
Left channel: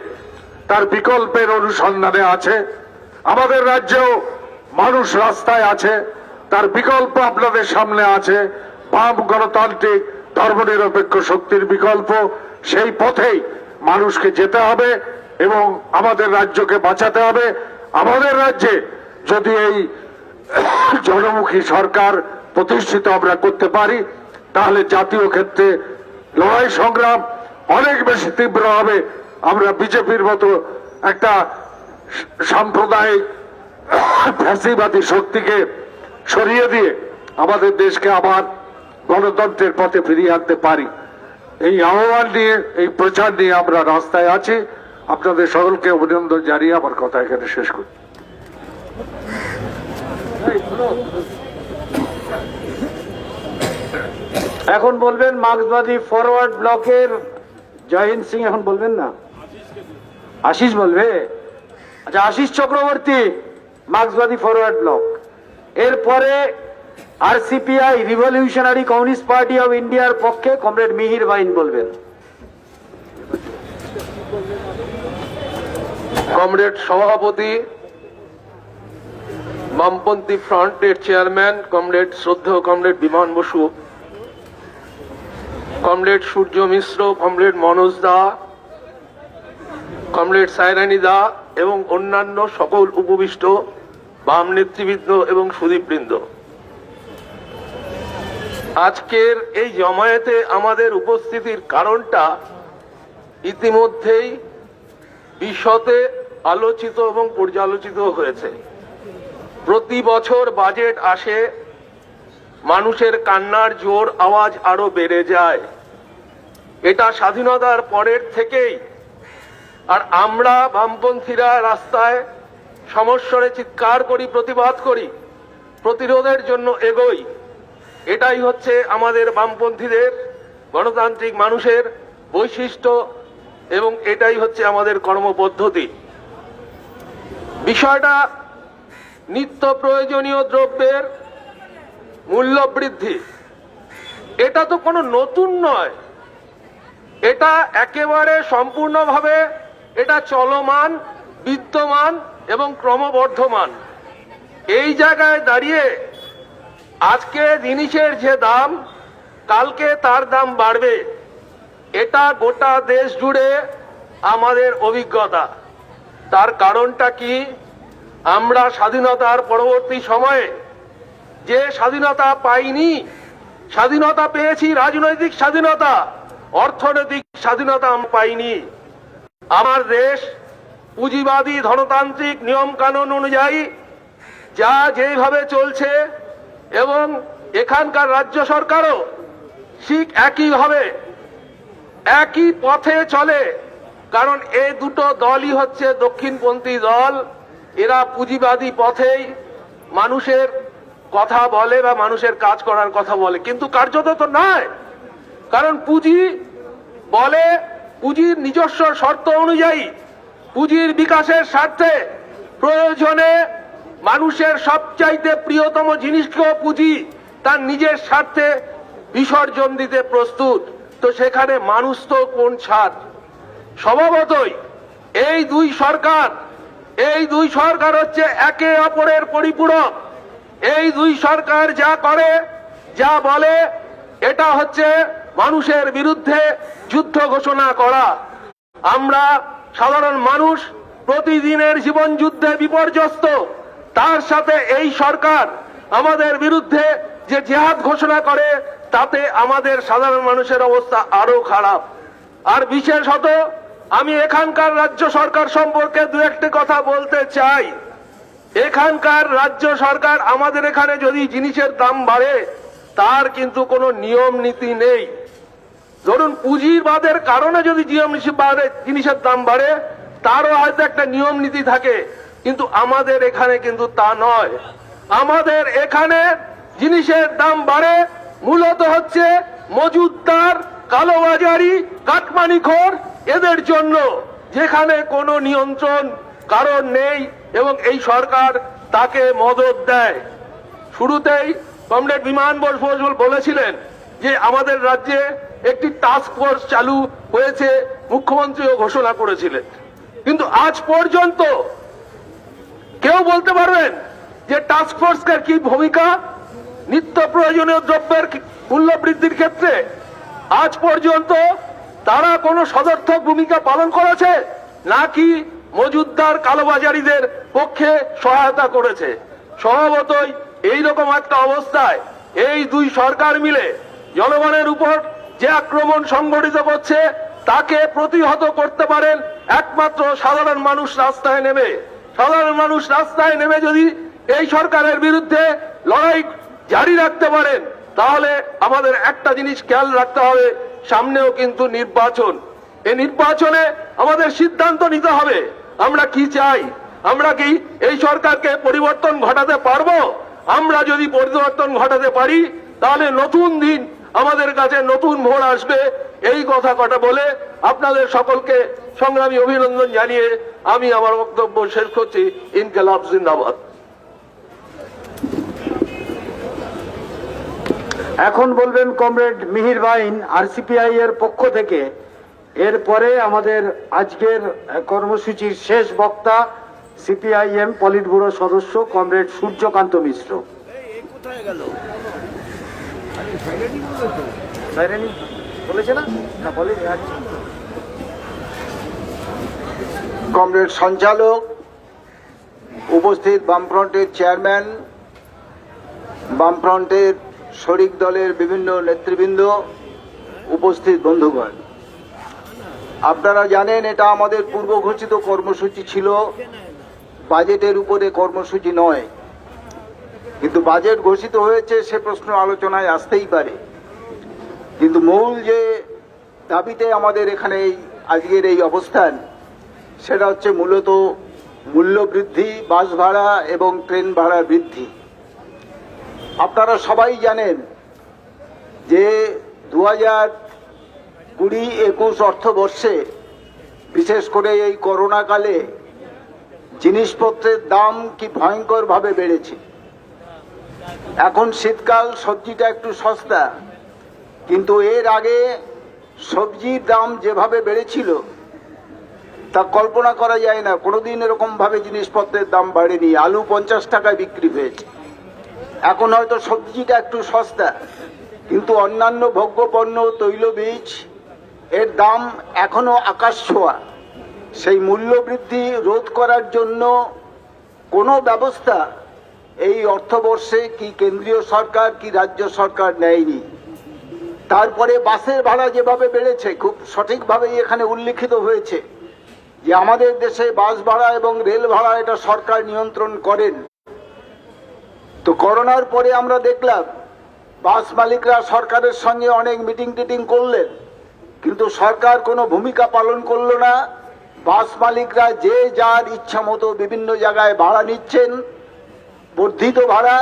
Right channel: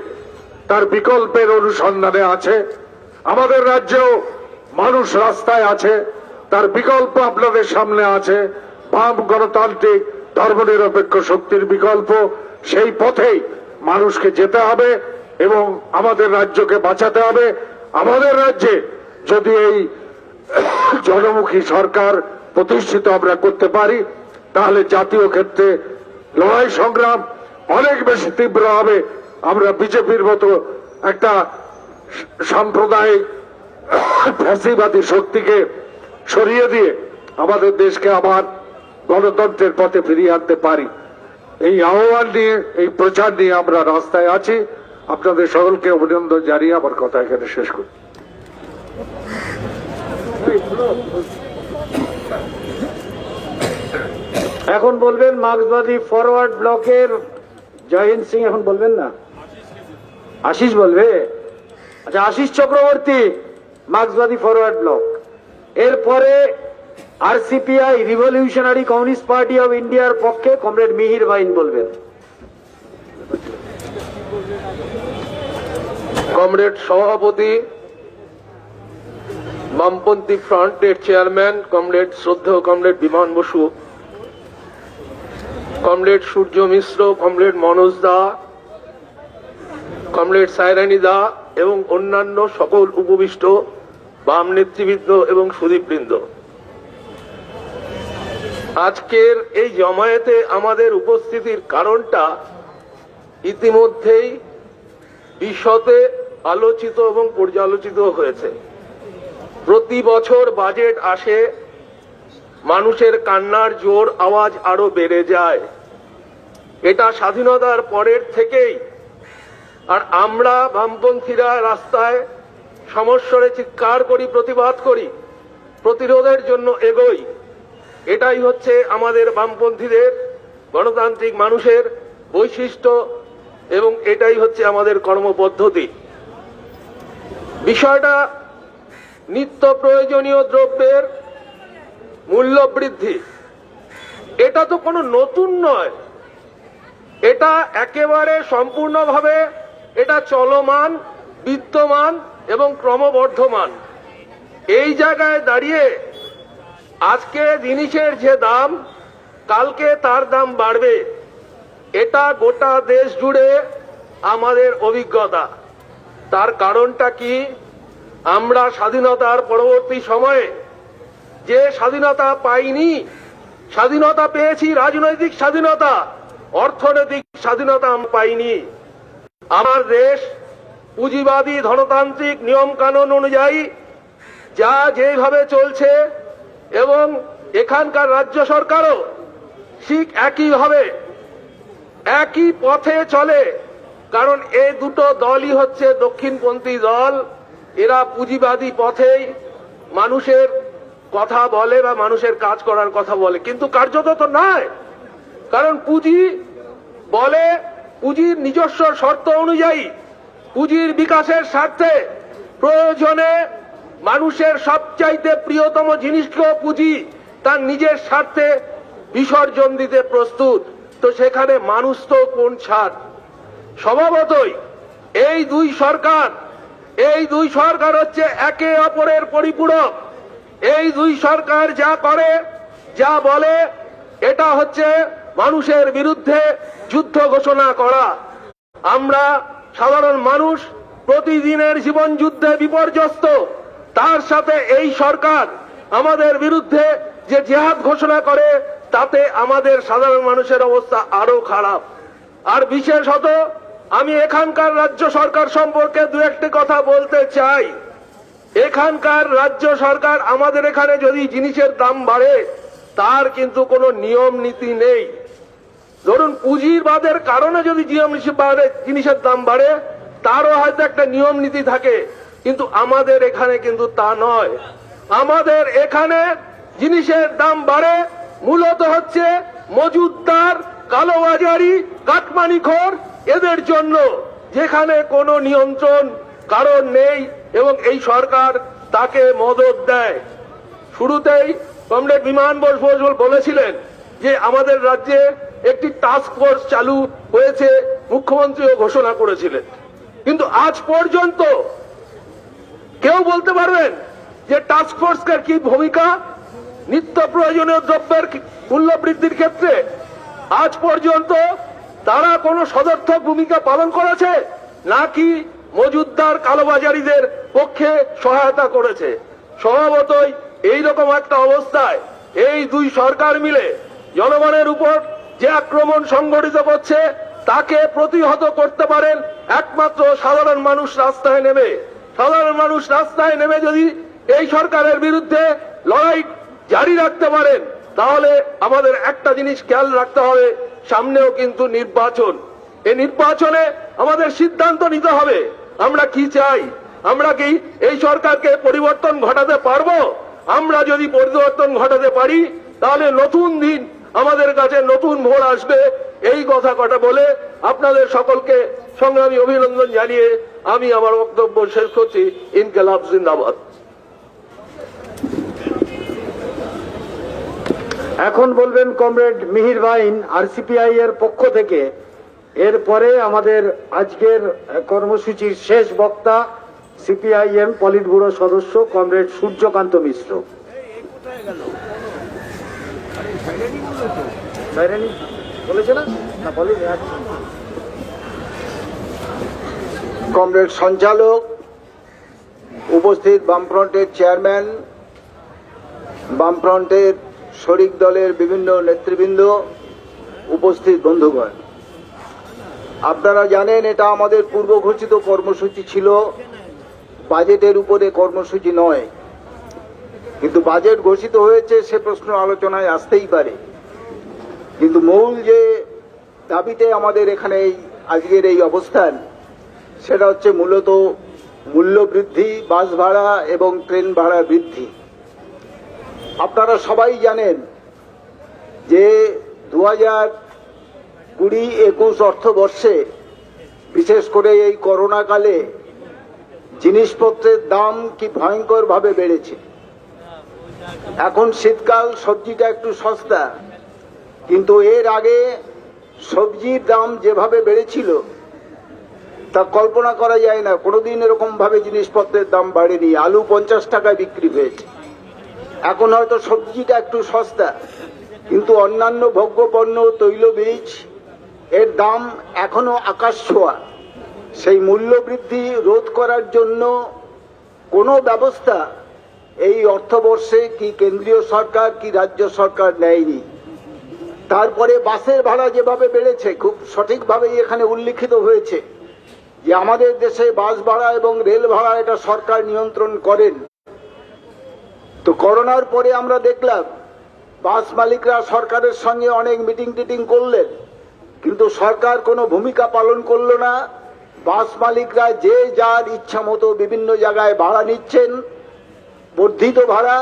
তার বিকল্পের অনুসন্ধানে আছে। আমাদের রাজ্যেও মানুষ রাস্তায় আছে, তার বিকল্প আপনাদের সামনে আছে। বাম গণতান্ত্রিক ধর্মনিরপেক্ষ শক্তির বিকল্প, সেই পথেই মানুষকে যেতে হবে এবং আমাদের রাজ্যকে বাঁচাতে হবে। আমাদের রাজ্যে যদি এই জনমুখী সরকার প্রতিষ্ঠিত আমরা করতে পারি, তাহলে জাতীয় ক্ষেত্রে লড়াই সংগ্রাম অনেক বেশি তীব্র হবে। আমরা বিজেপির মতো একটা সাম্প্রদায়িক ফ্যাসিবাদী শক্তিকে সরিয়ে দিয়ে আমাদের দেশকে আবার গণতন্ত্রের পথে ফিরিয়ে আনতে পারি। এই আহ্বান নিয়ে, এই প্রচার নিয়ে আমরা রাস্তায় আছি। আপনাদের সকলকে অভিনন্দন জানিয়ে আমার কথা এখানে শেষ করি। এখন বলবেন মার্ক্সবাদী ফরওয়ার্ড ব্লকের জয়হিন্দ সিং। এখন বলবেন না, আশিস বলবে। আচ্ছা, আশিস চক্রবর্তী, মার্ক্সবাদী ফরওয়ার্ড ব্লক। এরপরে আরসিপিআই, রিভলিউশনারি কমিউনিস্ট পার্টি অব ইন্ডিয়ার পক্ষে কমরেড মিহির বাইন বলবেন। কমরেড সভাপতি বামপন্থী ফ্রন্টের চেয়ারম্যান কমরেড শ্রদ্ধেয় কমরেড বিমান বসু, কমরেড সূর্য মিশ্র, কমরেড মনোজ দা, কমরেড সায়রানী দা এবং অন্যান্য সকল উপবিষ্ট বাম নেতৃবৃন্দ এবং সুদীপবৃন্দ, আজকের এই জমায়েতে আমাদের উপস্থিতির কারণটা ইতিমধ্যেই বিশদে আলোচিত এবং পর্যালোচিত হয়েছে। প্রতি বছর বাজেট আসে, মানুষের কান্নার জোর আওয়াজ আরো বেড়ে যায়। এটা স্বাধীনতার পরের থেকেই। আর আমরা বামপন্থীরা রাস্তায় সমস্বরে চিৎকার করি, প্রতিবাদ করি, প্রতিরোধের জন্য এগোই। এটাই হচ্ছে আমাদের বামপন্থীদের, গণতান্ত্রিক মানুষের বৈশিষ্ট্য এবং এটাই হচ্ছে আমাদের কর্মপদ্ধতি। বিষয়টা নিত্য প্রয়োজনীয় দ্রব্যের মূল্য বৃদ্ধি, এটা তো কোনো নতুন নয়, এটা একেবারে সম্পূর্ণভাবে এটা চলমান, বিদ্যমান এবং ক্রমবর্ধমান। এই জায়গায় দাঁড়িয়ে আজকে জিনিসের যে দাম, কালকে তার দাম বাড়বে, এটা গোটা দেশ জুড়ে আমাদের অভিজ্ঞতা। তার কারণটা কি? আমরা স্বাধীনতার পরবর্তী সময়ে যে স্বাধীনতা পাইনি, স্বাধীনতা পেয়েছি রাজনৈতিক স্বাধীনতা, অর্থনৈতিক স্বাধীনতা আমরা পাইনি। আমার দেশ পুঁজিবাদী ধনতান্ত্রিক নিয়ম কানুন অনুযায়ী যা যেভাবে চলছে এবং এখানকার রাজ্য সরকারও ঠিক একইভাবে একই পথে চলে। কারণ এই দুটো দলই হচ্ছে দক্ষিণপন্থী দল, এরা পুঁজিবাদী পথেই মানুষের কথা বলে বা মানুষের কাজ করার কথা বলে, কিন্তু কার্যত তো নয়। কারণ পুঁজি বলে পুঁজির নিজস্ব শর্ত অনুযায়ী, পুঁজির বিকাশের স্বার্থে প্রয়োজনে মানুষের সবচাইতে প্রিয়তম জিনিসকেও পুঁজি তার নিজের স্বার্থে বিসর্জন দিতে প্রস্তুত। তো সেখানে মানুষ তো কোন ছাড়? স্বভাবতই এই দুই সরকার হচ্ছে একে অপরের পরিপূরক। এই দুই সরকার যা করে, যা বলে, এটা হচ্ছে মানুষের বিরুদ্ধে যুদ্ধ ঘোষণা করা। আমরা সাধারণ মানুষ প্রতিদিনের জীবন যুদ্ধে বিপর্যস্ত, তার সাথে এই সরকার আমাদের বিরুদ্ধে যে জেহাদ ঘোষণা করে, তাতে আমাদের সাধারণ মানুষের অবস্থা আরো খারাপ। আর বিশেষত আমি এখানকার রাজ্য সরকার সম্পর্কে দু একটি কথা বলতে চাই। এখানকার রাজ্য সরকার, আমাদের এখানে যদি জিনিসের দাম বাড়ে, তার কিন্তু কোনো নিয়ম নীতি নেই। ধরুন পুঁজিবাদের কারণে যদি জিনিসের দাম বাড়ে, তারও হয়তো একটা নিয়ম নীতি থাকে, কিন্তু আমাদের এখানে কিন্তু তা নয়। আমাদের এখানে জিনিসের দাম বাড়ে মূলত হচ্ছে মজুতদার, কালোবাজারি, কাটমানিখোর এদের জন্য, যেখানে কোনো নিয়ন্ত্রণ কারণ নেই এবং এই সরকার তাকে মদত দেয়। শুরুতেই কমরেড বিমান বসু বলেছিলেন যে আমাদের রাজ্যে একটি টাস্ক ফোর্স চালু হয়েছে, মুখ্যমন্ত্রীও ঘোষণা করেছিলেন, কিন্তু আজ পর্যন্ত কেউ বলতে পারবেন যে টাস্ক ফোর্সের কি ভূমিকা নিত্য প্রয়োজনীয় দ্রব্যের মূল্য বৃদ্ধির ক্ষেত্রে? আজ পর্যন্ত তারা কোনো সদর্থক ভূমিকা পালন করেছে নাকি মজুতদার কালোবাজারিদের পক্ষে সহায়তা করেছে? স্বভাবতই এইরকম একটা অবস্থায় এই দুই সরকার মিলে জনগণের উপর যে আক্রমণ সংগঠিত করছে, তাকে প্রতিহত করতে পারেন একমাত্র সাধারণ মানুষ রাস্তায় নেমে। সাধারণ মানুষ রাস্তায় নেমে যদি এই সরকারের বিরুদ্ধে লড়াই জারি রাখতে পারেন, তাহলে আমাদের একটা জিনিস খেয়াল রাখতে হবে, সামনেও কিন্তু নির্বাচন। এই নির্বাচনে আমাদের সিদ্ধান্ত নিতে হবে আমরা কি চাই। আমরা কি এই সরকারকে পরিবর্তন ঘটাতে পারবো? আমরা যদি পরিবর্তন ঘটাতে পারি, তাহলে নতুন দিন আমাদের কাছে, নতুন ভোর আসবে। এই কথা কটা বলে আপনাদের সকলকে সংগ্রামী অভিনন্দন জানিয়ে আমি আমার বক্তব্য শেষ করছি। ইনকিলাব জিন্দাবাদ। এখন বলবেন কমরেড মিহির বাইন আরসিপিআই এর পক্ষ থেকে। এরপরে আমাদের আজকের কর্মসূচির শেষ বক্তা সিপিআইএম পলিট ব্যুরো সদস্য কমরেড সূর্যকান্ত মিশ্র। কমরেড সঞ্চালক, উপস্থিত বামফ্রন্টের চেয়ারম্যান, বামফ্রন্টের শরিক দলের বিভিন্ন নেতৃবৃন্দ, উপস্থিত বন্ধুগণ, আপনারা জানেন এটা আমাদের পূর্ব ঘোষিত কর্মসূচি ছিল, বাজেটের উপরে কর্মসূচি নয়। কিন্তু বাজেট ঘোষিত হয়েছে সে প্রশ্ন আলোচনায় আসতেই পারে, কিন্তু মূল যে দাবিতে আমাদের এখানে আজকের এই অবস্থান সেটা হচ্ছে মূলত মূল্য বৃদ্ধি, বাস ভাড়া এবং ট্রেন ভাড়া বৃদ্ধি। আপনারা সবাই জানেন যে 2020-21 অর্থবর্ষে বিশেষ করে এই করোনা কালে জিনিসপত্রের দাম কি ভয়ঙ্করভাবে বেড়েছে। এখন শীতকাল, সবজিটা একটু সস্তা, কিন্তু এর আগে সবজির দাম যেভাবে বেড়েছিল তা কল্পনা করা যায় না। কোনোদিন এরকম ভাবে জিনিসপত্রের দাম বাড়েনি। আলু 50 টাকায় বিক্রি হয়েছে। এখন হয়তো সবজিটা একটু সস্তা, কিন্তু অন্যান্য ভোগ্যপণ্য, তৈলবীজ এর দাম এখনো আকাশ ছোঁয়া। সেই মূল্য বৃদ্ধি রোধ করার জন্য কোনো ব্যবস্থা এই অর্থবর্ষে কি কেন্দ্রীয় সরকার কি রাজ্য সরকার নেয়নি। তারপরে বাসের ভাড়া যেভাবে বেড়েছে, খুব সঠিকভাবেই এখানে উল্লিখিত হয়েছে যে আমাদের দেশে বাস ভাড়া এবং রেল ভাড়া এটা সরকার নিয়ন্ত্রণ করেন। তো করোনার পরে আমরা দেখলাম বাস মালিকরা সরকারের সঙ্গে অনেক মিটিং টিটিং করলেন, কিন্তু সরকার কোনো ভূমিকা পালন করলো না। বাস মালিকরা যে যার ইচ্ছা মতো বিভিন্ন জায়গায় ভাড়া নিচ্ছেন, বর্ধিত ভাড়া,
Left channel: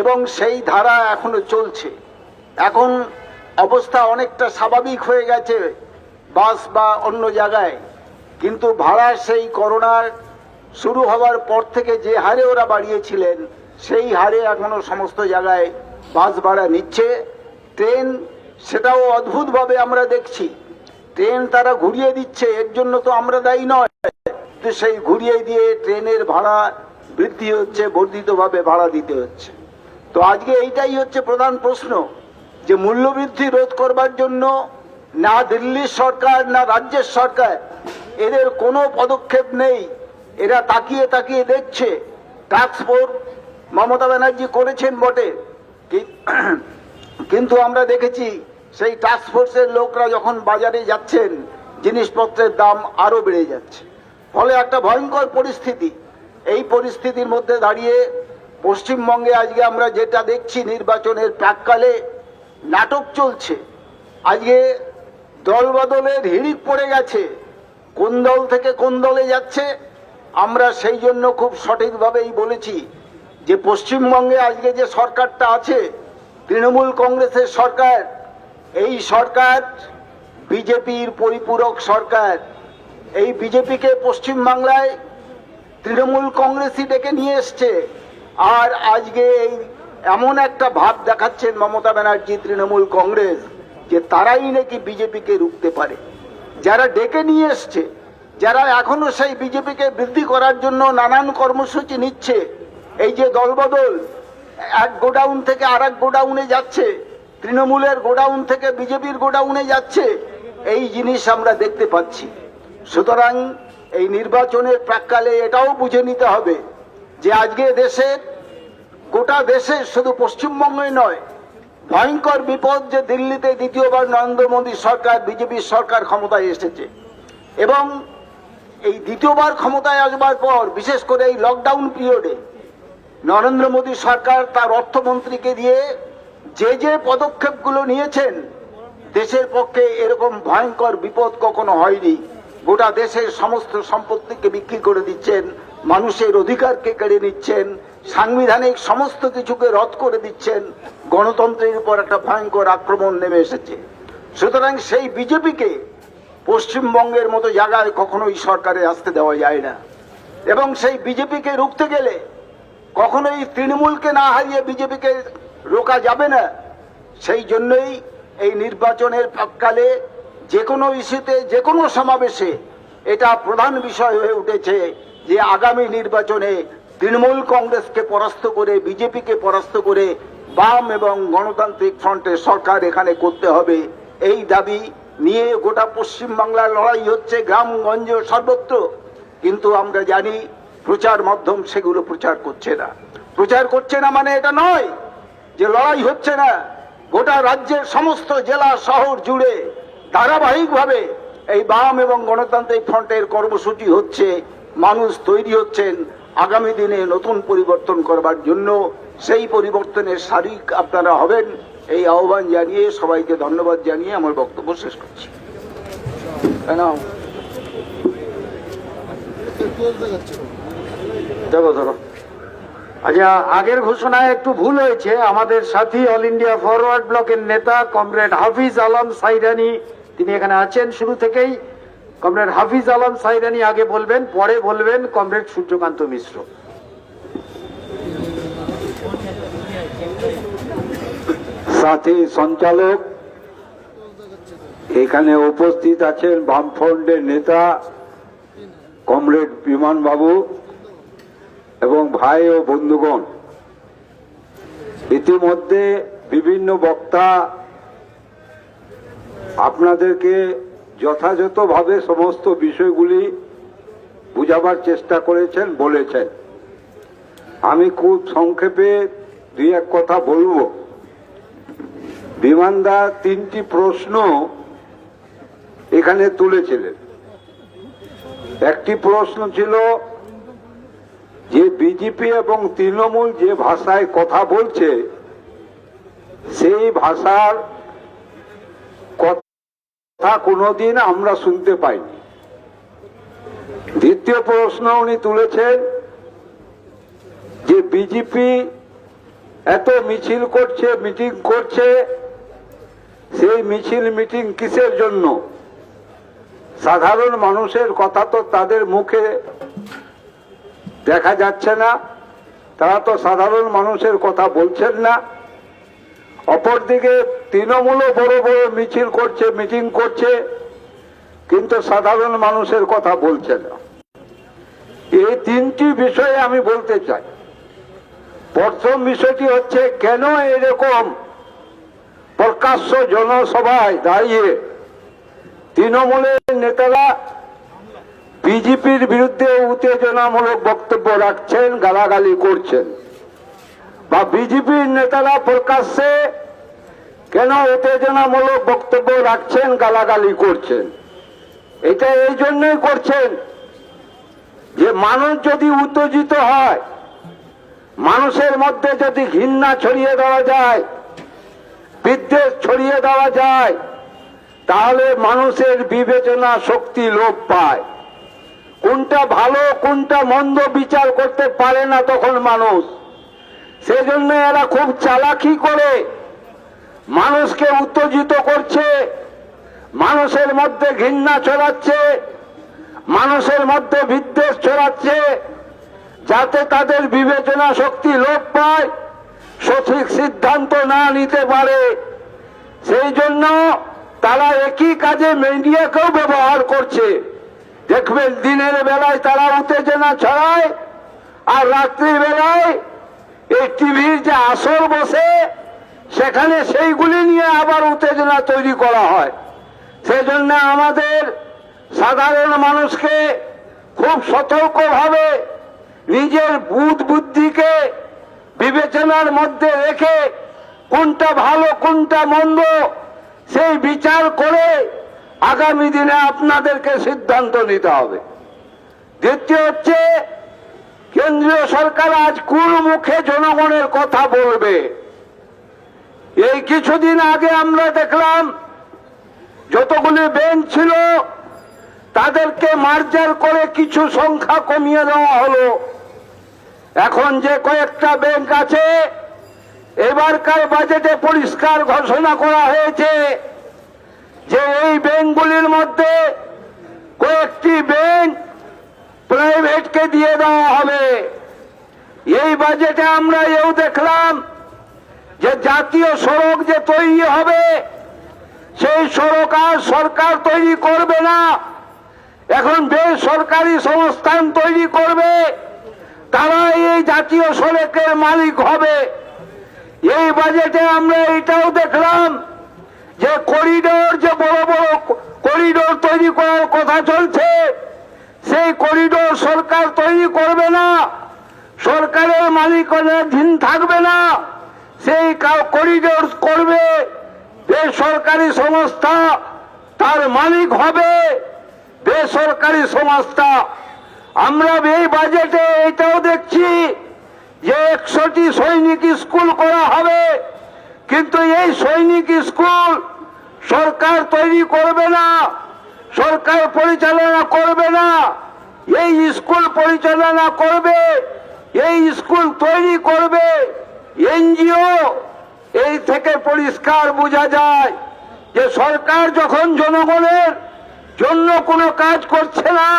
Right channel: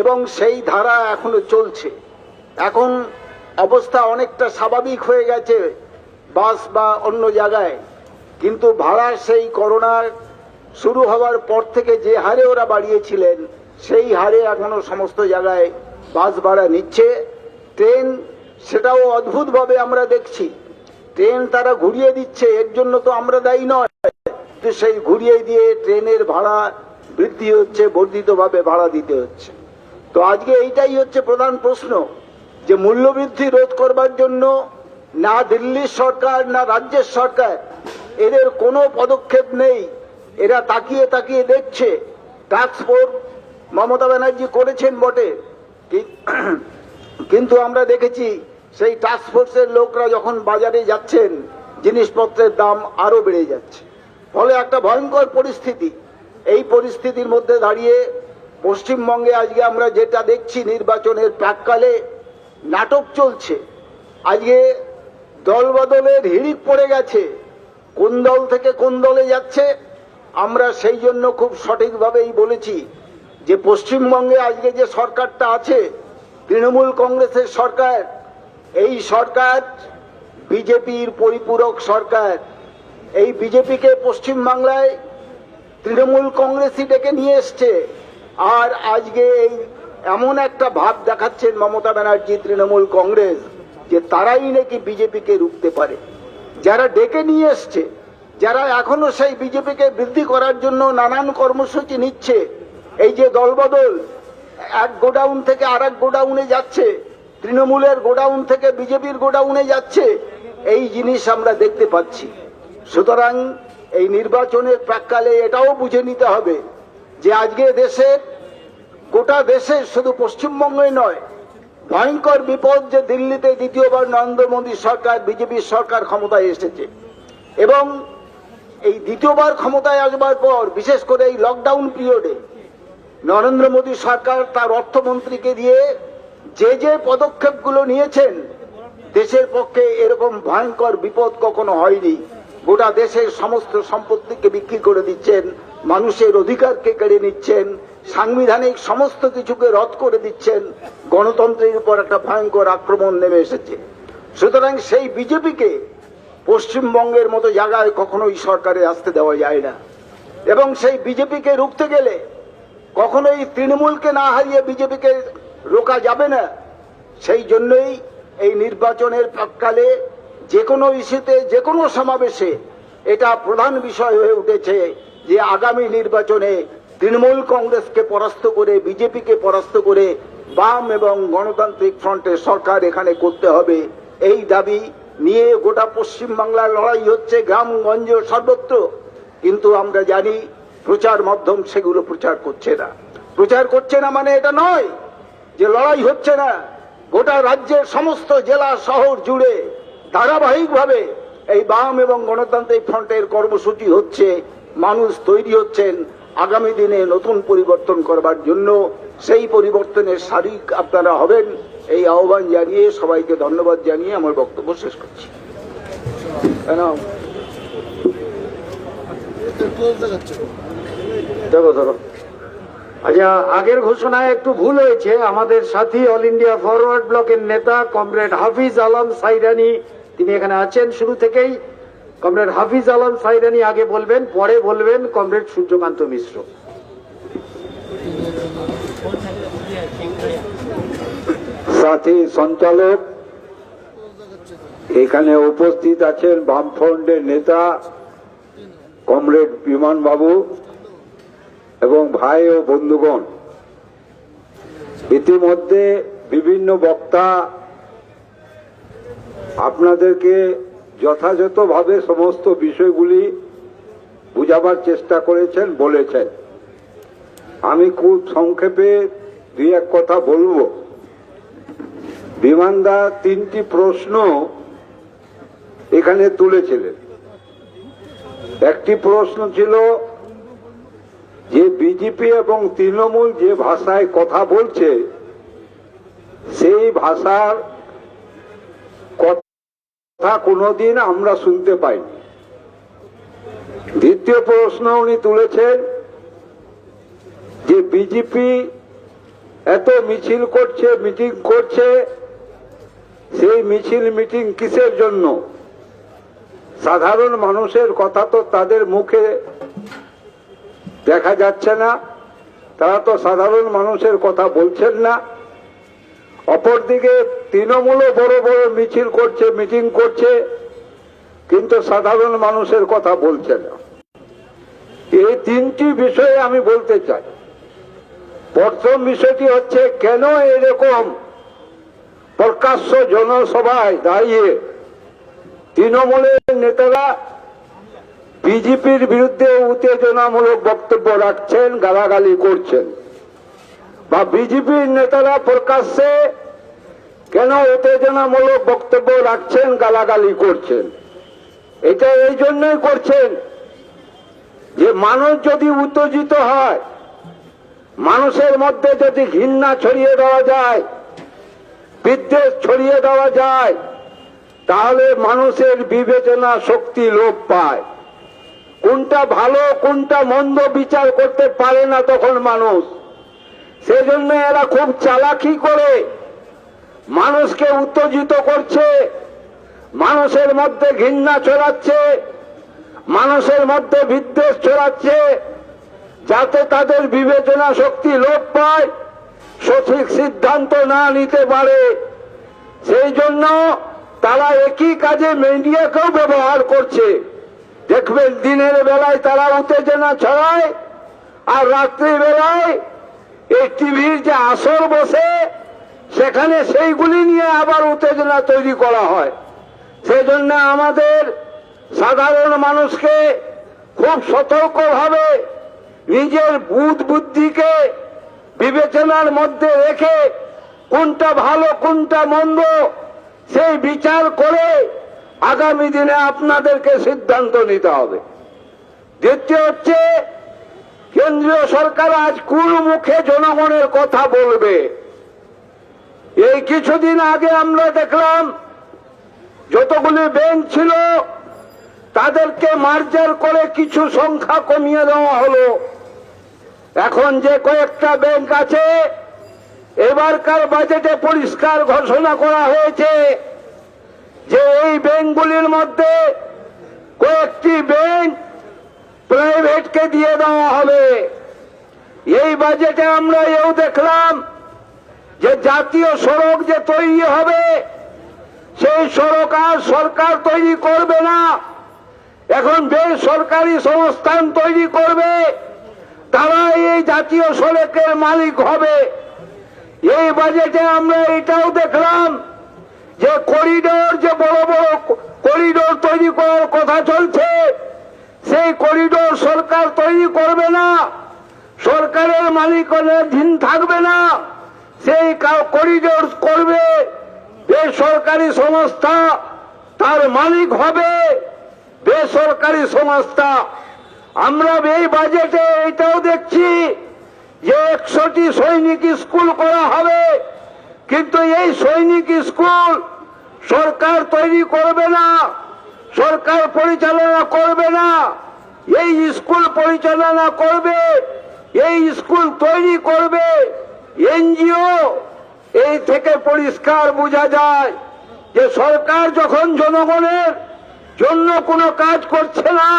এবং সেই ধারা এখনো চলছে। এখন অবস্থা অনেকটা স্বাভাবিক হয়ে গেছে বাস বা অন্য জায়গায়, কিন্তু ভাড়া সেই করোনার শুরু হওয়ার পর থেকে যে হারে ওরা বাড়িয়েছিলেন সেই হারে এখনো সমস্ত জায়গায় বাস ভাড়া নিচ্ছে। ট্রেন, সেটাও অদ্ভুতভাবে আমরা দেখছি, ট্রেন তারা ঘুরিয়ে দিচ্ছে, এর জন্য তো আমরা দায়ী নয়, কিন্তু সেই ঘুরিয়ে দিয়ে ট্রেনের ভাড়া বৃদ্ধি হচ্ছে, বর্ধিতভাবে ভাড়া দিতে হচ্ছে। তো আজকে এইটাই হচ্ছে প্রধান প্রশ্ন, যে মূল্যবৃদ্ধি রোধ করবার জন্য না দিল্লির সরকার না রাজ্যের সরকার এদের কোনো পদক্ষেপ নেই। এরা তাকিয়ে তাকিয়ে দেখছে। টাস্ক ফোর্স মমতা ব্যানার্জি করেছেন বটে, কিন্তু আমরা দেখেছি সেই টাস্ক ফোর্সের লোকরা যখন বাজারে যাচ্ছেন জিনিসপত্রের দাম আরো বেড়ে যাচ্ছে। ফলে একটা ভয়ঙ্কর পরিস্থিতি। এই পরিস্থিতির মধ্যে দাঁড়িয়ে পশ্চিমবঙ্গে আজকে আমরা যেটা দেখছি, নির্বাচনের প্রাক্কালে নাটক চলছে। আজকে দল বদলের হিড়িক পড়ে গেছে, কোন দল থেকে কোন দলে যাচ্ছে। আমরা সেই জন্য খুব সঠিকভাবেই বলেছি যে পশ্চিমবঙ্গে আজকে যে সরকারটা আছে, তৃণমূল কংগ্রেসের সরকার, এই সরকার বিজেপির পরিপূরক সরকার। এই বিজেপিকে পশ্চিমবাংলায় তৃণমূল কংগ্রেসই ডেকে নিয়ে এসছে। আর আজকে এই এমন একটা ভাব দেখাচ্ছেন মমতা ব্যানার্জি, তৃণমূল কংগ্রেস, যে তারাই নাকি বিজেপিকে রুখতে পারে। যারা ডেকে নিয়ে এসছে, যারা এখনো সেই বিজেপিকে বৃদ্ধি করার জন্য নানান কর্মসূচি নিচ্ছে, এই যে দলবদল, এক গোডাউন থেকে আর এক গোডাউনে যাচ্ছে, তৃণমূলের গোডাউন থেকে বিজেপির গোডাউনে যাচ্ছে, এই জিনিস আমরা দেখতে পাচ্ছি। সুতরাং এই নির্বাচনের প্রাক্কালে এটাও বুঝে নিতে হবে যে আজকে দেশের, গোটা দেশে, শুধু পশ্চিমবঙ্গে নয়, ভয়ঙ্কর বিপদ যে দিল্লিতে দ্বিতীয়বার নরেন্দ্র মোদী সরকার, বিজেপির সরকার ক্ষমতায় এসেছে। এবং এই দ্বিতীয়বার ক্ষমতায় আসবার পর, বিশেষ করে এই লকডাউন পিরিয়ডে, নরেন্দ্র মোদী সরকার তার অর্থমন্ত্রীকে দিয়ে যে যে পদক্ষেপগুলো নিয়েছেন, দেশের পক্ষে এরকম ভয়ঙ্কর বিপদ কখনো হয়নি। গোটা দেশের সমস্ত সম্পত্তিকে বিক্রি করে দিচ্ছেন, মানুষের অধিকারকে কেড়ে নিচ্ছেন, সাংবিধানিক সমস্ত কিছুকে রদ করে দিচ্ছেন, গণতন্ত্রের উপর একটা ভয়ঙ্কর আক্রমণ নেমে এসেছে। সুতরাং সেই বিজেপিকে পশ্চিমবঙ্গের মতো জায়গায় কখনোই সরকারে আসতে দেওয়া যায় না। এবং সেই বিজেপিকে রুখতে গেলে কখনোই তৃণমূলকে না হারিয়ে বিজেপিকে রোকা যাবে না। সেই জন্যই এই নির্বাচনের প্রাক্কালে যে কোনো ইস্যুতে, যে কোনো সমাবেশে এটা প্রধান বিষয় হয়ে উঠেছে যে আগামী নির্বাচনে তৃণমূল কংগ্রেসকে পরাস্ত করে, বিজেপিকে পরাস্ত করে বাম এবং গণতান্ত্রিক ফ্রন্টের সরকার এখানে করতে হবে। এই দাবি নিয়ে গোটা পশ্চিমবাংলার লড়াই হচ্ছে, গ্রামগঞ্জ সর্বত্র। কিন্তু আমরা জানি প্রচার মাধ্যম সেগুলো প্রচার করছে না। প্রচার করছে না মানে এটা নয় যে লড়াই হচ্ছে না। গোটা রাজ্যের সমস্ত জেলা শহর জুড়ে ধারাবাহিকভাবে এই বাম এবং গণতান্ত্রিক ফ্রন্টের কর্মসূচি হচ্ছে। মানুষ তৈরি হচ্ছেন আগামী দিনে নতুন পরিবর্তন করবার জন্য। সেই পরিবর্তনের শারিক আপনারা হবেন, এই আহ্বান জানিয়ে সবাইকে ধন্যবাদ জানিয়ে আমার বক্তব্য শেষ করছি। দেখো ধরো, আচ্ছা, আগের ঘোষণায় একটু ভুল হয়েছে। আমাদের সাথী অল ইন্ডিয়া ফরওয়ার্ড ব্লকের নেতা কমরেড হাফিজ আলম সাইদানি, তিনি এখানে আছেন শুরু থেকেই। কমরেড হাফিজ আলম সাইদানি আগে বলবেন, পরে বলবেন কমরেড সূর্যকান্ত মিশ্র। সাথী সঞ্চালক, এখানে উপস্থিত আছেন বামফ্রন্টের নেতা কমরেড বিমান বাবু এবং ভাই ও বন্ধুগণ। ইতিমধ্যে বিভিন্ন বক্তা আপনাদেরকে যথাযথভাবে সমস্ত বিষয়গুলি বুঝাবার চেষ্টা করেছেন, বলেছেন। আমি খুব সংক্ষেপে দুই এক কথা বলবো। বিমানদা তিনটি প্রশ্ন এখানে তুলেছিলেন। একটি প্রশ্ন ছিল যে বিজেপি এবং তৃণমূল যে ভাষায় কথা বলছে সেই ভাষার কথা কোনোদিন আমরা শুনতে পাইনি। দ্বিতীয় প্রশ্ন উনি তুলেছেন যে বিজেপি এত মিছিল করছে, মিটিং করছে, সেই মিছিল মিটিং কিসের জন্য? সাধারণ মানুষের কথা তো তাদের মুখে দেখা যাচ্ছে না, তারা তো সাধারণ মানুষের কথা বলছেন না। অপরদিকে তৃণমূলও বড় বড় মিছিল করছে, মিটিং করছে, কিন্তু সাধারণ মানুষের কথা বলছে না। এই তিনটি বিষয়ে আমি বলতে চাই। প্রথম বিষয়টি হচ্ছে, কেন এরকম প্রকাশ্য জনসভায় দাঁড়িয়ে তৃণমূলের নেতারা বিজেপির বিরুদ্ধে উত্তেজনামূলক বক্তব্য রাখছেন, গালাগালি করছেন, বা বিজেপির নেতারা প্রকাশ্যে কেন উত্তেজনামূলক বক্তব্য রাখছেন, গালাগালি করছেন? এটা এই জন্যই করছেন যে মানুষ যদি উত্তেজিত হয়, মানুষের মধ্যে যদি ঘৃণা ছড়িয়ে দেওয়া যায়, বিদ্বেষ ছড়িয়ে দেওয়া যায়, তাহলে মানুষের বিবেচনা শক্তি লোপ পায়। কোনটা ভালো কোনটা মন্দ বিচার করতে পারে না তখন মানুষ। সেজন্য এরা খুব চালাকি করে মানুষকে উত্তেজিত করছে, মানুষের মধ্যে ঘৃণা ছড়াচ্ছে, মানুষের মধ্যে বিদ্বেষ ছড়াচ্ছে, যাতে তাদের বিবেচনা শক্তি লোপ পায়, সঠিক সিদ্ধান্ত না নিতে পারে। সেই জন্য তারা একই কাজে মিডিয়াকেও ব্যবহার করছে। দেখবেন দিনের বেলায় তারা উত্তেজনা ছড়ায়, আর রাত্রির বেলায় এই টিভির যে আসর বসে সেখানে সেইগুলি নিয়ে আবার উত্তেজনা তৈরি করা হয়। সেজন্য আমাদের সাধারণ মানুষকে খুব সতর্কভাবে নিজের বুদ্ধিকে বিবেচনার মধ্যে রেখে কোনটা ভালো কোনটা মন্দ সেই বিচার করে আগামী দিনে আপনাদেরকে সিদ্ধান্ত নিতে হবে। দ্বিতীয় হচ্ছে, কেন্দ্রীয় সরকার আজ কোন মুখে জনগণের কথা বলবে? এই কিছুদিন আগে আমরা দেখলাম যতগুলি ব্যাংক ছিল তাদেরকে মার্জার করে কিছু সংখ্যা কমিয়ে দেওয়া হলো। এখন যে কয়েকটা ব্যাংক আছে, এবারকার বাজেটে পরিষ্কার ঘোষণা করা হয়েছে যে এই ব্যাংকগুলির মধ্যে কয়েকটি ব্যাংক প্রাইভেটকে দিয়ে দেওয়া হবে। এই বাজেটে আমরা এও দেখলাম যে জাতীয় সড়ক যে তৈরি হবে সেই সড়ক আর সরকার তৈরি করবে না, এখন বেসরকারি সংস্থান তৈরি করবে, তারা এই জাতীয় সড়কের মালিক হবে। এই বাজেটে আমরা এটাও দেখলাম যে করিডোর, যে বড় বড় করিডোর তৈরি করার কথা চলছে, সেই করিডোর সরকার তৈরি করবে না, সরকারের মালিকানাধীন থাকবে না, সেই করিডোর করবে বেসরকারি সংস্থা, তার মালিক হবে বেসরকারি সংস্থা। আমরা এই বাজেটে এটাও দেখছি যে 100টি সৈনিক স্কুল করা হবে, কিন্তু এই সৈনিক স্কুল সরকার তৈরি করবে না, সরকার পরিচালনা করবে না। এই স্কুল পরিচালনা করবে, এই স্কুল তৈরি করবে এনজিও। এই থেকে পরিষ্কার বোঝা যায় যে সরকার যখন জনগণের জন্য কোনো কাজ করছে না,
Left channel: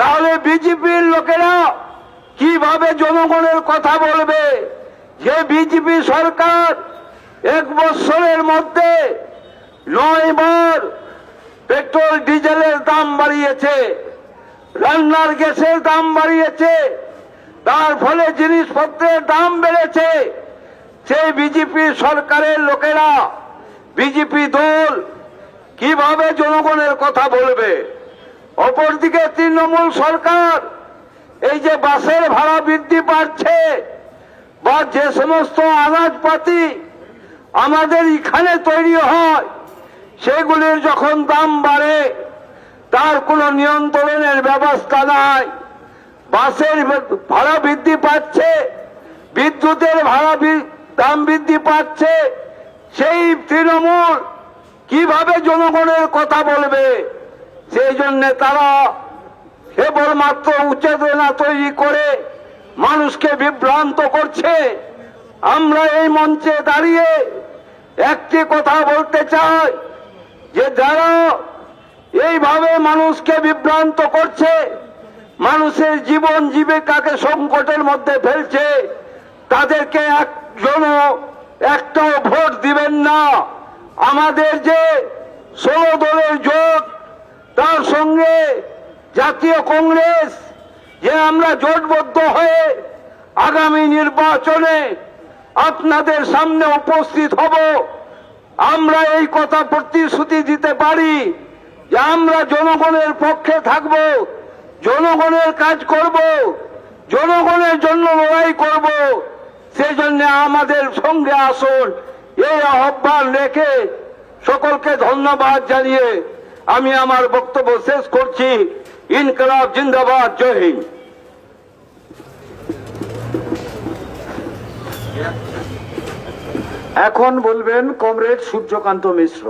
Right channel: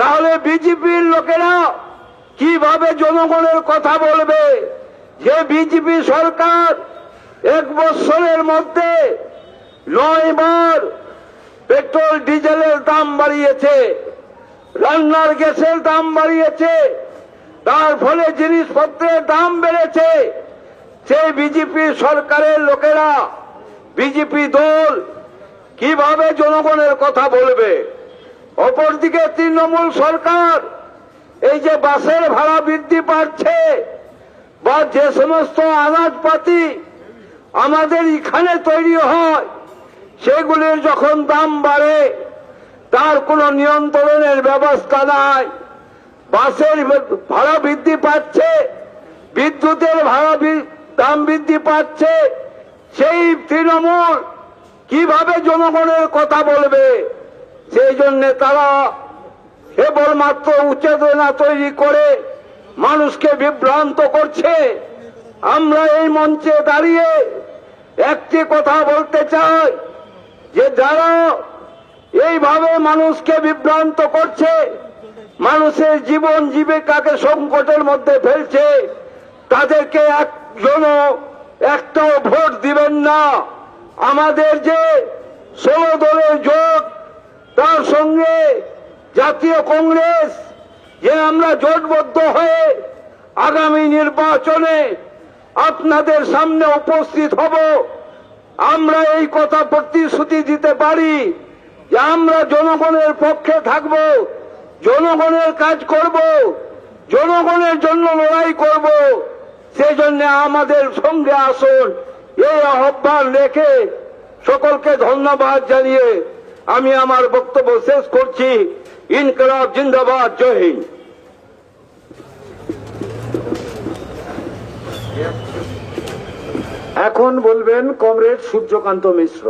তাহলে বিজেপির লোকেরা কিভাবে জনগণের কথা বলবে? যে বিজেপি সরকার 1 বছরের মধ্যে 9 বার পেট্রোল ডিজেলের দাম বাড়িয়েছে, রান্নার গ্যাসের দাম বাড়িয়েছে, তার ফলে জিনিসপত্রের দাম বেড়েছে। সেই বিজেপি সরকারের লোকেরা, বিজেপি দল কিভাবে জনগণের কথা বলবে? অপরদিকে তৃণমূল সরকার এই যে বাসের ভাড়া বৃদ্ধি পাচ্ছে, বা যে সমস্ত আনাজপাতি আমাদের এখানে তৈরি হয় সেগুলির যখন দাম বাড়ে, তার কোনো নিয়ন্ত্রণের ব্যবস্থা নাই। বাসের ভাড়া বৃদ্ধি পাচ্ছে, বিদ্যুতের ভাড়া দাম বৃদ্ধি পাচ্ছে, সেই তৃণমূল কিভাবে জনগণের কথা বলবে? সেই জন্য তারা কেবলমাত্র উচ্চেতনা তৈরি করে মানুষকে বিভ্রান্ত করছে। আমরা এই মঞ্চে দাঁড়িয়ে একটি কথা বলতে চাই যে যারা এইভাবে মানুষকে বিভ্রান্ত করছে, মানুষের জীবন জীবিকাকে সংকটের মধ্যে ফেলছে, তাদেরকে একটাও ভোট দিবেন না। আমাদের যে 16 দলের জোট, তার সঙ্গে জাতীয় কংগ্রেস, যে আমরা জোটবদ্ধ হয়ে আগামী নির্বাচনে আপনাদের সামনে উপস্থিত হব, আমরা এই কথা প্রতিশ্রুতি দিতে পারি যে আমরা জনগণের পক্ষে থাকব, জনগণের কাজ করব, জনগণের জন্য লড়াই করব। সেই জন্য আমাদের সঙ্গে আসুন, এই আহ্বান রেখে সকলকে ধন্যবাদ জানিয়ে আমি আমার বক্তব্য শেষ করছি। ইনকলাব জিন্দাবাদ, জয় হিন্দ। এখন বলবেন কমরেড সূর্যকান্ত মিশ্র।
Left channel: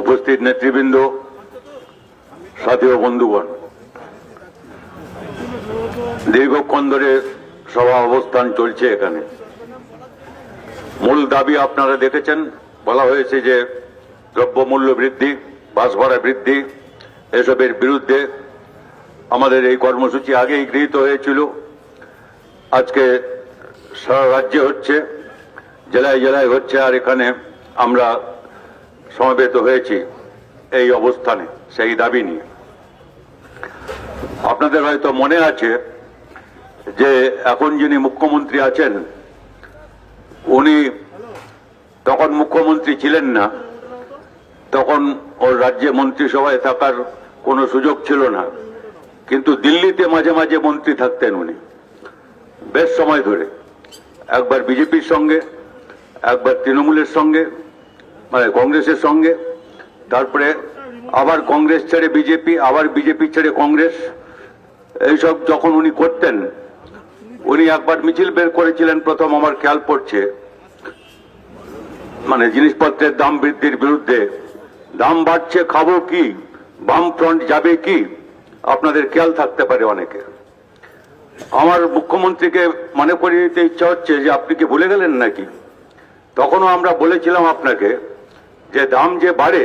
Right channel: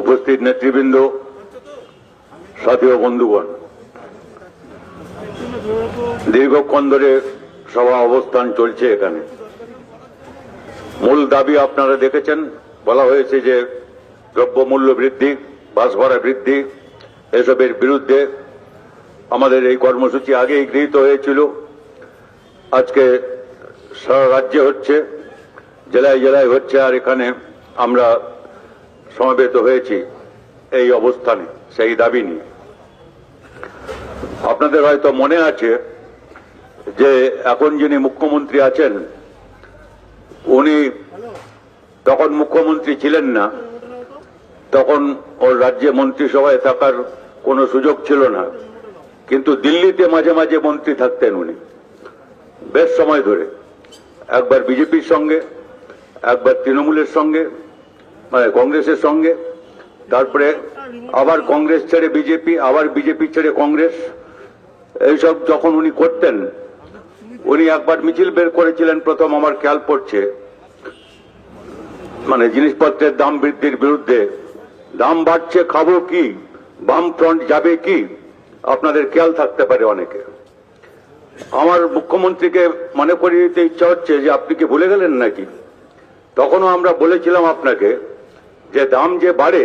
উপস্থিত নেতৃবৃন্দ, সাথী ও বন্ধুগণ, দীর্ঘক্ষণ ধরে সভা অবস্থান চলছে। এখানে মূল দাবি আপনারা দেখেছেন, বলা হয়েছে যে দ্রব্যমূল্য বৃদ্ধি, বাস ভাড়া বৃদ্ধি, এসবের বিরুদ্ধে আমাদের এই কর্মসূচি আগেই গৃহীত হয়েছিল। আজকে সারা রাজ্যে হচ্ছে, জেলায় জেলায় হচ্ছে, আর এখানে আমরা সমবেত হয়েছি এই অবস্থানে সেই দাবি নিয়ে। আপনাদের হয়তো মনে আছে যে এখন যিনি মুখ্যমন্ত্রী আছেন, উনি তখন মুখ্যমন্ত্রী ছিলেন না, তখন ওর রাজ্যে মন্ত্রিসভায় থাকার কোনো সুযোগ ছিল না, কিন্তু দিল্লিতে মাঝে মাঝে মন্ত্রী থাকতেন উনি বেশ সময় ধরে, একবার বিজেপির সঙ্গে, একবার তৃণমূলের সঙ্গে, মানে কংগ্রেসের সঙ্গে, তারপরে আবার কংগ্রেস ছেড়ে বিজেপি, আবার বিজেপি ছেড়ে কংগ্রেস, এইসব যখন উনি করতেন, উনি একবার মিছিল বের করেছিলেন প্রথম, আমার খেয়াল পড়ছে, মানে জিনিসপত্রের দাম বৃদ্ধির বিরুদ্ধে। দাম বাড়ছে, খাবো কি, বাম ফ্রন্ট যাবে কি, আপনাদের খেয়াল থাকতে পারে অনেকে। আমার মুখ্যমন্ত্রীকে মনে করিয়ে দিতে ইচ্ছা হচ্ছে যে আপনি কি ভুলে গেলেন নাকি? তখনও আমরা বলেছিলাম আপনাকে যে দাম যে বাড়ে,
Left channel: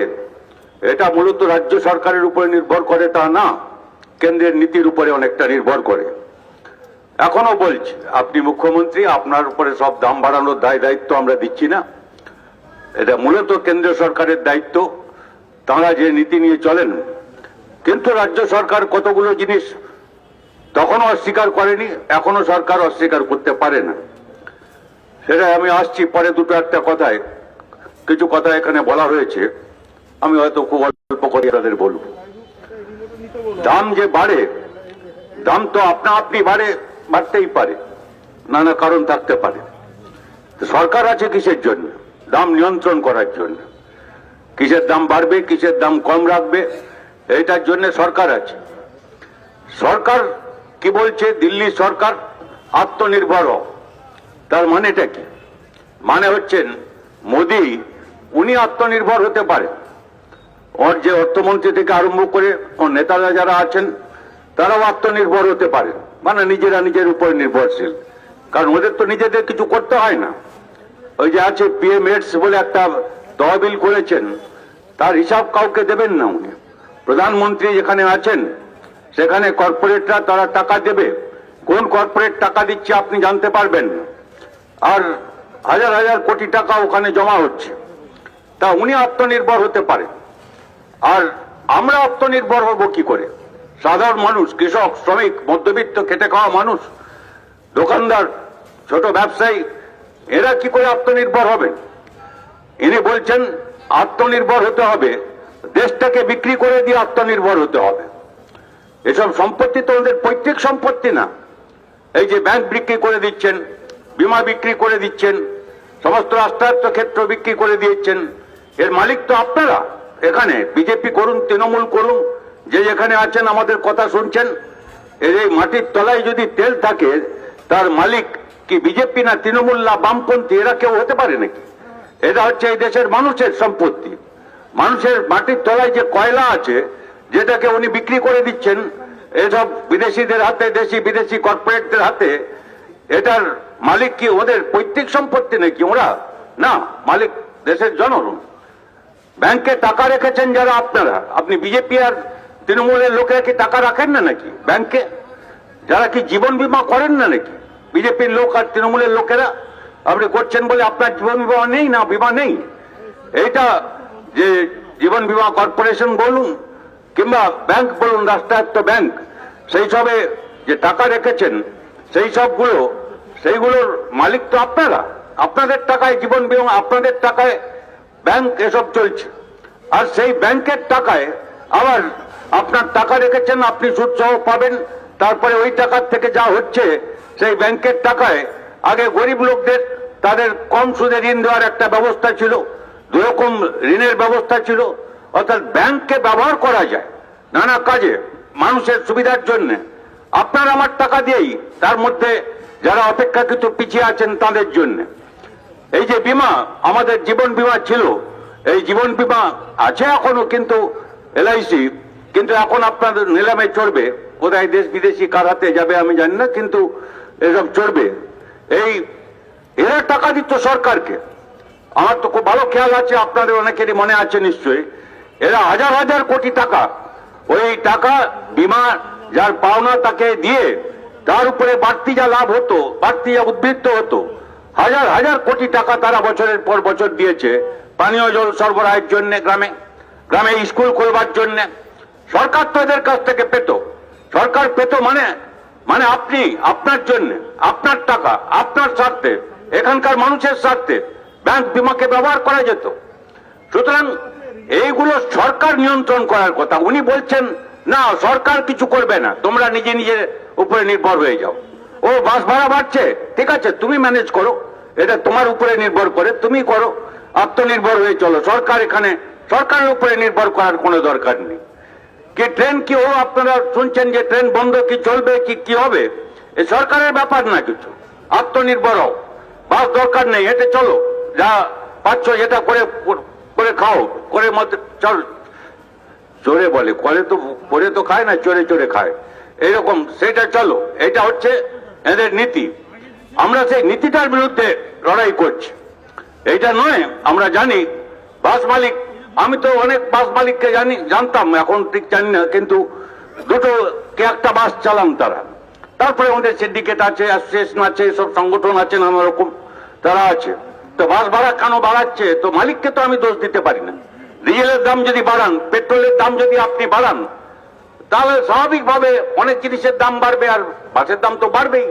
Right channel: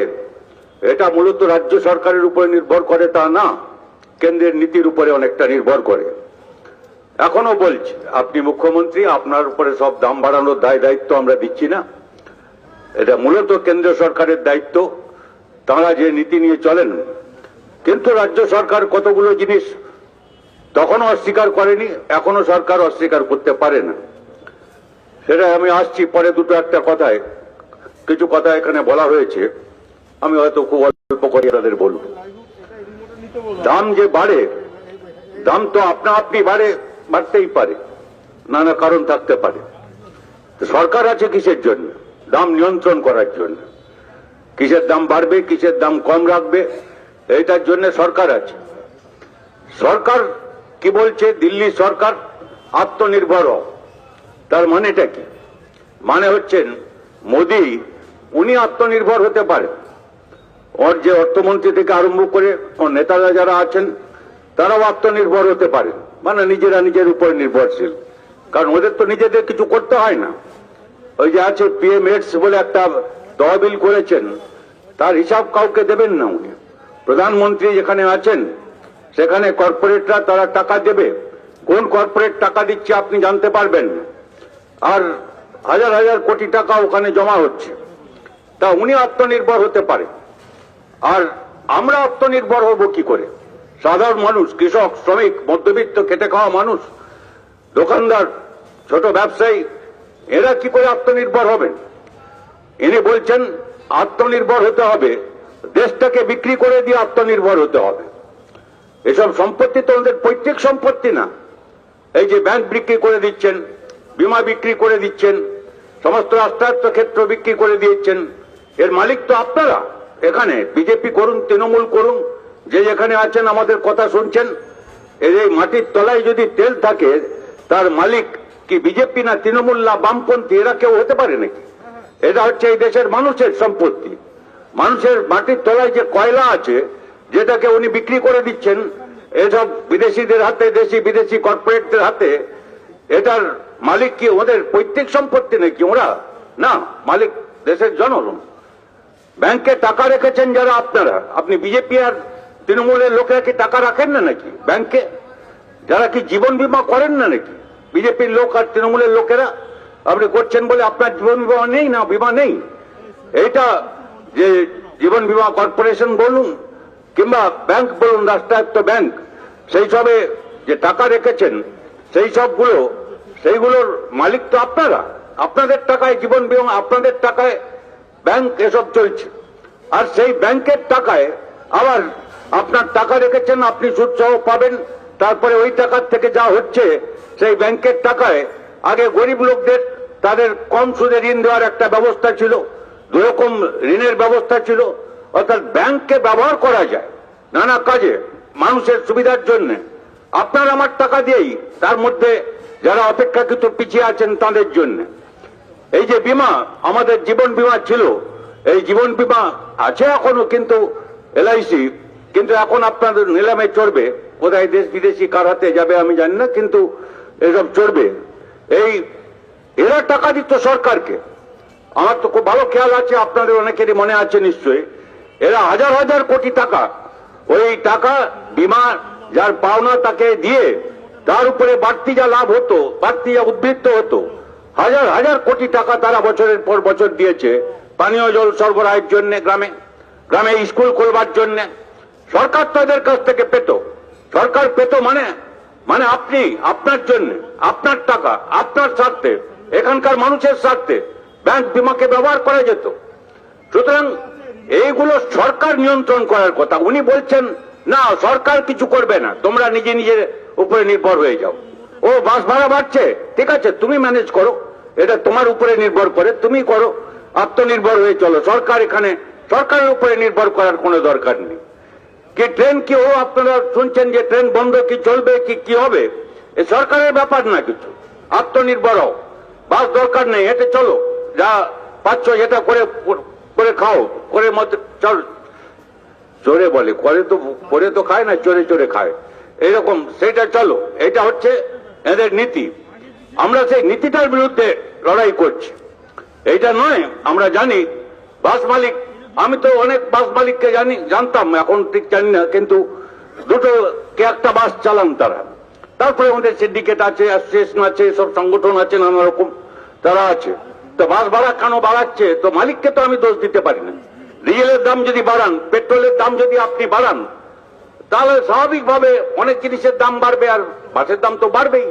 এটা মূলত রাজ্য সরকারের উপরে নির্ভর করে তা না, কেন্দ্রের নীতির উপরে অনেকটা নির্ভর করে। এখনো বলছি, আপনি মুখ্যমন্ত্রী, আপনার উপরে সব দাম বাড়ানোর দায়িত্ব আমরা দিচ্ছি না। এটা মূলত কেন্দ্র সরকারের দায়িত্ব, তাঁরা যে নীতি নিয়ে চলেন। কিন্তু রাজ্য সরকার কতগুলো জিনিস তখনও অস্বীকার করেনি, এখনো সরকার অস্বীকার করতে পারে না। সেটা আমি আসছি পরে, দুটো একটা কথায় কিছু কথা এখানে বলা হয়েছে, আমি হয়তো খুব অল্প করে তাদের বলব। দাম যে বাড়ে, দাম তো আপনি বাড়তেই পারে, নানা কারণ থাকতে পারে। সরকার আছে কিসের জন্য? দাম নিয়ন্ত্রণ করার জন্য। কিসের দাম বাড়বে, কিসের দাম কম রাখবে, এইটার জন্য সরকার আছে। সরকার কি বলছে? দিল্লি সরকার আত্মনির্ভর হোক। তার মানেটা কি? মানে হচ্ছেন মোদী, উনি আত্মনির্ভর হতে পারে। ওর যে অর্থমন্ত্রী থেকে আরম্ভ করে ওর নেতারা যারা আছেন তারাও আত্মনির্ভর হতে পারে, মানে নিজেরা নিজের উপর নির্ভরশীল। কারণ ওদের তো নিজেদের কিছু করতে হয় না। ওই যে আছে PMS বলে একটা তহবিল করেছেন, তার হিসাব কাউকে দেবেন না উনি। প্রধানমন্ত্রী যেখানে আছেন সেখানে কর্পোরেটরা তারা টাকা দেবে, কোন কর্পোরেট টাকা দিচ্ছে আপনি জানতে পারবেন না। আর হাজার হাজার কোটি টাকা ওখানে জমা হচ্ছে। তা উনি আত্মনির্ভর হতে পারে। আর আমরা আত্মনির্ভর হব কি করে? সাধারণ মানুষ, কৃষক, শ্রমিক, মধ্যবিত্ত, খেটে খাওয়া মানুষ, দোকানদার, ছোট ব্যবসায়ী, এরা কি করে আত্মনির্ভর হবেন? ইনি বলছেন আত্মনির্ভর হতে হবে, দেশটাকে বিক্রি করে দিয়ে আত্মনির্ভর হতে হবে। এসব সম্পত্তি তো ওদের পৈতৃক সম্পত্তি না। এই যে ব্যাংক বিক্রি করে দিচ্ছেন, বিমা বিক্রি করে দিচ্ছেন, সমস্ত রাষ্ট্রায়ত্ত ক্ষেত্র বিক্রি করে দিয়েছেন, এর মালিক তো আপনারা। এখানে বিজেপি করুন, তৃণমূল করুন, যে যেখানে আছেন আমাদের কথা শুনছেন, এই মাটির তলায় যদি তেল থাকে তার মালিক কি বিজেপি না তৃণমূল না বামপন্থী, এরা কেউ হতে পারে নাকি? এটা হচ্ছে এই দেশের মানুষের সম্পত্তি। মানুষের মাটির তলায় যে কয়লা আছে, যেটাকে উনি বিক্রি করে দিচ্ছেন এসব বিদেশিদের হাতে, দেশি বিদেশি কর্পোরেটদের হাতে, এটার মালিক কি ওদের পৈতৃক সম্পত্তি নাকি? ওরা না, মালিক দেশের জনগণ। ব্যাংকে টাকা রেখেছেন যারা আপনারা, আপনি বিজেপি আর তৃণমূলের লোকেরা কি টাকা রাখেন না নাকি ব্যাংকে? যারা কি জীবন বীমা করেন না নাকি বিজেপির লোক আর তৃণমূলের লোকেরা? আপনি করছেন বলে আপনার জীবন বীমা নেই না, বীমা নেই। এইটা যে জীবন বীমা কর্পোরেশন বলুন কিংবা ব্যাংক বলুন, রাষ্ট্রায়ত্ত ব্যাংক, সেই সবে যে টাকা রেখেছেন সেইগুলোর মালিক তো আপনারা। আপনাদের টাকায় জীবন বীমা, আপনাদের টাকায় ব্যাংক এসব চলছে। আর সেই ব্যাংকের টাকায় আবার আপনার টাকা রেখেছেন, আপনি সুদ সহ পাবেন। তারপরে ওই টাকার থেকে যা হচ্ছে সেই ব্যাংকের টাকায় আগে গরিব লোকদের তাদের কম সুদে ঋণ দেওয়ার একটা ব্যবস্থা ছিল, দুরকম ঋণের ব্যবস্থা ছিল। অর্থাৎ ব্যাংককে ব্যবহার করা যায় নানা কাজে মানুষের সুবিধার জন্য। আপনার আমার টাকা দিয়েই, তার মধ্যে যারা অপেক্ষাকৃত পিছিয়ে আছেন তাদের জন্য। এই যে বিমা, আমাদের জীবন বিমা ছিল, এই জীবন বিমা আছে এখনো, কিন্তু LIC, কিন্তু এখন আপনাদের নিলামে চড়বে, কোথায় দেশ বিদেশি কার হাতে যাবে আমি জানি না, কিন্তু এসব চড়বে। এরা টাকা দিত সরকারকে। আমার তো খুব ভালো খেয়াল আছে, আপনাদের অনেকেরই মনে আছে নিশ্চয়ই, এরা হাজার হাজার কোটি টাকা, ওই টাকা বিমা যার পাওনা তাকে দিয়ে তার উপরে বাড়তি যা লাভ হতো, বাড়তি যা উদ্বৃত্ত হতো, হাজার হাজার কোটি টাকা তারা বছরের পর বছর দিয়েছে পানীয় জল সরবরাহের জন্য, গ্রামে গ্রামে স্কুল খোলবার জন্য। সরকার তো এদের কাছ থেকে পেত। সরকার পেত মানে আপনি, আপনার জন্য, আপনার টাকা, আপনার স্বার্থে, এখানকার মানুষের স্বার্থে ব্যাংক বিমাকে ব্যবহার করা যেত। সুতরাং এইগুলো সরকার নিয়ন্ত্রণ করার কথা। উনি বলছেন না, সরকার কিছু করবে না, তোমরা নিজে নিজের উপরে নির্ভর হয়ে যাও। ও বাস ভাড়া বাড়ছে, ঠিক আছে, তুমি ম্যানেজ করো, এটা তোমার উপরে নির্ভর করে, তুমি করো, আত্মনির্ভর হয়ে চলো। সরকার এখানে, সরকারের উপরে নির্ভর করার কোনো দরকার নেই। কি ট্রেন কি আপনারা শুনছেন যে ট্রেন বন্ধ, কি চলবে, কি হবে, এ সরকারের ব্যাপার না কিছু। আত্মনির্ভর হও, বাস দরকার নেই, হেঁটে চলো, যা পাচ্ছ যেটা করে খাও, করে মধ্যে চল, চোরে বলে, করে তো খায় না, চোরে চোরে খায়, এইরকম, সেটা চলো। এটা হচ্ছে এদের নীতি। আমরা সেই নীতিটার বিরুদ্ধে লড়াই করছি। এইটা নয়, আমরা জানি বাস মালিক আমি তো অনেক বাস মালিককে জানতাম, এখন ঠিক জানি না, কিন্তু দুটো কে একটা বাস চালান তারা। তারপরে আমাদের সিন্ডিকেট আছে, অ্যাসোসিয়েশন আছে, সব সংগঠন আছে, নানা রকম তারা আছে। তো বাস ভাড়া কেন বাড়াচ্ছে, তো মালিককে তো আমি দোষ দিতে পারি না। ডিজেলের দাম যদি বাড়ান, পেট্রোলের দাম যদি আপনি বাড়ান, তাহলে স্বাভাবিকভাবে অনেক জিনিসের দাম বাড়বে, আর বাসের দাম তো বাড়বেই,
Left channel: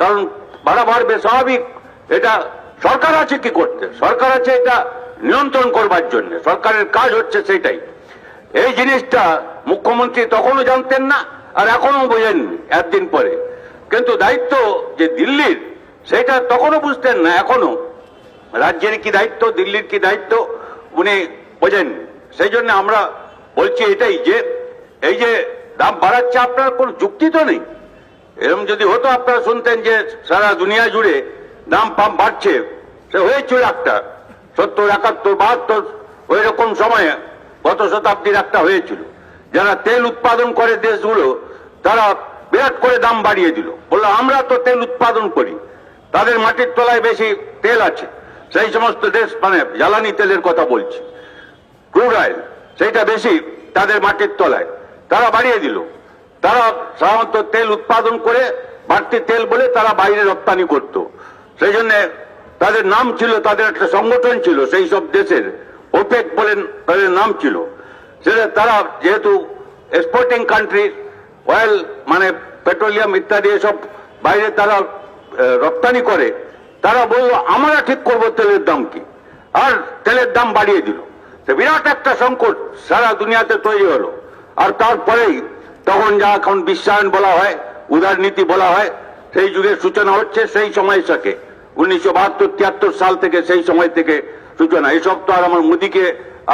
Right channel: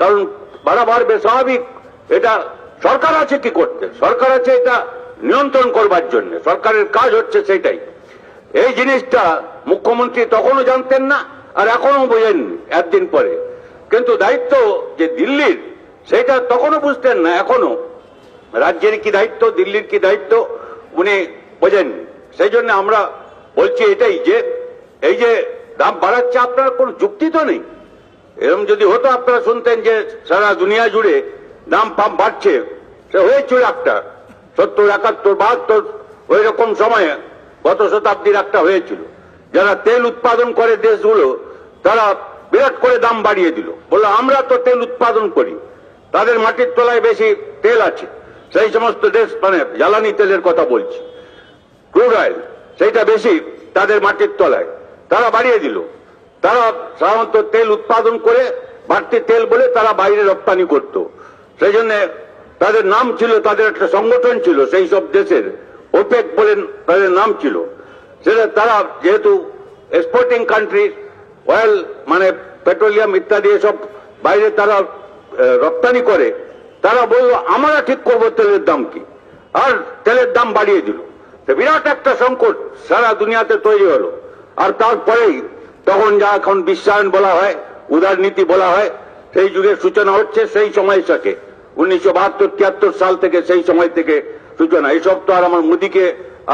কারণ ভাড়া বাড়বে স্বাভাবিক। এটা সরকার আছে কি করতে, সরকার আছে এটা নিয়ন্ত্রণ করবার জন্য, সরকারের কাজ হচ্ছে সেটাই। এই জিনিসটা মুখ্যমন্ত্রী তখনও জানতেন না, আর এখনো বোঝেননি একদিন পরে। কিন্তু দায়িত্ব যে দিল্লির, সেটা তখনও বুঝতেন না, এখনো রাজ্যের কি দায়িত্ব, দিল্লির কি দায়িত্ব উনি বোঝেননি। সেই জন্য আমরা বলছি এটাই, যে এই যে দাম বাড়াচ্ছে, আপনার কোন যুক্তি তো নেই। এরকম যদি হতো, আপনারা শুনতেন যে সারা দুনিয়া জুড়ে দাম পাম বাড়ছে, সে হয়েছিল একটা 70, 71, 72 ওই রকম সময়ে গত শতাব্দীর একটা হয়েছিল। যারা তেল উৎপাদন করে দেশগুলো, তারা বিরাট করে দাম বাড়িয়ে দিল, বললো আমরা তো তেল উৎপাদন করি, তাদের মাটির তলায় বেশি তেল আছে। সেই সমস্ত দেশ, মানে জ্বালানি তেলের কথা বলছি, ক্রুড অয়েল, সেইটা বেশি তাদের মাটির তলায়, তারা বাড়িয়ে দিল। তারা সাধারণত তেল উৎপাদন করে বাড়তি তেল বলে তারা বাইরে রপ্তানি করত। সেই জন্য তাদের নাম ছিল, তাদের একটা সংগঠন ছিল সেই সব দেশের, ওপেক বলেন তাদের নাম ছিল। সেটা তারা যেহেতু এক্সপোর্টিং কান্ট্রি, অয়েল মানে পেট্রোলিয়াম ইত্যাদি এসব বাইরে তারা রপ্তানি করে, তারা বলল আমরা ঠিক করবো তেলের দাম কি, আর তেলের দাম বাড়িয়ে দিল। বিরাট একটা সংকট সারা দুনিয়াতে তৈরি হলো। আর তারপরেই তখন যা এখন বিশ্বায়ন বলা হয়, উদারনীতি বলা হয়, সেই যুগের সূচনা হচ্ছে সেই সময় থেকে, 1972-73 সাল থেকে, সেই সময় থেকে সূচনা। এসব তো আর আমার মোদীকে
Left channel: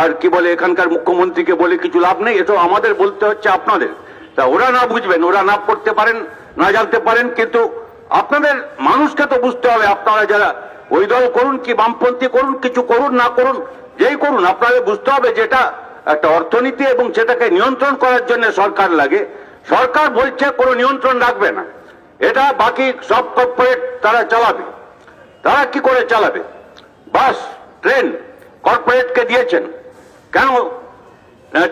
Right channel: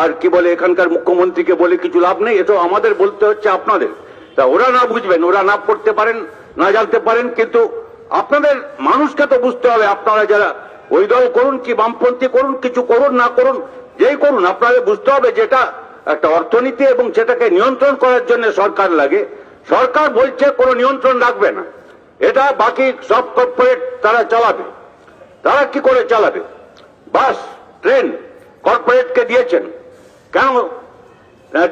আর কি বলে এখানকার মুখ্যমন্ত্রীকে বলে কিছু লাভ নেই, এসব আমাদের বলতে হচ্ছে আপনাদের। তা ওরা না বুঝবেন, ওরা না পড়তে পারেন, না জানতে পারেন, কিন্তু আপনাদের মানুষকে তো বুঝতে হবে। আপনারা যারা ওই দল করুন কি বামপন্থী করুন, কিছু করুন না করুন, যেই করুন, আপনাদের বুঝতে হবে যেটা একটা অর্থনীতি, এবং সেটাকে নিয়ন্ত্রণ করার জন্য সরকার লাগে। সরকার বলছে কোনো নিয়ন্ত্রণ রাখবে না, এটা বাকি সব কর্পোরেট তারা চালাবে। তারা কি করে চালাবে? বাস, ট্রেন কর্পোরেটকে দিয়েছেন। কেন?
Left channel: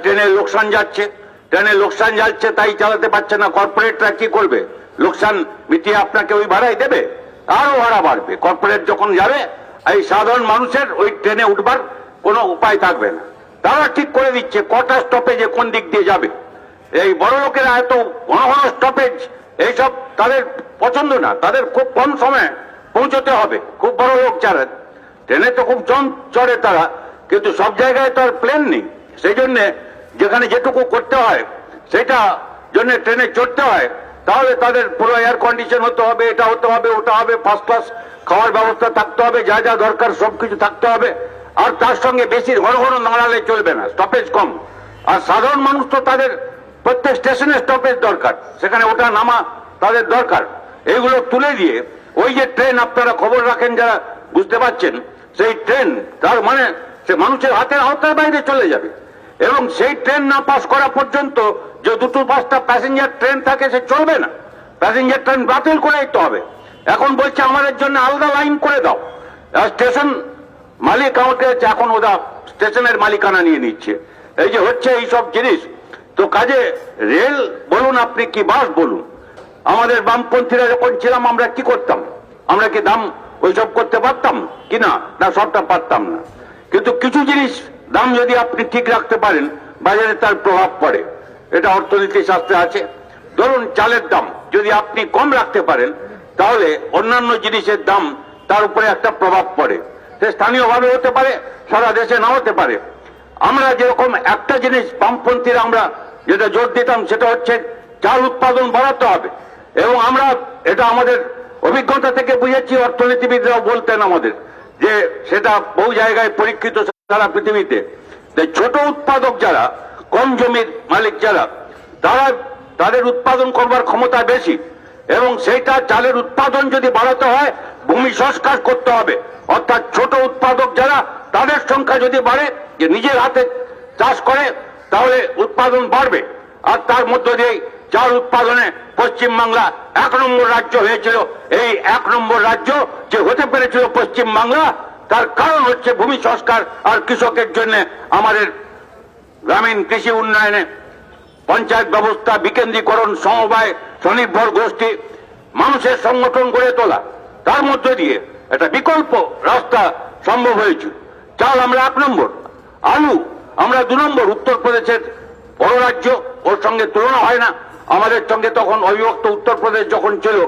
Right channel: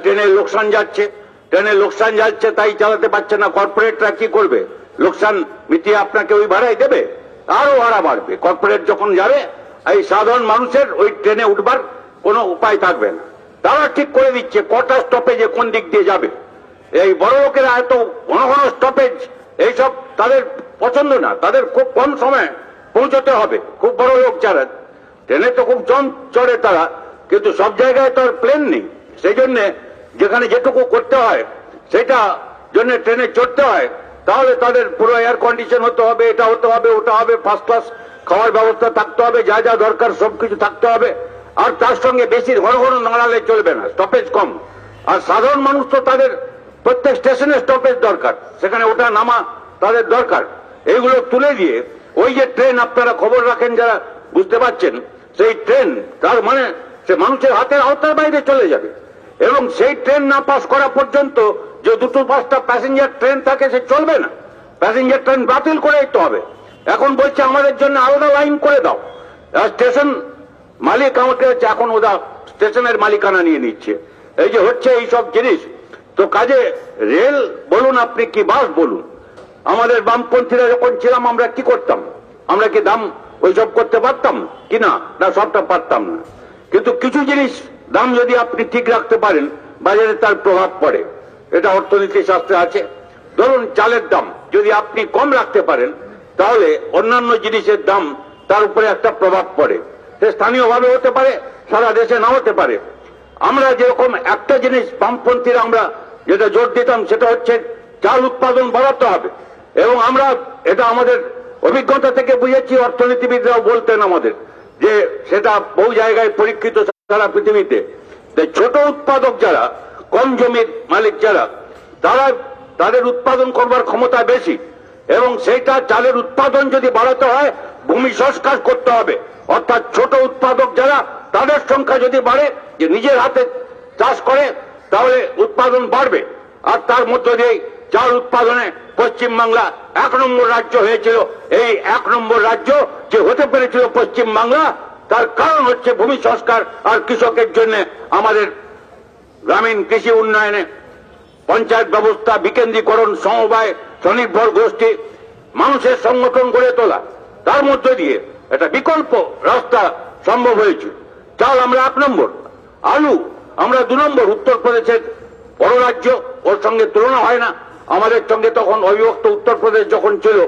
ট্রেনের লোকসান যাচ্ছে, তাই চালাতে পারছে না। কর্পোরেটরা কি করবে? লোকসান মিটিয়ে আপনাকে ওই ভাড়াই দেবে, আরো ভাড়া বাড়বে। কর্পোরেট যখন যাবে, এই সাধারণ মানুষের ওই ট্রেনে উঠবার কোনো উপায় থাকবে না। তারা ঠিক করে দিচ্ছে কটা স্টপেজে কোন দিক দিয়ে যাবে। এই বড় লোকেরা এত ঘন ঘন স্টপেজ, এইসব তাদের পছন্দ না, তাদের খুব কম সময়ে পৌঁছতে হবে। খুব বড় লোক যারা, ট্রেনে তো খুব কম চড়ে তারা, কিন্তু সব জায়গায় তো আর প্লেন নেই। সেই জন্য যেখানে যেটুকু করতে হয়, সেটা জন্য ট্রেনে চড়তে হয়। তাহলে তাদের পুরো এয়ার কন্ডিশন হতে হবে, এটা হতে হবে, ওটা হবে, ফার্স্ট ক্লাস খাওয়ার ব্যবস্থা থাকতে হবে, যা যা দরকার সবকিছু থাকতে হবে। আর তার সঙ্গে বেশি ঘন ঘন নাড়ালে চলবে না, স্টপেজ কম। আর সাধারণ মানুষ তো তাদের প্রত্যেক স্টেশনে স্টপেজ দরকার, সেখানে ওটা নামা তাদের দরকার। এইগুলো তুলে দিয়ে ওই যে ট্রেন, আপনারা খবর রাখেন যারা, বুঝতে পারছেন, সেই ট্রেন তার মানে সে মানুষের হাতের আওতার বাইরে চলে যাবে। এবং সেই ট্রেন না পাস করা পর্যন্ত যে 2-5টা প্যাসেঞ্জার ট্রেন থাকে, সে চলবে না। প্যাসেঞ্জার ট্রেন বাতিল করে দিতে হবে। এখন বলছে আমাদের জন্য আলাদা লাইন করে দাও। স্টেশন মালিক আমাকে এখন ওরা স্টেশনের মালিকানা নিয়ে নিচ্ছে। এই যে হচ্ছে এইসব জিনিস, তো কাজে রেল বলুন আপনি কি বাস বলুন, আমাদের বামপন্থীরা যখন ছিলাম আমরা কি করতাম? আমরা কি দাম ওইসব করতে পারতাম কিনা? না, সবটা পারতাম না। কিন্তু কিছু জিনিস দাম যদি আপনি ঠিক রাখতে পারেন, বাজারে তার প্রভাব পড়ে। এটা অর্থনীতি শাস্ত্রে আছে। ধরুন চালের দাম যদি আপনি কম রাখতে পারেন, তাহলে অন্যান্য জিনিসের দাম তার উপরে একটা প্রভাব পড়ে। সে স্থানীয়ভাবে হতে পারে, সারা দেশে না হতে পারে। আমরা যেরকম একটা জিনিস বামপন্থীরা আমরা যেটা জোর দিতাম, সেটা হচ্ছে চাল উৎপাদন বাড়াতে হবে। এবং আমরা এটা আমাদের অভিজ্ঞতা থেকে বুঝেছি, অর্থনীতিবিদরাও বলতেন আমাদের, যে সেটা বহু জায়গায় পরীক্ষিত সারা পৃথিবীতে। ছোট উৎপাদক যারা, কম জমির মালিক যারা, তাদের উৎপাদন করবার ক্ষমতা বেশি, এবং সেইটা চালের উৎপাদন যদি বাড়াতে হয়, ভূমি সংস্কার করতে হবে। অর্থাৎ ছোট উৎপাদক যারা, তাদের সংখ্যা যদি বাড়ে, যে নিজের হাতে চাষ করে, তাহলে উৎপাদন বাড়বে। আর তার মধ্য দিয়ে চাল উৎপাদনে পশ্চিমবাংলা 1 নম্বর রাজ্য হয়েছিল। এই 1 নম্বর রাজ্য যে হতে পেরেছিল পশ্চিমবাংলা, তার কারণ হচ্ছে ভূমি সংস্কার আর কৃষকের জন্য আমাদের গ্রামীণ কৃষি উন্নয়নে পঞ্চায়েত ব্যবস্থা, বিকেন্দ্রীকরণ, সমবায়, স্বনির্ভর গোষ্ঠী, মানুষের সংগঠন গড়ে তোলা, তার মধ্য দিয়ে একটা বিকল্প রাস্তা সম্ভব হয়েছে। চাল আমরা 1 নম্বর, আলু আমরা 2 নম্বর। উত্তরপ্রদেশের বড় রাজ্য, ওর সঙ্গে তুলনা হয় না। আমাদের সঙ্গে তখন অবিভক্ত উত্তরপ্রদেশ যখন ছিল,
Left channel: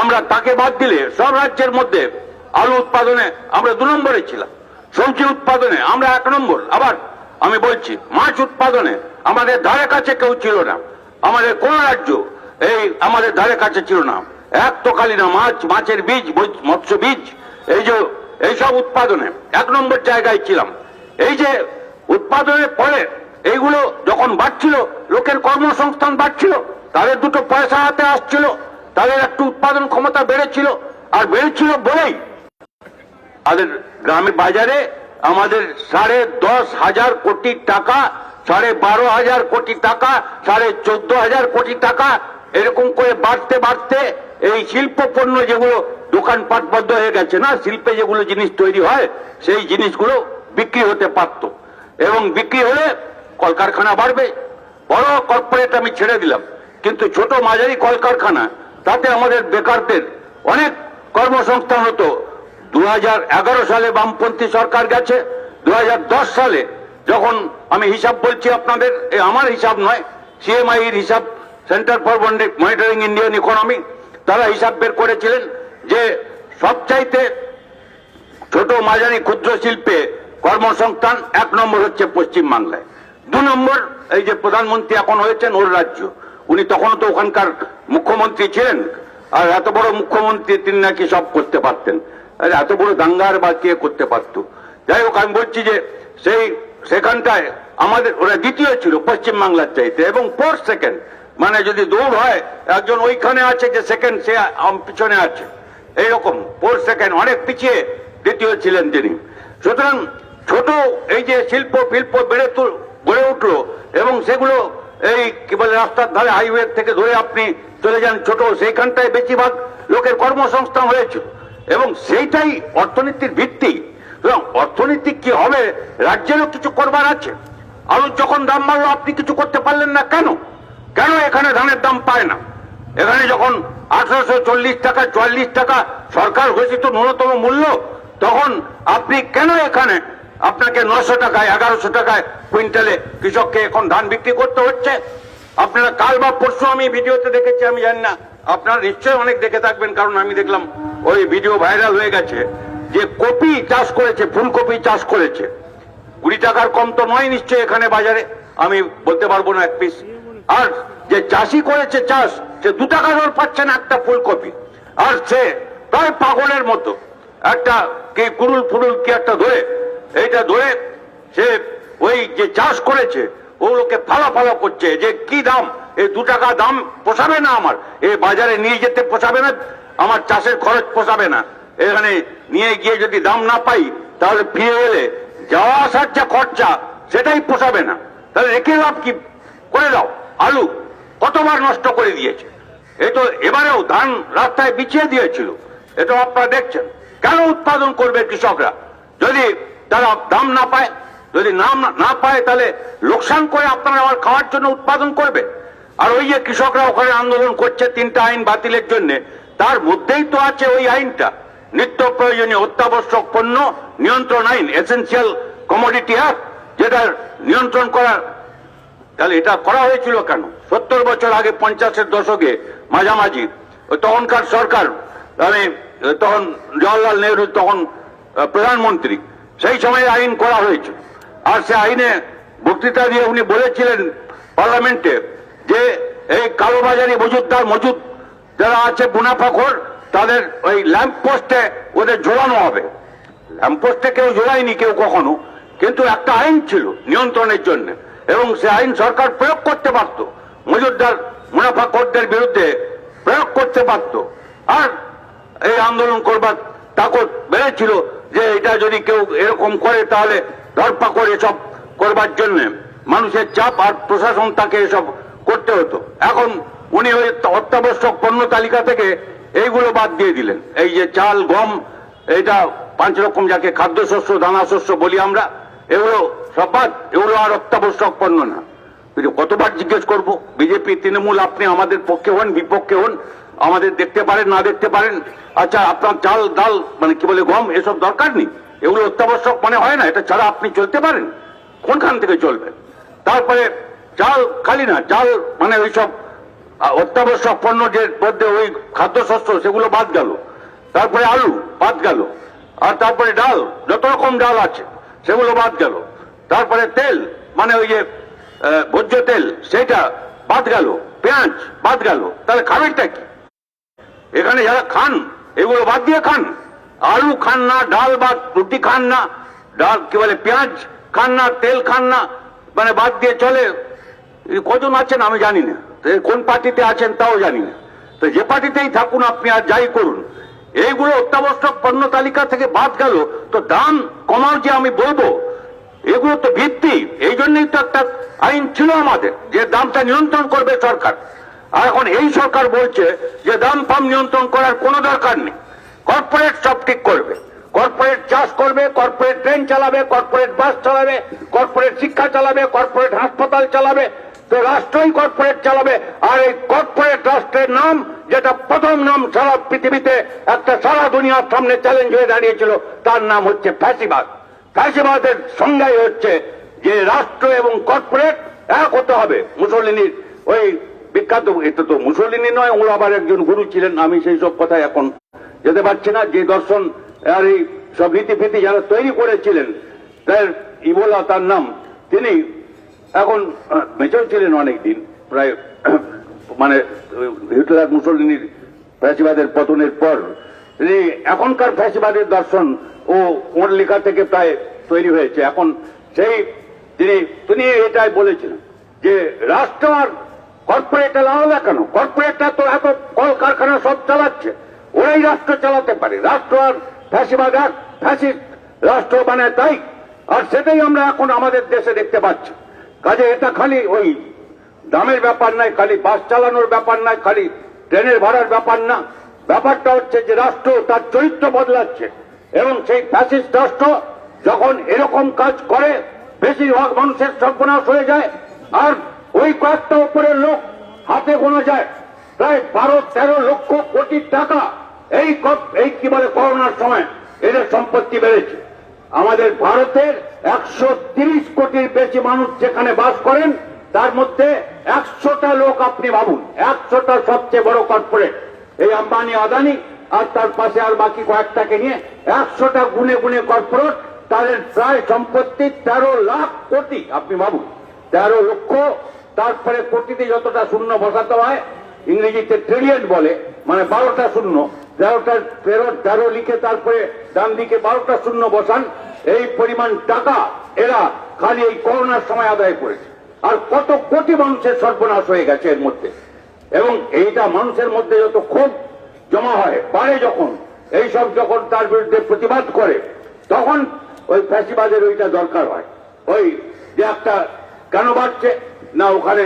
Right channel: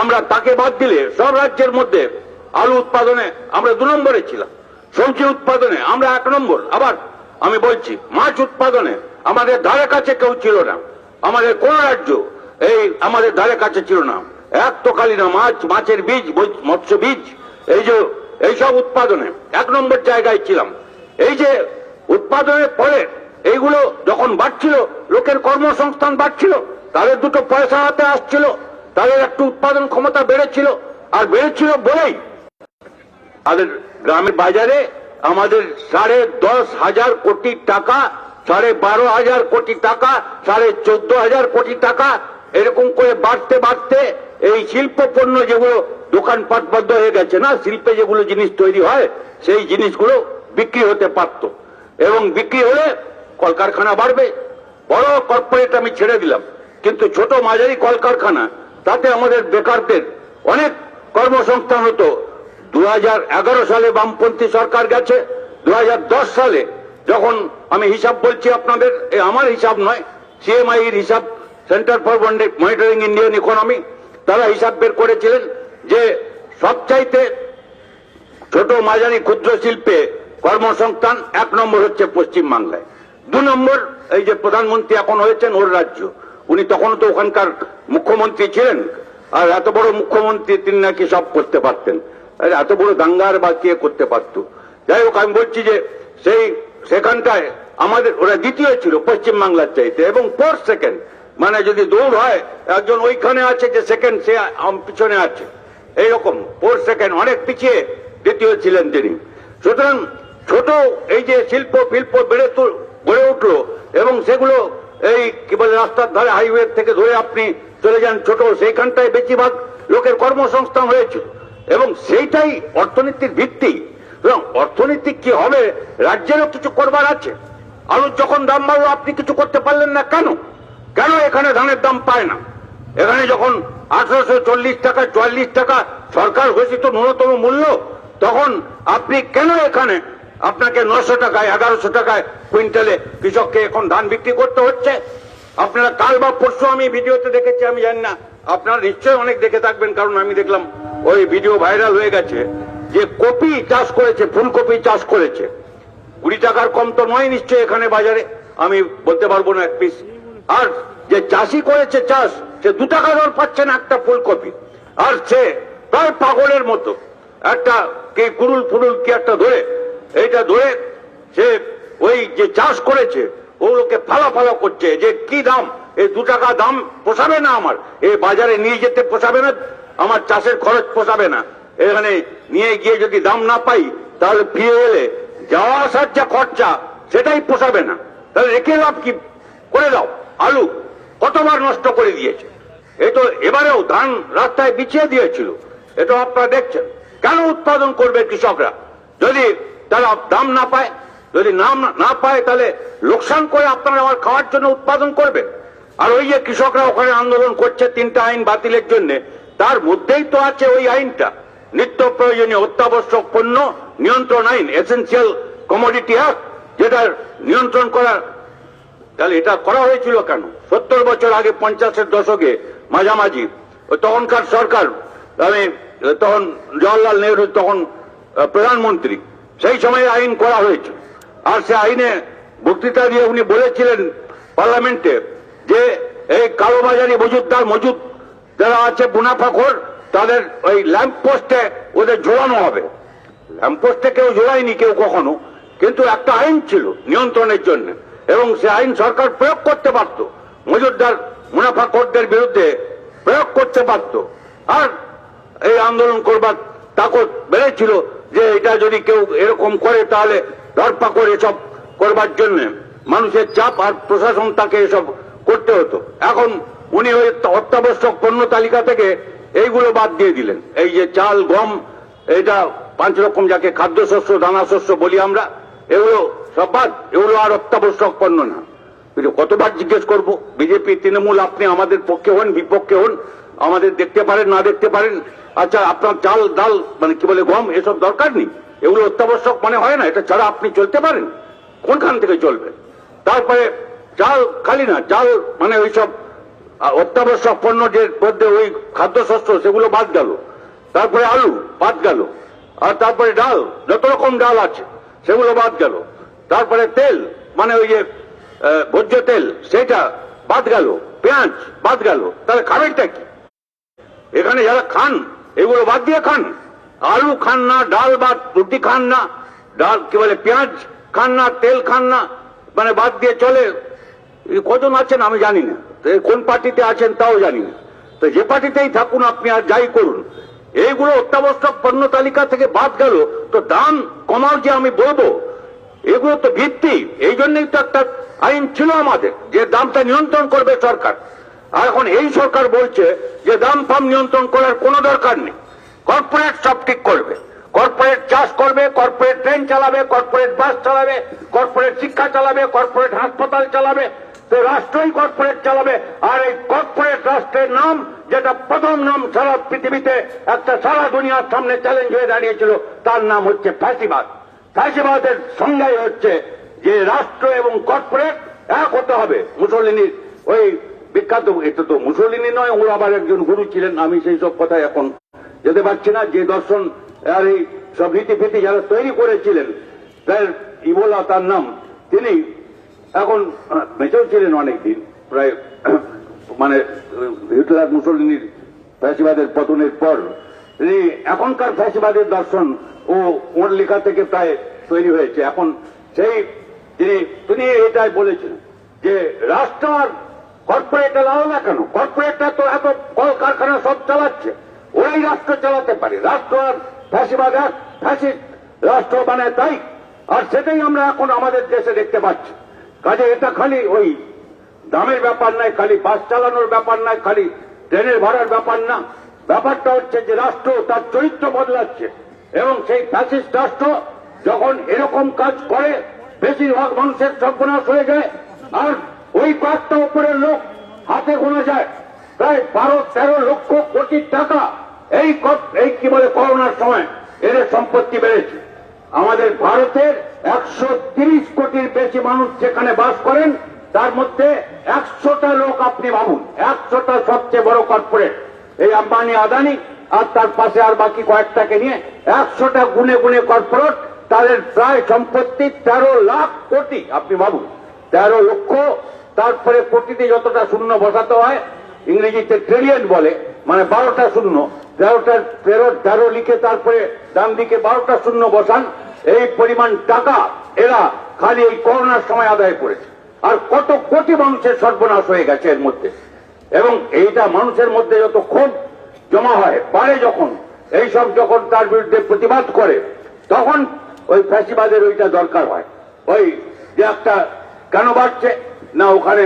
আমরা তাকে বাদ দিলে সব রাজ্যের মধ্যে আলু উৎপাদনে আমরা 2 নম্বরে ছিলাম, সবজি উৎপাদনে আমরা 1 নম্বর। আবার আমি বলছি, মাছ উৎপাদনে আমাদের ধারে কাছে কেউ ছিল না, আমাদের কোন রাজ্য এই আমাদের ধারে কাছে ছিল না। এক তোকালি না মাছ, মাছের বীজ, মৎস্য বীজ, এইসব উৎপাদনে 1 নম্বর জায়গায় ছিলাম। এই যে উৎপাদনের পরে এইগুলো যখন বাড়ছিল, লোকের কর্মসংস্থান বাড়ছিল, তাদের দুটো পয়সা হাতে আসছিল, তাদের একটু উৎপাদন ক্ষমতা বেড়েছিল, আর বেড়েছিল বলেই আমাদের গ্রামের বাজারে আমাদের 10,500 কোটি টাকা, 12,500 কোটি টাকা, 14,500 কোটি টাকা এরকম করে বাড়তে বাড়তে এই শিল্প পণ্য যেগুলো দোকানপাট বন্ধ হয়ে গেছে না, শিল্পে যেগুলো জিনিস তৈরি হয় সেই জিনিসগুলো বিক্রি হতে পারত, এবং বিক্রি হলে কলকারখানা বাড়বে। বড় কর্পোরেট আমি ছেড়ে দিলাম, কিন্তু ছোট মাঝারি কলকারখানা, তাতে আমাদের বেকারদের অনেক কর্মসংস্থান হতো। 2011 সালে বামপন্থী সরকার গেছে, 2010 সালে যখন আমি হিসাব বলছি আপনাদের, আমার হিসাব নয়, সিএমআই এর হিসাব, centre for monitoring Indian economy, তারা হিসাব বের করেছিলেন যে সবচাইতে ছোট মাঝারি ক্ষুদ্র শিল্পে কর্মসংস্থান 1 নম্বর হচ্ছে পশ্চিমবাংলায়, 2 নম্বর এই যে প্রধানমন্ত্রী এখন হয়েছেন ওর রাজ্য, উনি তখন তো ওখানকার মুখ্যমন্ত্রী ছিলেন, আর এত বড় মুখ্যমন্ত্রী তিনি নাকি সব করতে পারতেন, এত বড় দাঙ্গার বা কে করতে পারত। যাই হোক, আমি বলছি যে সেখানটায় আমাদের ওরা দ্বিতীয় ছিল পশ্চিমবাংলার চাইতে, এবং 4 সেকেন্ড, মানে যদি দৌড় হয় একজন ওইখানে আছে যে সেকেন্ড, সে পিছনে আছে, এইরকম 4 সেকেন্ড অনেক পিছিয়ে দ্বিতীয় ছিলেন তিনি। সুতরাং ছোট এই যে শিল্প গড়ে উঠলো, এবং সেগুলো এই কি বলে রাস্তার ধারে হাইওয়ে থেকে ধরে আপনি চলে যান ছোট, সেইখানটায় বেশিরভাগ লোকের কর্মসংস্থান হয়েছিল, এবং সেইটাই অর্থনীতির ভিত্তি। অর্থনীতি কি হবে, রাজ্যেরও কিছু করবার আছে। আলুর যখন দাম বাড়লো আপনি কিছু করতে পারলেন না, কেন? এখানে ধানের দাম পায় না? এখানে যখন 1840 টাকা 44 টাকা সরকার ঘোষিত ন্যূনতম মূল্য, তখন আপনি কেন এখানে আপনাকে 900 টাকায় 1100 টাকায় কুইন্টালে কৃষককে এখন ধান বিক্রি করতে হচ্ছে? আপনারা কাল বা পরশু আমি ভিডিওতে দেখেছি, আমি জানি না, আপনারা নিশ্চয়ই অনেক দেখে থাকবেন, কারণ আমি দেখলাম ওই ভিডিও ভাইরাল হয়ে গেছে, যে কপি চাষ করেছে, ফুলকপি চাষ করেছে, 20 টাকার কম তো নয় নিশ্চয়ই এখানে বাজারে, আমি বলতে পারবো না 1 পিস। আর যে চাষি করেছে চাষ, সে 2 টাকা দর পাচ্ছে না একটা ফুলকপি, আর সে প্রায় পাগলের মতো একটা কি কুরুল কি একটা ধরে, এইটা ধরে সে ওই যে চাষ করেছে ওগুলোকে ফালা করছে, যে কি দাম, এই 2 টাকা দাম পোষাবে না আমার, এই বাজারে নিয়ে যেতে পোষাবে না, আমার চাষের খরচ পোষাবে না, এখানে নিয়ে গিয়ে যদি দাম না পাই তাহলে ফিরে এলে যাওয়া আসার যে খরচা সেটাই পোষাবে না, তাহলে রেখে লাভ কি? করে দাও। আলু কতবার নষ্ট করে দিয়েছে, তো এবারেও ধান রাস্তায় বিছিয়ে দিয়েছিল, এটা আপনারা দেখছেন। কেন উৎপাদন করবে কৃষকরা যদি তারা দাম না পায়? যদি না পায় তাহলে লোকসান করে আপনারা আবার খাওয়ার জন্য উৎপাদন করবে। আর ওই যে কৃষকরা ওখানে আন্দোলন করছে 3টা আইন বাতিলের জন্য, তার মধ্যেই তো আছে ওই আইনটা, নিত্য প্রয়োজনীয় অত্যাবশ্যক পণ্য নিয়ন্ত্রণ আইন, এসেন্সিয়াল কমোডিটি অ্যাক্ট, যেটা নিয়ন্ত্রণ করা। তাহলে এটা করা হয়েছিল কেন? 70 বছর আগে 50-এর দশকে মাঝামাঝি তখনকার সরকার, তখন জওয়াহরলাল নেহরু তখন প্রধানমন্ত্রী, সেই সময় আইন করা হয়েছে। আর সে আইনে বক্তৃতা দিয়ে উনি বলেছিলেন পার্লামেন্টে যে এই কালোবাজারি মজুদ যারা আছে মুনাফাখোর, তাদের ওই ল্যাম্প পোস্টে ওদের ঝোলানো হবে। ল্যাম্প পোস্টে কেউ ঝোলায়নি কেউ কখনো, কিন্তু একটা আইন ছিল নিয়ন্ত্রণের জন্য, এবং সে আইন সরকার প্রয়োগ করতে পারত, মজুদদার মুনাফাখোরদের বিরুদ্ধে প্রয়োগ করতে পারত। আর এই আন্দোলন করবার তাকত বেড়েছিল যে এটা যদি কেউ এরকম করে তাহলে ধরপাকড় এসব করবার জন্য মানুষের চাপ, আর প্রশাসন তাকে এসব করতে হতো। এখন উনি ওই অত্যাবশ্যক পণ্য তালিকা থেকে এইগুলো বাদ দিয়ে দিলেন, এই যে চাল গম, এটা 5 রকম যাকে খাদ্যশস্য দানাশস্য বলি আমরা, এগুলো সব বাদ, এগুলো আর অত্যাবশ্যক পণ্য না। কিন্তু কতবার জিজ্ঞেস করব, বিজেপি তৃণমূল আপনি আমাদের পক্ষে হন বিপক্ষে হন, আমাদের দেখতে পারেন না দেখতে পারেন, আচ্ছা আপনার চাল ডাল মানে কি বলে গম এসব দরকার নেই, এগুলো অত্যাবশ্যক মনে হয় না, এটা ছাড়া আপনি চলতে পারেন, কোনখান থেকে চলবেন? তারপরে চাল খালি না, চাল মানে ওইসব অত্যাবশ্যক পণ্য যে মধ্যে ওই খাদ্যশস্য সেগুলো বাদ গেল, তারপরে আলু বাদ গেল, আর তারপরে ডাল যত রকম ডাল আছে সেগুলো বাদ গেল, তারপরে তেল মানে ওই যে ভোজ্য তেল সেটা বাদ গেল, পেঁয়াজ বাদ গেল, তাহলে খাবেনটা কি? এখানে যারা খান এগুলো বাদ দিয়ে খান, আলু খান না, ডাল বাদ, রুটি খান না, ডাল কি বলে পেঁয়াজ খান না, তেল খান না, মানে বাদ দিয়ে চলে। কজন আছেন আমি জানি না, কোন পার্টিতে আছেন তাও জানি না, তো যে পার্টিতেই থাকুন আপনি আর যাই করুন, এইগুলো অত্যাবশ্যক পণ্য তালিকা থেকে বাদ গেল, তো দাম কমার যে আমি বলবো এগুলো তো ভিত্তি, এই জন্যই তো একটা আইন ছিল আমাদের যে দামটা নিয়ন্ত্রণ করবে সরকার। আর এখন এই সরকার বলছে যে দাম ফাম নিয়ন্ত্রণ করার কোনো দরকার নেই, কর্পোরেট সব ঠিক করবে, কর্পোরেট চাষ করবে, কর্পোরেট ট্রেন চালাবে, কর্পোরেট বাস চালাবে, কর্পোরেট শিক্ষা চালাবে, কর্পোরেট হাসপাতাল চালাবে, তো রাষ্ট্রই কর্পোরেট চালাবে। আর এই কর্পোরেট রাষ্ট্রের নাম, যেটা প্রথম নাম সারা পৃথিবীতে একটা সারা দুনিয়ার সামনে চ্যালেঞ্জ হয়ে দাঁড়িয়েছিল, তার নাম হচ্ছে ফ্যাসিবাদ। ফ্যাসিবাদের সংজ্ঞাই হচ্ছে যে রাষ্ট্র এবং কর্পোরেট এক হতে হবে। মুসলিনীর ওই বিখ্যাত, এটা তো মুসলিনী নয়, ও আবার একজন গুরু ছিলেন, আমি সেই সব কথায় এখন যেতে পারছি না, যে দর্শন আর এই সব রীতিফিতি যারা তৈরি করেছিলেন, তার ইবোলা তার নাম, তিনি এখন বেঁচেও ছিলেন অনেকদিন, প্রায় মানে হিটলার মুসলিনীর ফ্যাসিবাদের পতনের পর। তিনি এখনকার ফ্যাসিবাদের দর্শন ও ওর লেখা থেকে প্রায় তৈরি হয়েছে। এখন সেই তিনি এটাই বলেছেন যে রাষ্ট্র আর কর্পোরেট আলাদা কেন? কর্পোরেটটা তো এত কলকারখানা সব চালাচ্ছে, ওরাই রাষ্ট্র চালাতে পারে, রাষ্ট্র আর ফ্যাসিবাদ এক, ফ্যাসিস্ট রাষ্ট্র মানে তাই। আর সেটাই আমরা এখন আমাদের দেশে দেখতে পাচ্ছি। কাজে এটা খালি ওই দামের ব্যাপার নয়, খালি বাস চালানোর ব্যাপার নয়, খালি ট্রেনের ভাড়ার ব্যাপার না, ব্যাপারটা হচ্ছে যে রাষ্ট্র তার চরিত্র বদলাচ্ছে, এবং সেই ফ্যাসিস্ট রাষ্ট্র যখন এরকম কাজ করে বেশিরভাগ মানুষের সর্বনাশ হয়ে যায়। আর ওই কয়েকটা উপরের লোক হাতে গোনা যায় প্রায় 12-13 লক্ষ কোটি টাকা এই কি বলে করোনার সময় এদের সম্পত্তি বেড়েছে। আমাদের ভারতের 130 কোটির বেশি মানুষ যেখানে বাস করেন, তার মধ্যে 100টা লোক আপনি ভাবুন, 100টা সবচেয়ে বড় কর্পোরেট, এই আম্বানি আদানি আর তার পাশে আর বাকি কয়েকটাকে নিয়ে 100টা গুনে গুনে কর্পোরেট, তাদের প্রায় সম্পত্তি 13 লাখ কোটি। আপনি ভাবুন 13 লক্ষ, তারপরে কোটিতে যতটা শূন্য বসাতে হয়, ইংরেজিতে ট্রিলিয়ন বলে, মানে 12টা শূন্য, 13 লিখে তারপরে ডান দিকে 12টা শূন্য বসান, এই পরিমাণ টাকা এরা খালি এই করোনার সময় আদায় করেছে। আর কত কোটি মানুষের সর্বনাশ হয়ে গেছে এর মধ্যে। এবং এইটা মানুষের মধ্যে যত ক্ষোভ জমা হয়, পারে যখন এইসব যখন তার বিরুদ্ধে প্রতিবাদ করে, তখন ওই ফ্যাসিবাদের ওইটা দরকার হয়। ওই যে একটা কেন বাড়ছে না, ওখানে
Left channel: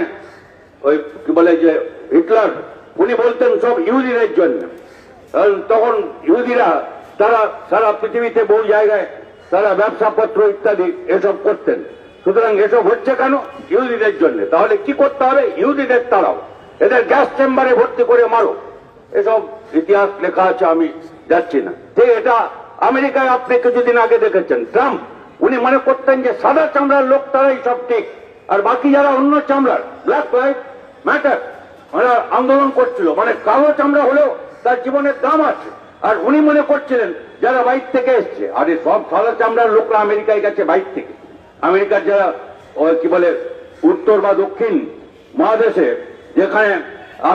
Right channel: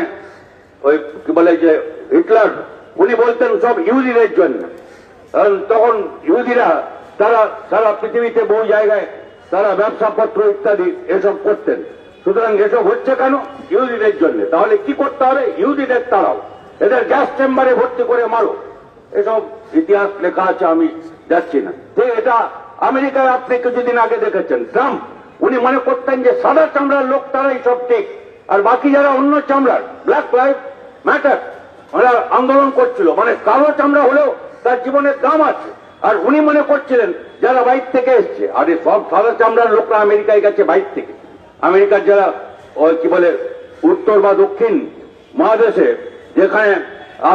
ওই কি বলে যে হিটলার, উনি বলতেন সব ইহুদিদের জন্য, তখন ইহুদিরা তারা সারা পৃথিবীতে বহু জায়গায় তারা ব্যবসাপত্র ইত্যাদি এসব করতেন। সুতরাং এসব হচ্ছে কেন? ইহুদিদের জন্য। তাহলে কি করতে হবে? ইহুদিদের তাড়াও, এদের গ্যাস চেম্বারে ভর্তি করে মারো, এসব ইতিহাস লেখা আছে, আমি যাচ্ছি না। যে এটা আমেরিকায় আপনি কিছুদিন আগে দেখেছেন, ট্রাম্প উনি মনে করতেন যে সাদা চামড়ার লোক তারাই সব ঠিক, আর বাকি যারা অন্য চামড়ার, ব্ল্যাক লাইফ ম্যাটার, ওরা আন্দোলন করছিল, মানে কালো চামড়া হলেও তার জীবনের দাম আছে। আর উনি মনে করছিলেন যারা বাইর থেকে এসছে, আরে সব সাদা চামড়ার লোকরা আমেরিকায় গেছে বাইর থেকে। আমেরিকার যারা কি বলে উত্তর বা দক্ষিণ মহাদেশে, যেখানে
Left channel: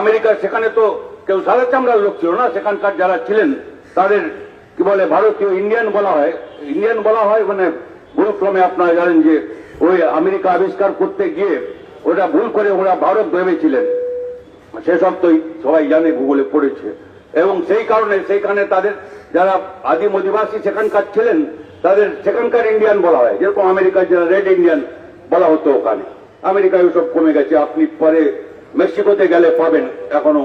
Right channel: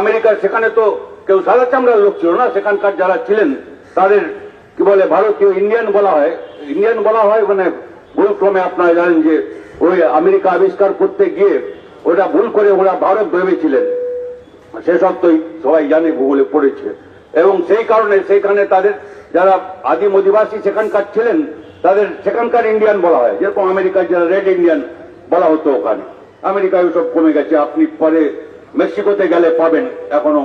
আমেরিকা, সেখানে তো কেউ সাদা চামড়ার লোক ছিল না, সেখানকার যারা ছিলেন তাদের কি বলে ভারতীয় ইন্ডিয়ান বলা হয়। ইন্ডিয়ান বলা হয় মানে ভুলক্রমে, আপনারা জানেন যে ওই আমেরিকা আবিষ্কার করতে গিয়ে ওটা ভুল করে ওরা ভারত ভেবেছিলেন, সেসব তো সবাই জানে, ভূগোলে পড়েছে। এবং সেই কারণে সেইখানে তাদের যারা আদিম অধিবাসী সেখানকার ছিলেন, তাদের সেখানকার ইন্ডিয়ান বলা হয়, যেরকম আমেরিকার যারা রেড ইন্ডিয়ান বলা হতো ওখানে। আমেরিকায় সব কমে গেছে, আপনি পরে মেক্সিকোতে গেলে পাবেন এখনো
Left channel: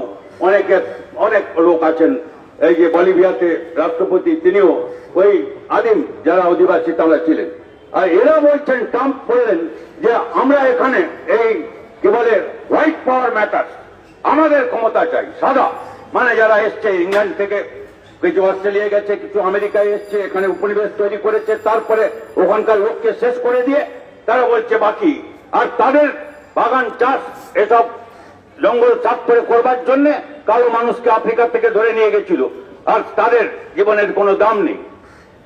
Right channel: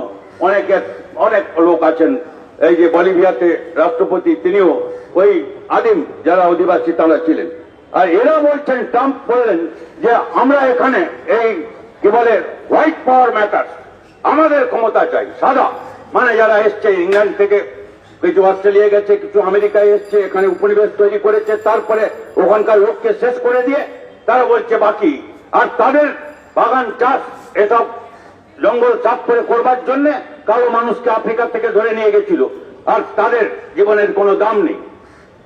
অনেক লোক আছেন এই যে বলিভিয়াতে রাষ্ট্রপতি, তিনিও ওই আদিম যারা অধিবাসী তারা ছিলেন। আর এরা বলছেন, ট্রাম্প বললেন যে আমরা এখানে এই কি বলে হোয়াইট পাওয়ার ম্যাটার, আমাদের ক্ষমতা চাই। সাদা মানে যারা এসছে ইংল্যান্ড থেকে, কিছু অস্ট্রেলিয়া গেছে, কিছু আমেরিকায় এসছে, এখানে উপনিবেশ তৈরি করেছে, তারপরে ওখানকার লোককে শেষ করে দিয়ে তারা বলছে বাকি। আর তাদের বাগান চাষ এসব জঙ্গল সাফ করে করবার জন্য কালো মানুষকে আফ্রিকা থেকে ধরে নিয়ে গেছিল, আর তাদের জীবনের কোনো দাম নেই।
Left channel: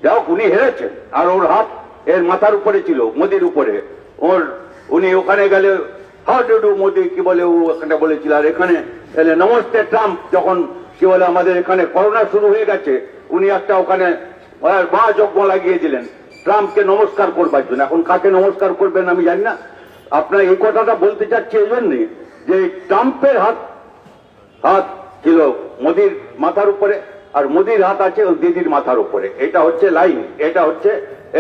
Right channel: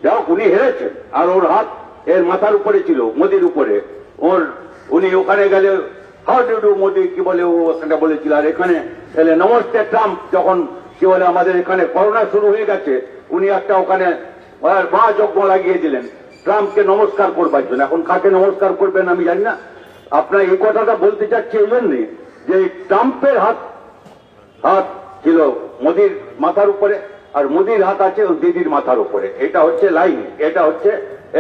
যাও, উনি হেরেছেন। আর ওর হাত এর মাথার উপরে ছিল, মোদির উপরে। উনি ওখানে গেলে হাউ ডু ডু মোদি কি বলে ও একটা বলেছিল, আর এখানে এলে নমস্তে ট্রাম্প, যখন কি বলে আমাদের এখানে করোনা শুরু হয়ে গেছে, উনি একটা ওখানে মহাযজ্ঞ লাগিয়ে দিলেন ট্রাম্পকে নমস্কার করবার জন্য। এখন কাকে নমস্কার করবেন আমি জানি না। আপনার এই কথাটা বলতে চাচ্ছি এই জন্যে যে ট্রাম্পের হাত ছিল মোদির মাথার উপরে, আর মোদির হাত আছে ও দিদির মাথার উপরে। এটা হচ্ছে লাইন,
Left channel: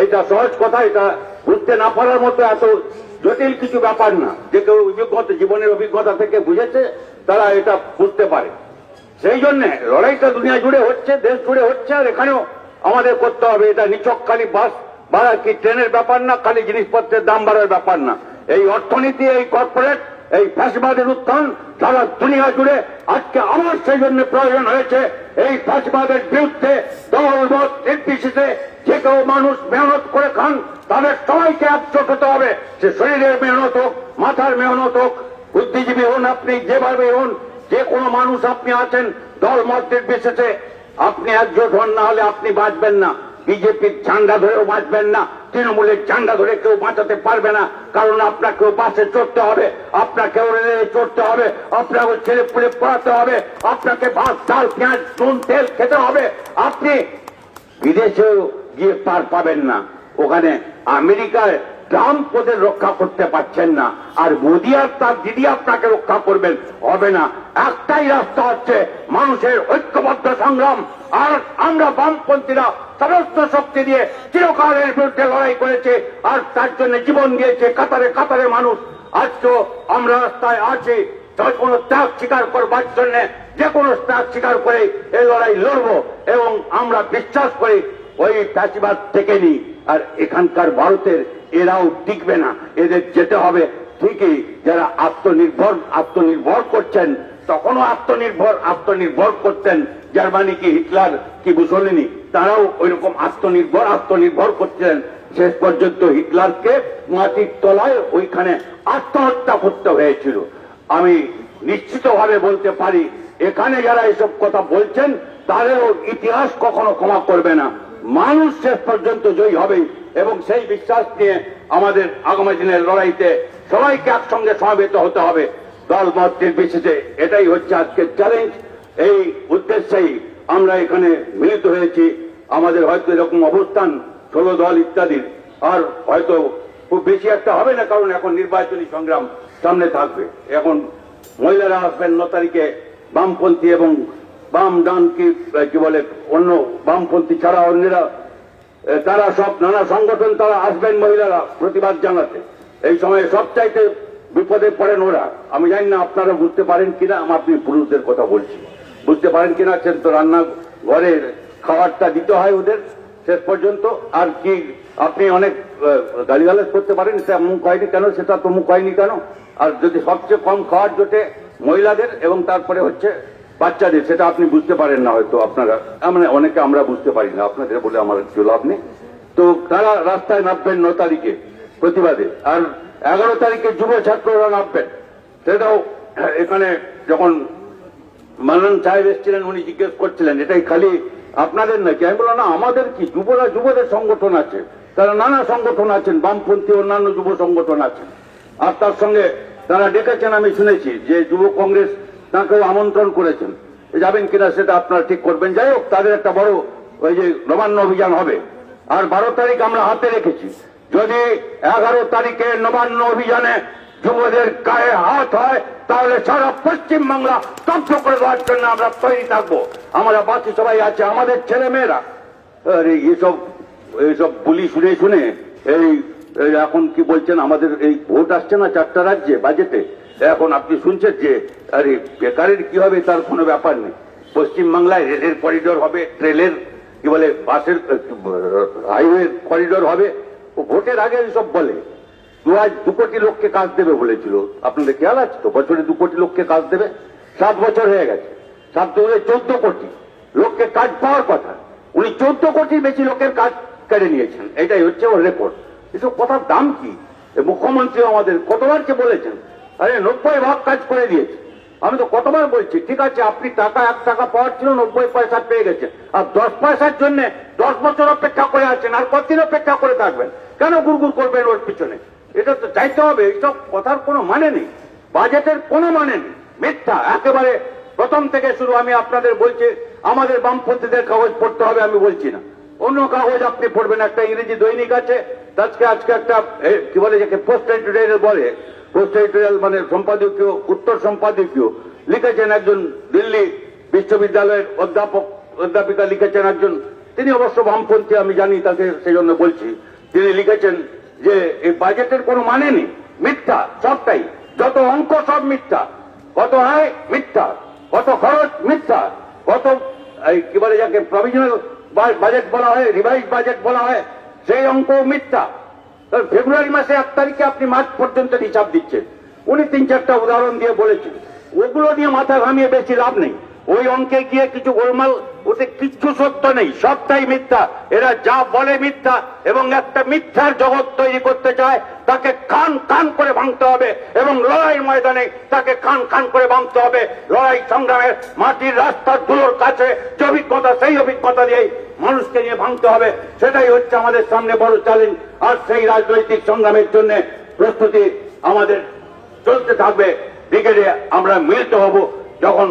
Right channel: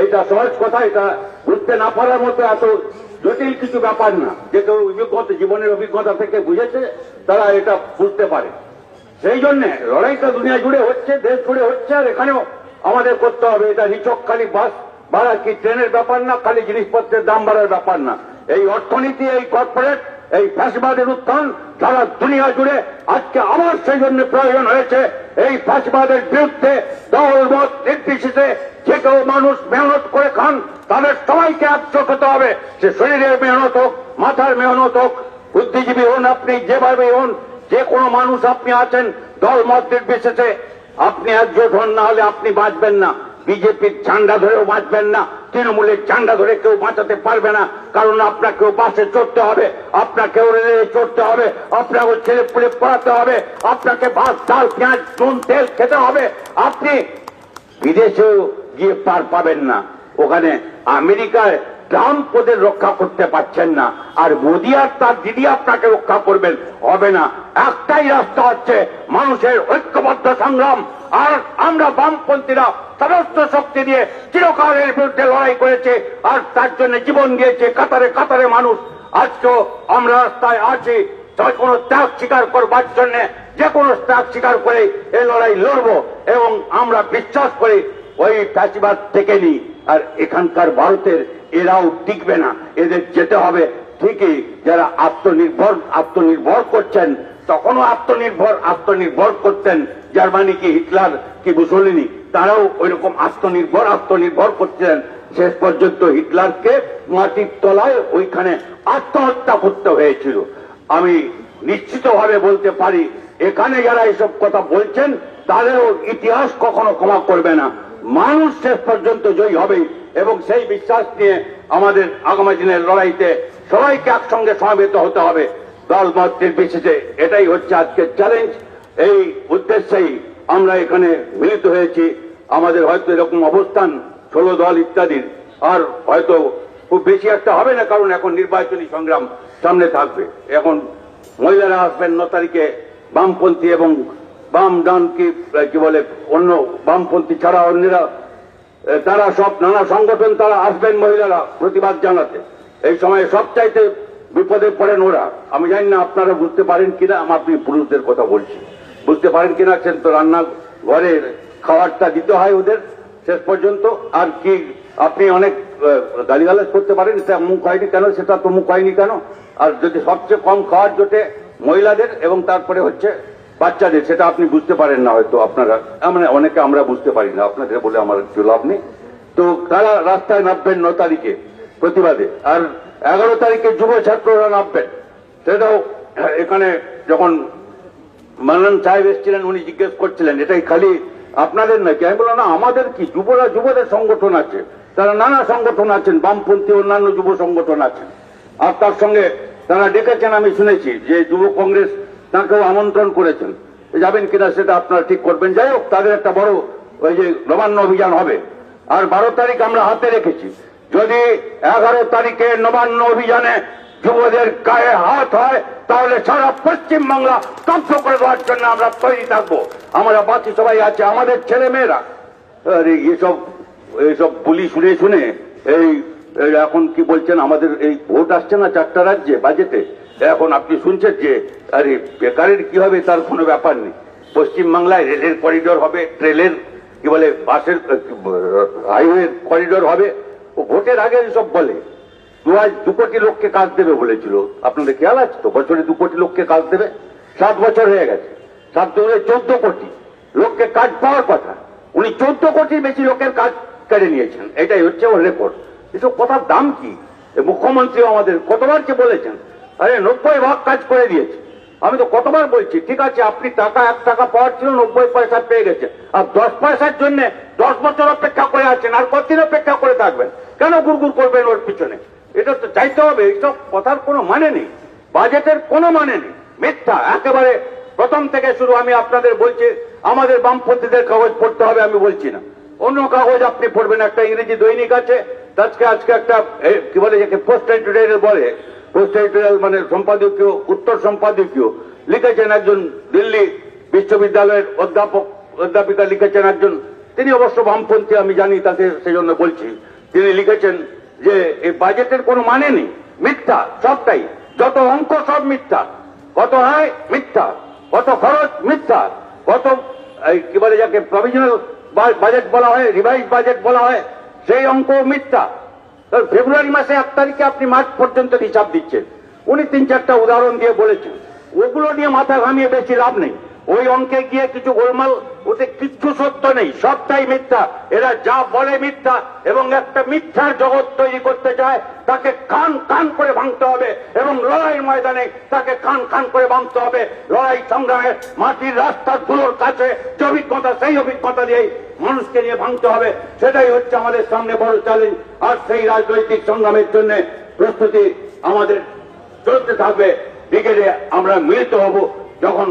এটা সহজ কথা, এটা বুঝতে না পারার মতো এত জটিল কিছু ব্যাপার না। যে কেউ অভিজ্ঞতা, জীবনের অভিজ্ঞতা থেকে বুঝেছে, তারা এটা বুঝতে পারে। সেই জন্য লড়াইটা দুনিয়া জুড়ে হচ্ছে, দেশ জুড়ে হচ্ছে, আর এখানেও আমাদের করতে হবে। এটা নিছক খালি বাস ভাড়া কি ট্রেনের ব্যাপার না, খালি জিনিসপত্রের দাম বাড়ার ব্যাপার না। এই অর্থনীতি, এই কর্পোরেট, এই ফ্যাসিবাদের উত্থান সারা দুনিয়া জুড়ে আজকে আমার সেই জন্য প্রয়োজন হয়েছে এই ফ্যাসিবাদের বিরুদ্ধে দলমত নির্বিশেষে যে কেউ মানুষ মেহনত করে খান, তাদের সবাইকে একজোট হতে হবে। সে শরীরের মেহনত হোক, মাথার মেহনত হোক, বুদ্ধিজীবী হন, আপনি যেভাবে হন, যে কোনো মানুষ আপনি আছেন, দলমত নির্বিশেষে আপনি একজোট হন, না হলে আপনি বাঁচবেন না। বিজেপির ঝান্ডা ধরেও বাঁচবেন না, তৃণমূলের ঝান্ডা ধরে কেউ বাঁচাতে পারবে না। কারণ আপনাকেও বাসে চড়তে হবে, আপনাকেও রেলে চড়তে হবে, আপনাকে ছেলে পুলে পড়াতে হবে, আপনাকে ভাত ডাল পেঁয়াজ নুন তেল খেতে হবে। আপনি বিদেশেও গিয়ে পার পাবেন না। ওখানে আমেরিকায় ট্রাম্প ওদের রক্ষা করতে পারছেন না, আর মোদি আর তার দিদি আপনাকে রক্ষা করবেন, হবে না। একটাই রাস্তা হচ্ছে মানুষের ঐক্যবদ্ধ সংগ্রাম। আর আমরা বামপন্থীরা সমস্ত শক্তি দিয়ে চিরকালের বিরুদ্ধে লড়াই করেছে, আর তার জন্য জীবন দিয়েছে কাতারে কাতারে মানুষ। আজকেও আমরা রাস্তায় আছি কোনো ত্যাগ স্বীকার করবার জন্য, যে কোনো ত্যাগ স্বীকার করে এই লড়াই লড়ব। এবং আমরা বিশ্বাস করি ওই ফ্যাসিবাদ থেকে নিই, আর এখানকার ভারতের এরাও টিকবে না, এদের যেতে হবে। ঠিকই যারা আত্মনির্ভর করছেন, তখনও আত্মনির্ভর করতেন। জার্মানি কি হিটলার কি মুসলিনি, তারাও ওইরকম আত্মনির্ভর করছিলেন। শেষ পর্যন্ত হিটলারকে মাটির তলায় ওইখানে আত্মহত্যা করতে হয়েছিল। আমি নিশ্চিতভাবে বলতে পারি, এখানে যারা এসব কথা বলছেন তাদেরও ইতিহাস কখনো ক্ষমা করবে না। মানুষ শেষ পর্যন্ত জয়ী হবে, এবং সেই বিশ্বাস নিয়ে আমাদের আগামী দিনের লড়াইতে সবাইকে একসঙ্গে সমবেত হতে হবে, দলমত নির্বিশেষে। এটাই হচ্ছে আজকের চ্যালেঞ্জ। এই উদ্দেশ্যেই আমরা এখানে মিলিত হয়েছি। আমাদের হয়তো এরকম অবস্থান 16 দল ইত্যাদির আর হয়তো খুব বেশি একটা হবে না, কারণ এখন নির্বাচনী সংগ্রাম সামনে থাকবে। এখন মহিলারা আসবেন 9 তারিখে, বামপন্থী এবং বাম ডান কি বলে অন্য বামপন্থী ছাড়া অন্যরা, তারা সব নানা সংগঠন তারা আসবেন মহিলারা প্রতিবাদ জানাতে। এই সময় সবচাইতে বিপদে পড়েন ওরা। আমি জানি না আপনারা বুঝতে পারেন কিনা, আপনি পুরুষদের কথা বলছি, বুঝতে পারেন কিনা। তো রান্না ঘরে খাবারটা দিতে হয় ওদের শেষ পর্যন্ত। আর কি আপনি অনেক গালিগালাজ করতে পারেন, সেটা মুখ হয়নি কেন, সেটা তো মুখ হয়নি কেন। আর যদি সবচেয়ে কম খাওয়ার জোটে মহিলাদের এবং তারপরে হচ্ছে বাচ্চাদের, সেটা আপনি বুঝতে পারেন না হয়তো আপনারা, মানে অনেকে আমরা বুঝতে পারি না, আপনাদের বলে আমার একটু লাভ নেই। তো তারা রাস্তায় নামবেন 9 তারিখে প্রতিবাদে, আর 11 তারিখে যুব ছাত্ররা নামবেন। সেটাও এখানে যখন মানন সাহেব এসেছিলেন, উনি জিজ্ঞেস করছিলেন এটাই খালি আপনাদের নাকি। আমি বললাম না, আমাদের কি, যুবদের সংগঠন আছে, তারা নানা সংগঠন আছেন, বামপন্থী অন্যান্য যুব সংগঠন আছেন। আর তার সঙ্গে তারা ডেকেছেন, আমি শুনেছি যে যুব কংগ্রেস তাকেও আমন্ত্রণ করেছেন। যাবেন কিনা সেটা আপনারা ঠিক করবেন। যাই হোক, তাদের একটা বড় ওই যে নবান্ন অভিযান হবে। আর 12 তারিখ আমরা হাতে রেখেছি। যদি 11 তারিখে নবান্ন অভিযানে যুবদের গায়ে হাত হয়, তাহলে সারা পশ্চিমবাংলা ধ্বংস করে দেওয়ার জন্য আমরা তৈরি থাকবো। আমরা বাকি সবাই আছে, আমাদের ছেলে মেয়েরা। এইসব বলি শুনে এই এখন কি বলছেন, আমাদের এই ভোট আসছে না 4টা রাজ্যে বাজেটে, এখন আপনি শুনছেন যে আরে বেকারের কি হবে, তার কোনো ব্যাপার নেই। পশ্চিমবাংলায় রেলের করিডোর হবে, ট্রেনের কি বলে বাসের হাইওয়ে করিডোর হবে। ও ভোটের আগে সব বলে 2 কোটি লোককে কাজ দেবে বলেছিল, আপনাদের খেয়াল আছে তো? বছরে 2 কোটি লোককে কাজ দেবে, 7 বছর হয়ে গেছে, 7 দুগুণে 14 কোটি লোককে কাজ পাওয়ার কথা, উনি 14 কোটির বেশি লোকের কাজ কেড়ে নিয়েছেন। এটাই হচ্ছে ওর রেকর্ড। এসব কথার দাম কি? মুখ্যমন্ত্রী আমাদের কতবারকে বলেছেন, আরে 90 ভাগ কাজ করে দিয়েছে। আমি তো কতবার বলছি, ঠিক আছে আপনি টাকা 1 টাকা পাওয়ার ছিল 90 পয়সা পেয়ে গেছে, আর 10 পয়সার জন্য 10 বছর অপেক্ষা করে আছেন, আর কতদিন অপেক্ষা করে থাকবেন? কেন গুড়গুড় করবেন ওর পিছনে? এটা তো চাইতে হবে। এইসব কথার কোনো মানে নেই, বাজেটের কোনো মানে নেই, মিথ্যা একেবারে প্রথম থেকে শুরু। আমি আপনাদের বলছি, আমাদের বামপন্থীদের কাগজ পড়তে হবে আমি বলছি না, অন্য কাগজ আপনি পড়বেন। একটা ইংরেজি দৈনিক আছে, আজকে একটা কি বলে যাকে পোস্ট এডিটোরিয়াল বলে, পোস্ট এডিটোরিয়াল মানে সম্পাদকীয়, উত্তর সম্পাদকীয় লিখেছেন একজন দিল্লি বিশ্ববিদ্যালয়ের অধ্যাপিকা লিখেছেন একজন, তিনি অবশ্য বামপন্থী আমি জানি, তাকে সেই জন্য বলছি। তিনি লিখেছেন যে এই বাজেটের কোনো মানে নেই, মিথ্যা সবটাই, যত অঙ্ক সব মিথ্যা, কত আয় মিথ্যা, কত খরচ মিথ্যা, কত কি বলে যাকে প্রভিশনাল বাজেট বলা হয়, রিভাইজ বাজেট বলা হয়, সেই অঙ্ক মিথ্যা। ফেব্রুয়ারি মাসে 1 তারিখে আপনি মার্চ পর্যন্ত হিসাব দিচ্ছেন। উনি 3-4টা উদাহরণ দিয়ে বলেছেন, ওগুলো নিয়ে মাথা ঘামিয়ে বেশি লাভ নেই। ওই অঙ্কে গিয়ে কিছু গোলমাল, ওতে কিচ্ছু সত্য নেই, সবটাই মিথ্যা। এরা যা বলে মিথ্যা, এবং একটা মিথ্যার জগৎ তৈরি করতে চায়, তাকে খান খান করে ভাঙতে হবে, এবং লড়াই ময়দানে তাকে খান খান করে ভাঙতে হবে। লড়াই সংগ্রামে মাটির রাস্তাগুলোর কাছে যে অভিজ্ঞতা, সেই অভিজ্ঞতা দিয়েই মানুষকে নিয়ে ভাঙতে হবে। সেটাই হচ্ছে আমাদের সামনে বড় চ্যালেঞ্জ। আর সেই রাজনৈতিক সংগ্রামের জন্য প্রস্তুতি আমাদের চলতে থাকবে। ব্রিগেডে আমরা মিলিত হব যখন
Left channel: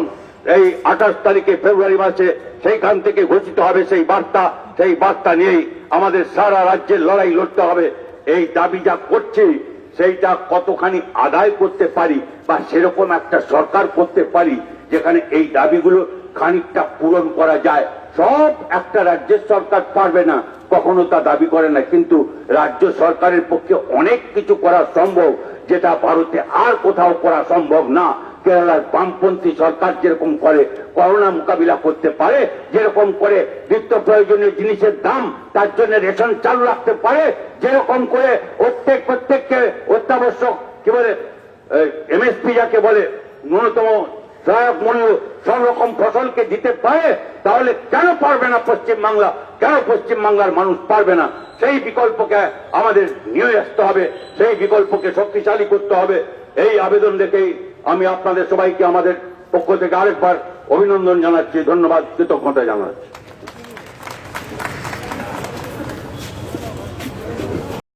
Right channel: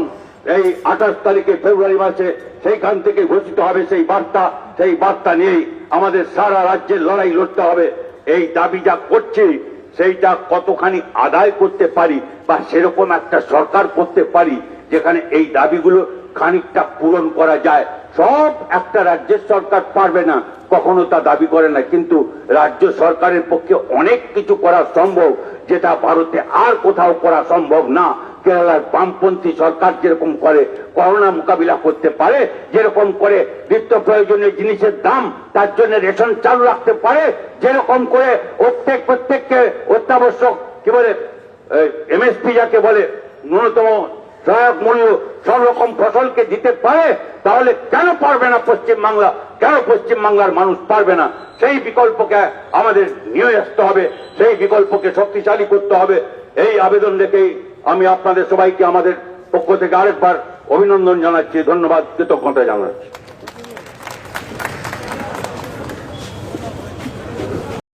এই 28 তারিখে ফেব্রুয়ারি মাসে সেইখান থেকে ঘোষিত হবে সেই বার্তা নিয়েই আমাদের সারা রাজ্যের লড়াই লড়তে হবে। এই দাবি যা করছি সেইটা কতখানি আদায় করতে পারি, বা সেরকম একটা সরকার করতে পারি যেখানে এই দাবিগুলো খানিকটা পূরণ করা যায়। সব একটা রাজ্যের সরকার পারবে না, কখনো তা দাবি করে না, কিন্তু রাজ্য সরকারের পক্ষে অনেক কিছু করা সম্ভব, যেটা ভারতে আর কোথাও করা সম্ভব না। কেরালার বামপন্থী সরকার যেরকম করে করোনা মোকাবিলা করতে পারে, যেরকম করে নিত্য প্রয়োজনীয় জিনিসের দাম তার জন্য রেশন চালু রাখতে পারে, যেরকম করে প্রত্যেককে অত্যাবশ্যক কি বলে এমএসপি যাকে বলে ন্যূনতম সহায়ক মূল্য সব রকম ফসলকে দিতে পারে, তাহলে কেন পারবে না পশ্চিমবাংলা? কেন পশ্চিমবাংলার মানুষ পারবে না? সেই বিকল্পকে আমাদের নিয়ে আসতে হবে, সেই বিকল্পকে শক্তিশালী করতে হবে। এই আবেদন রেখেই আমি আপনাদের সবাইকে আমাদের পক্ষ থেকে আরেকবার অভিনন্দন জানাচ্ছি, ধন্যবাদ, কৃতজ্ঞতা জানাচ্ছি।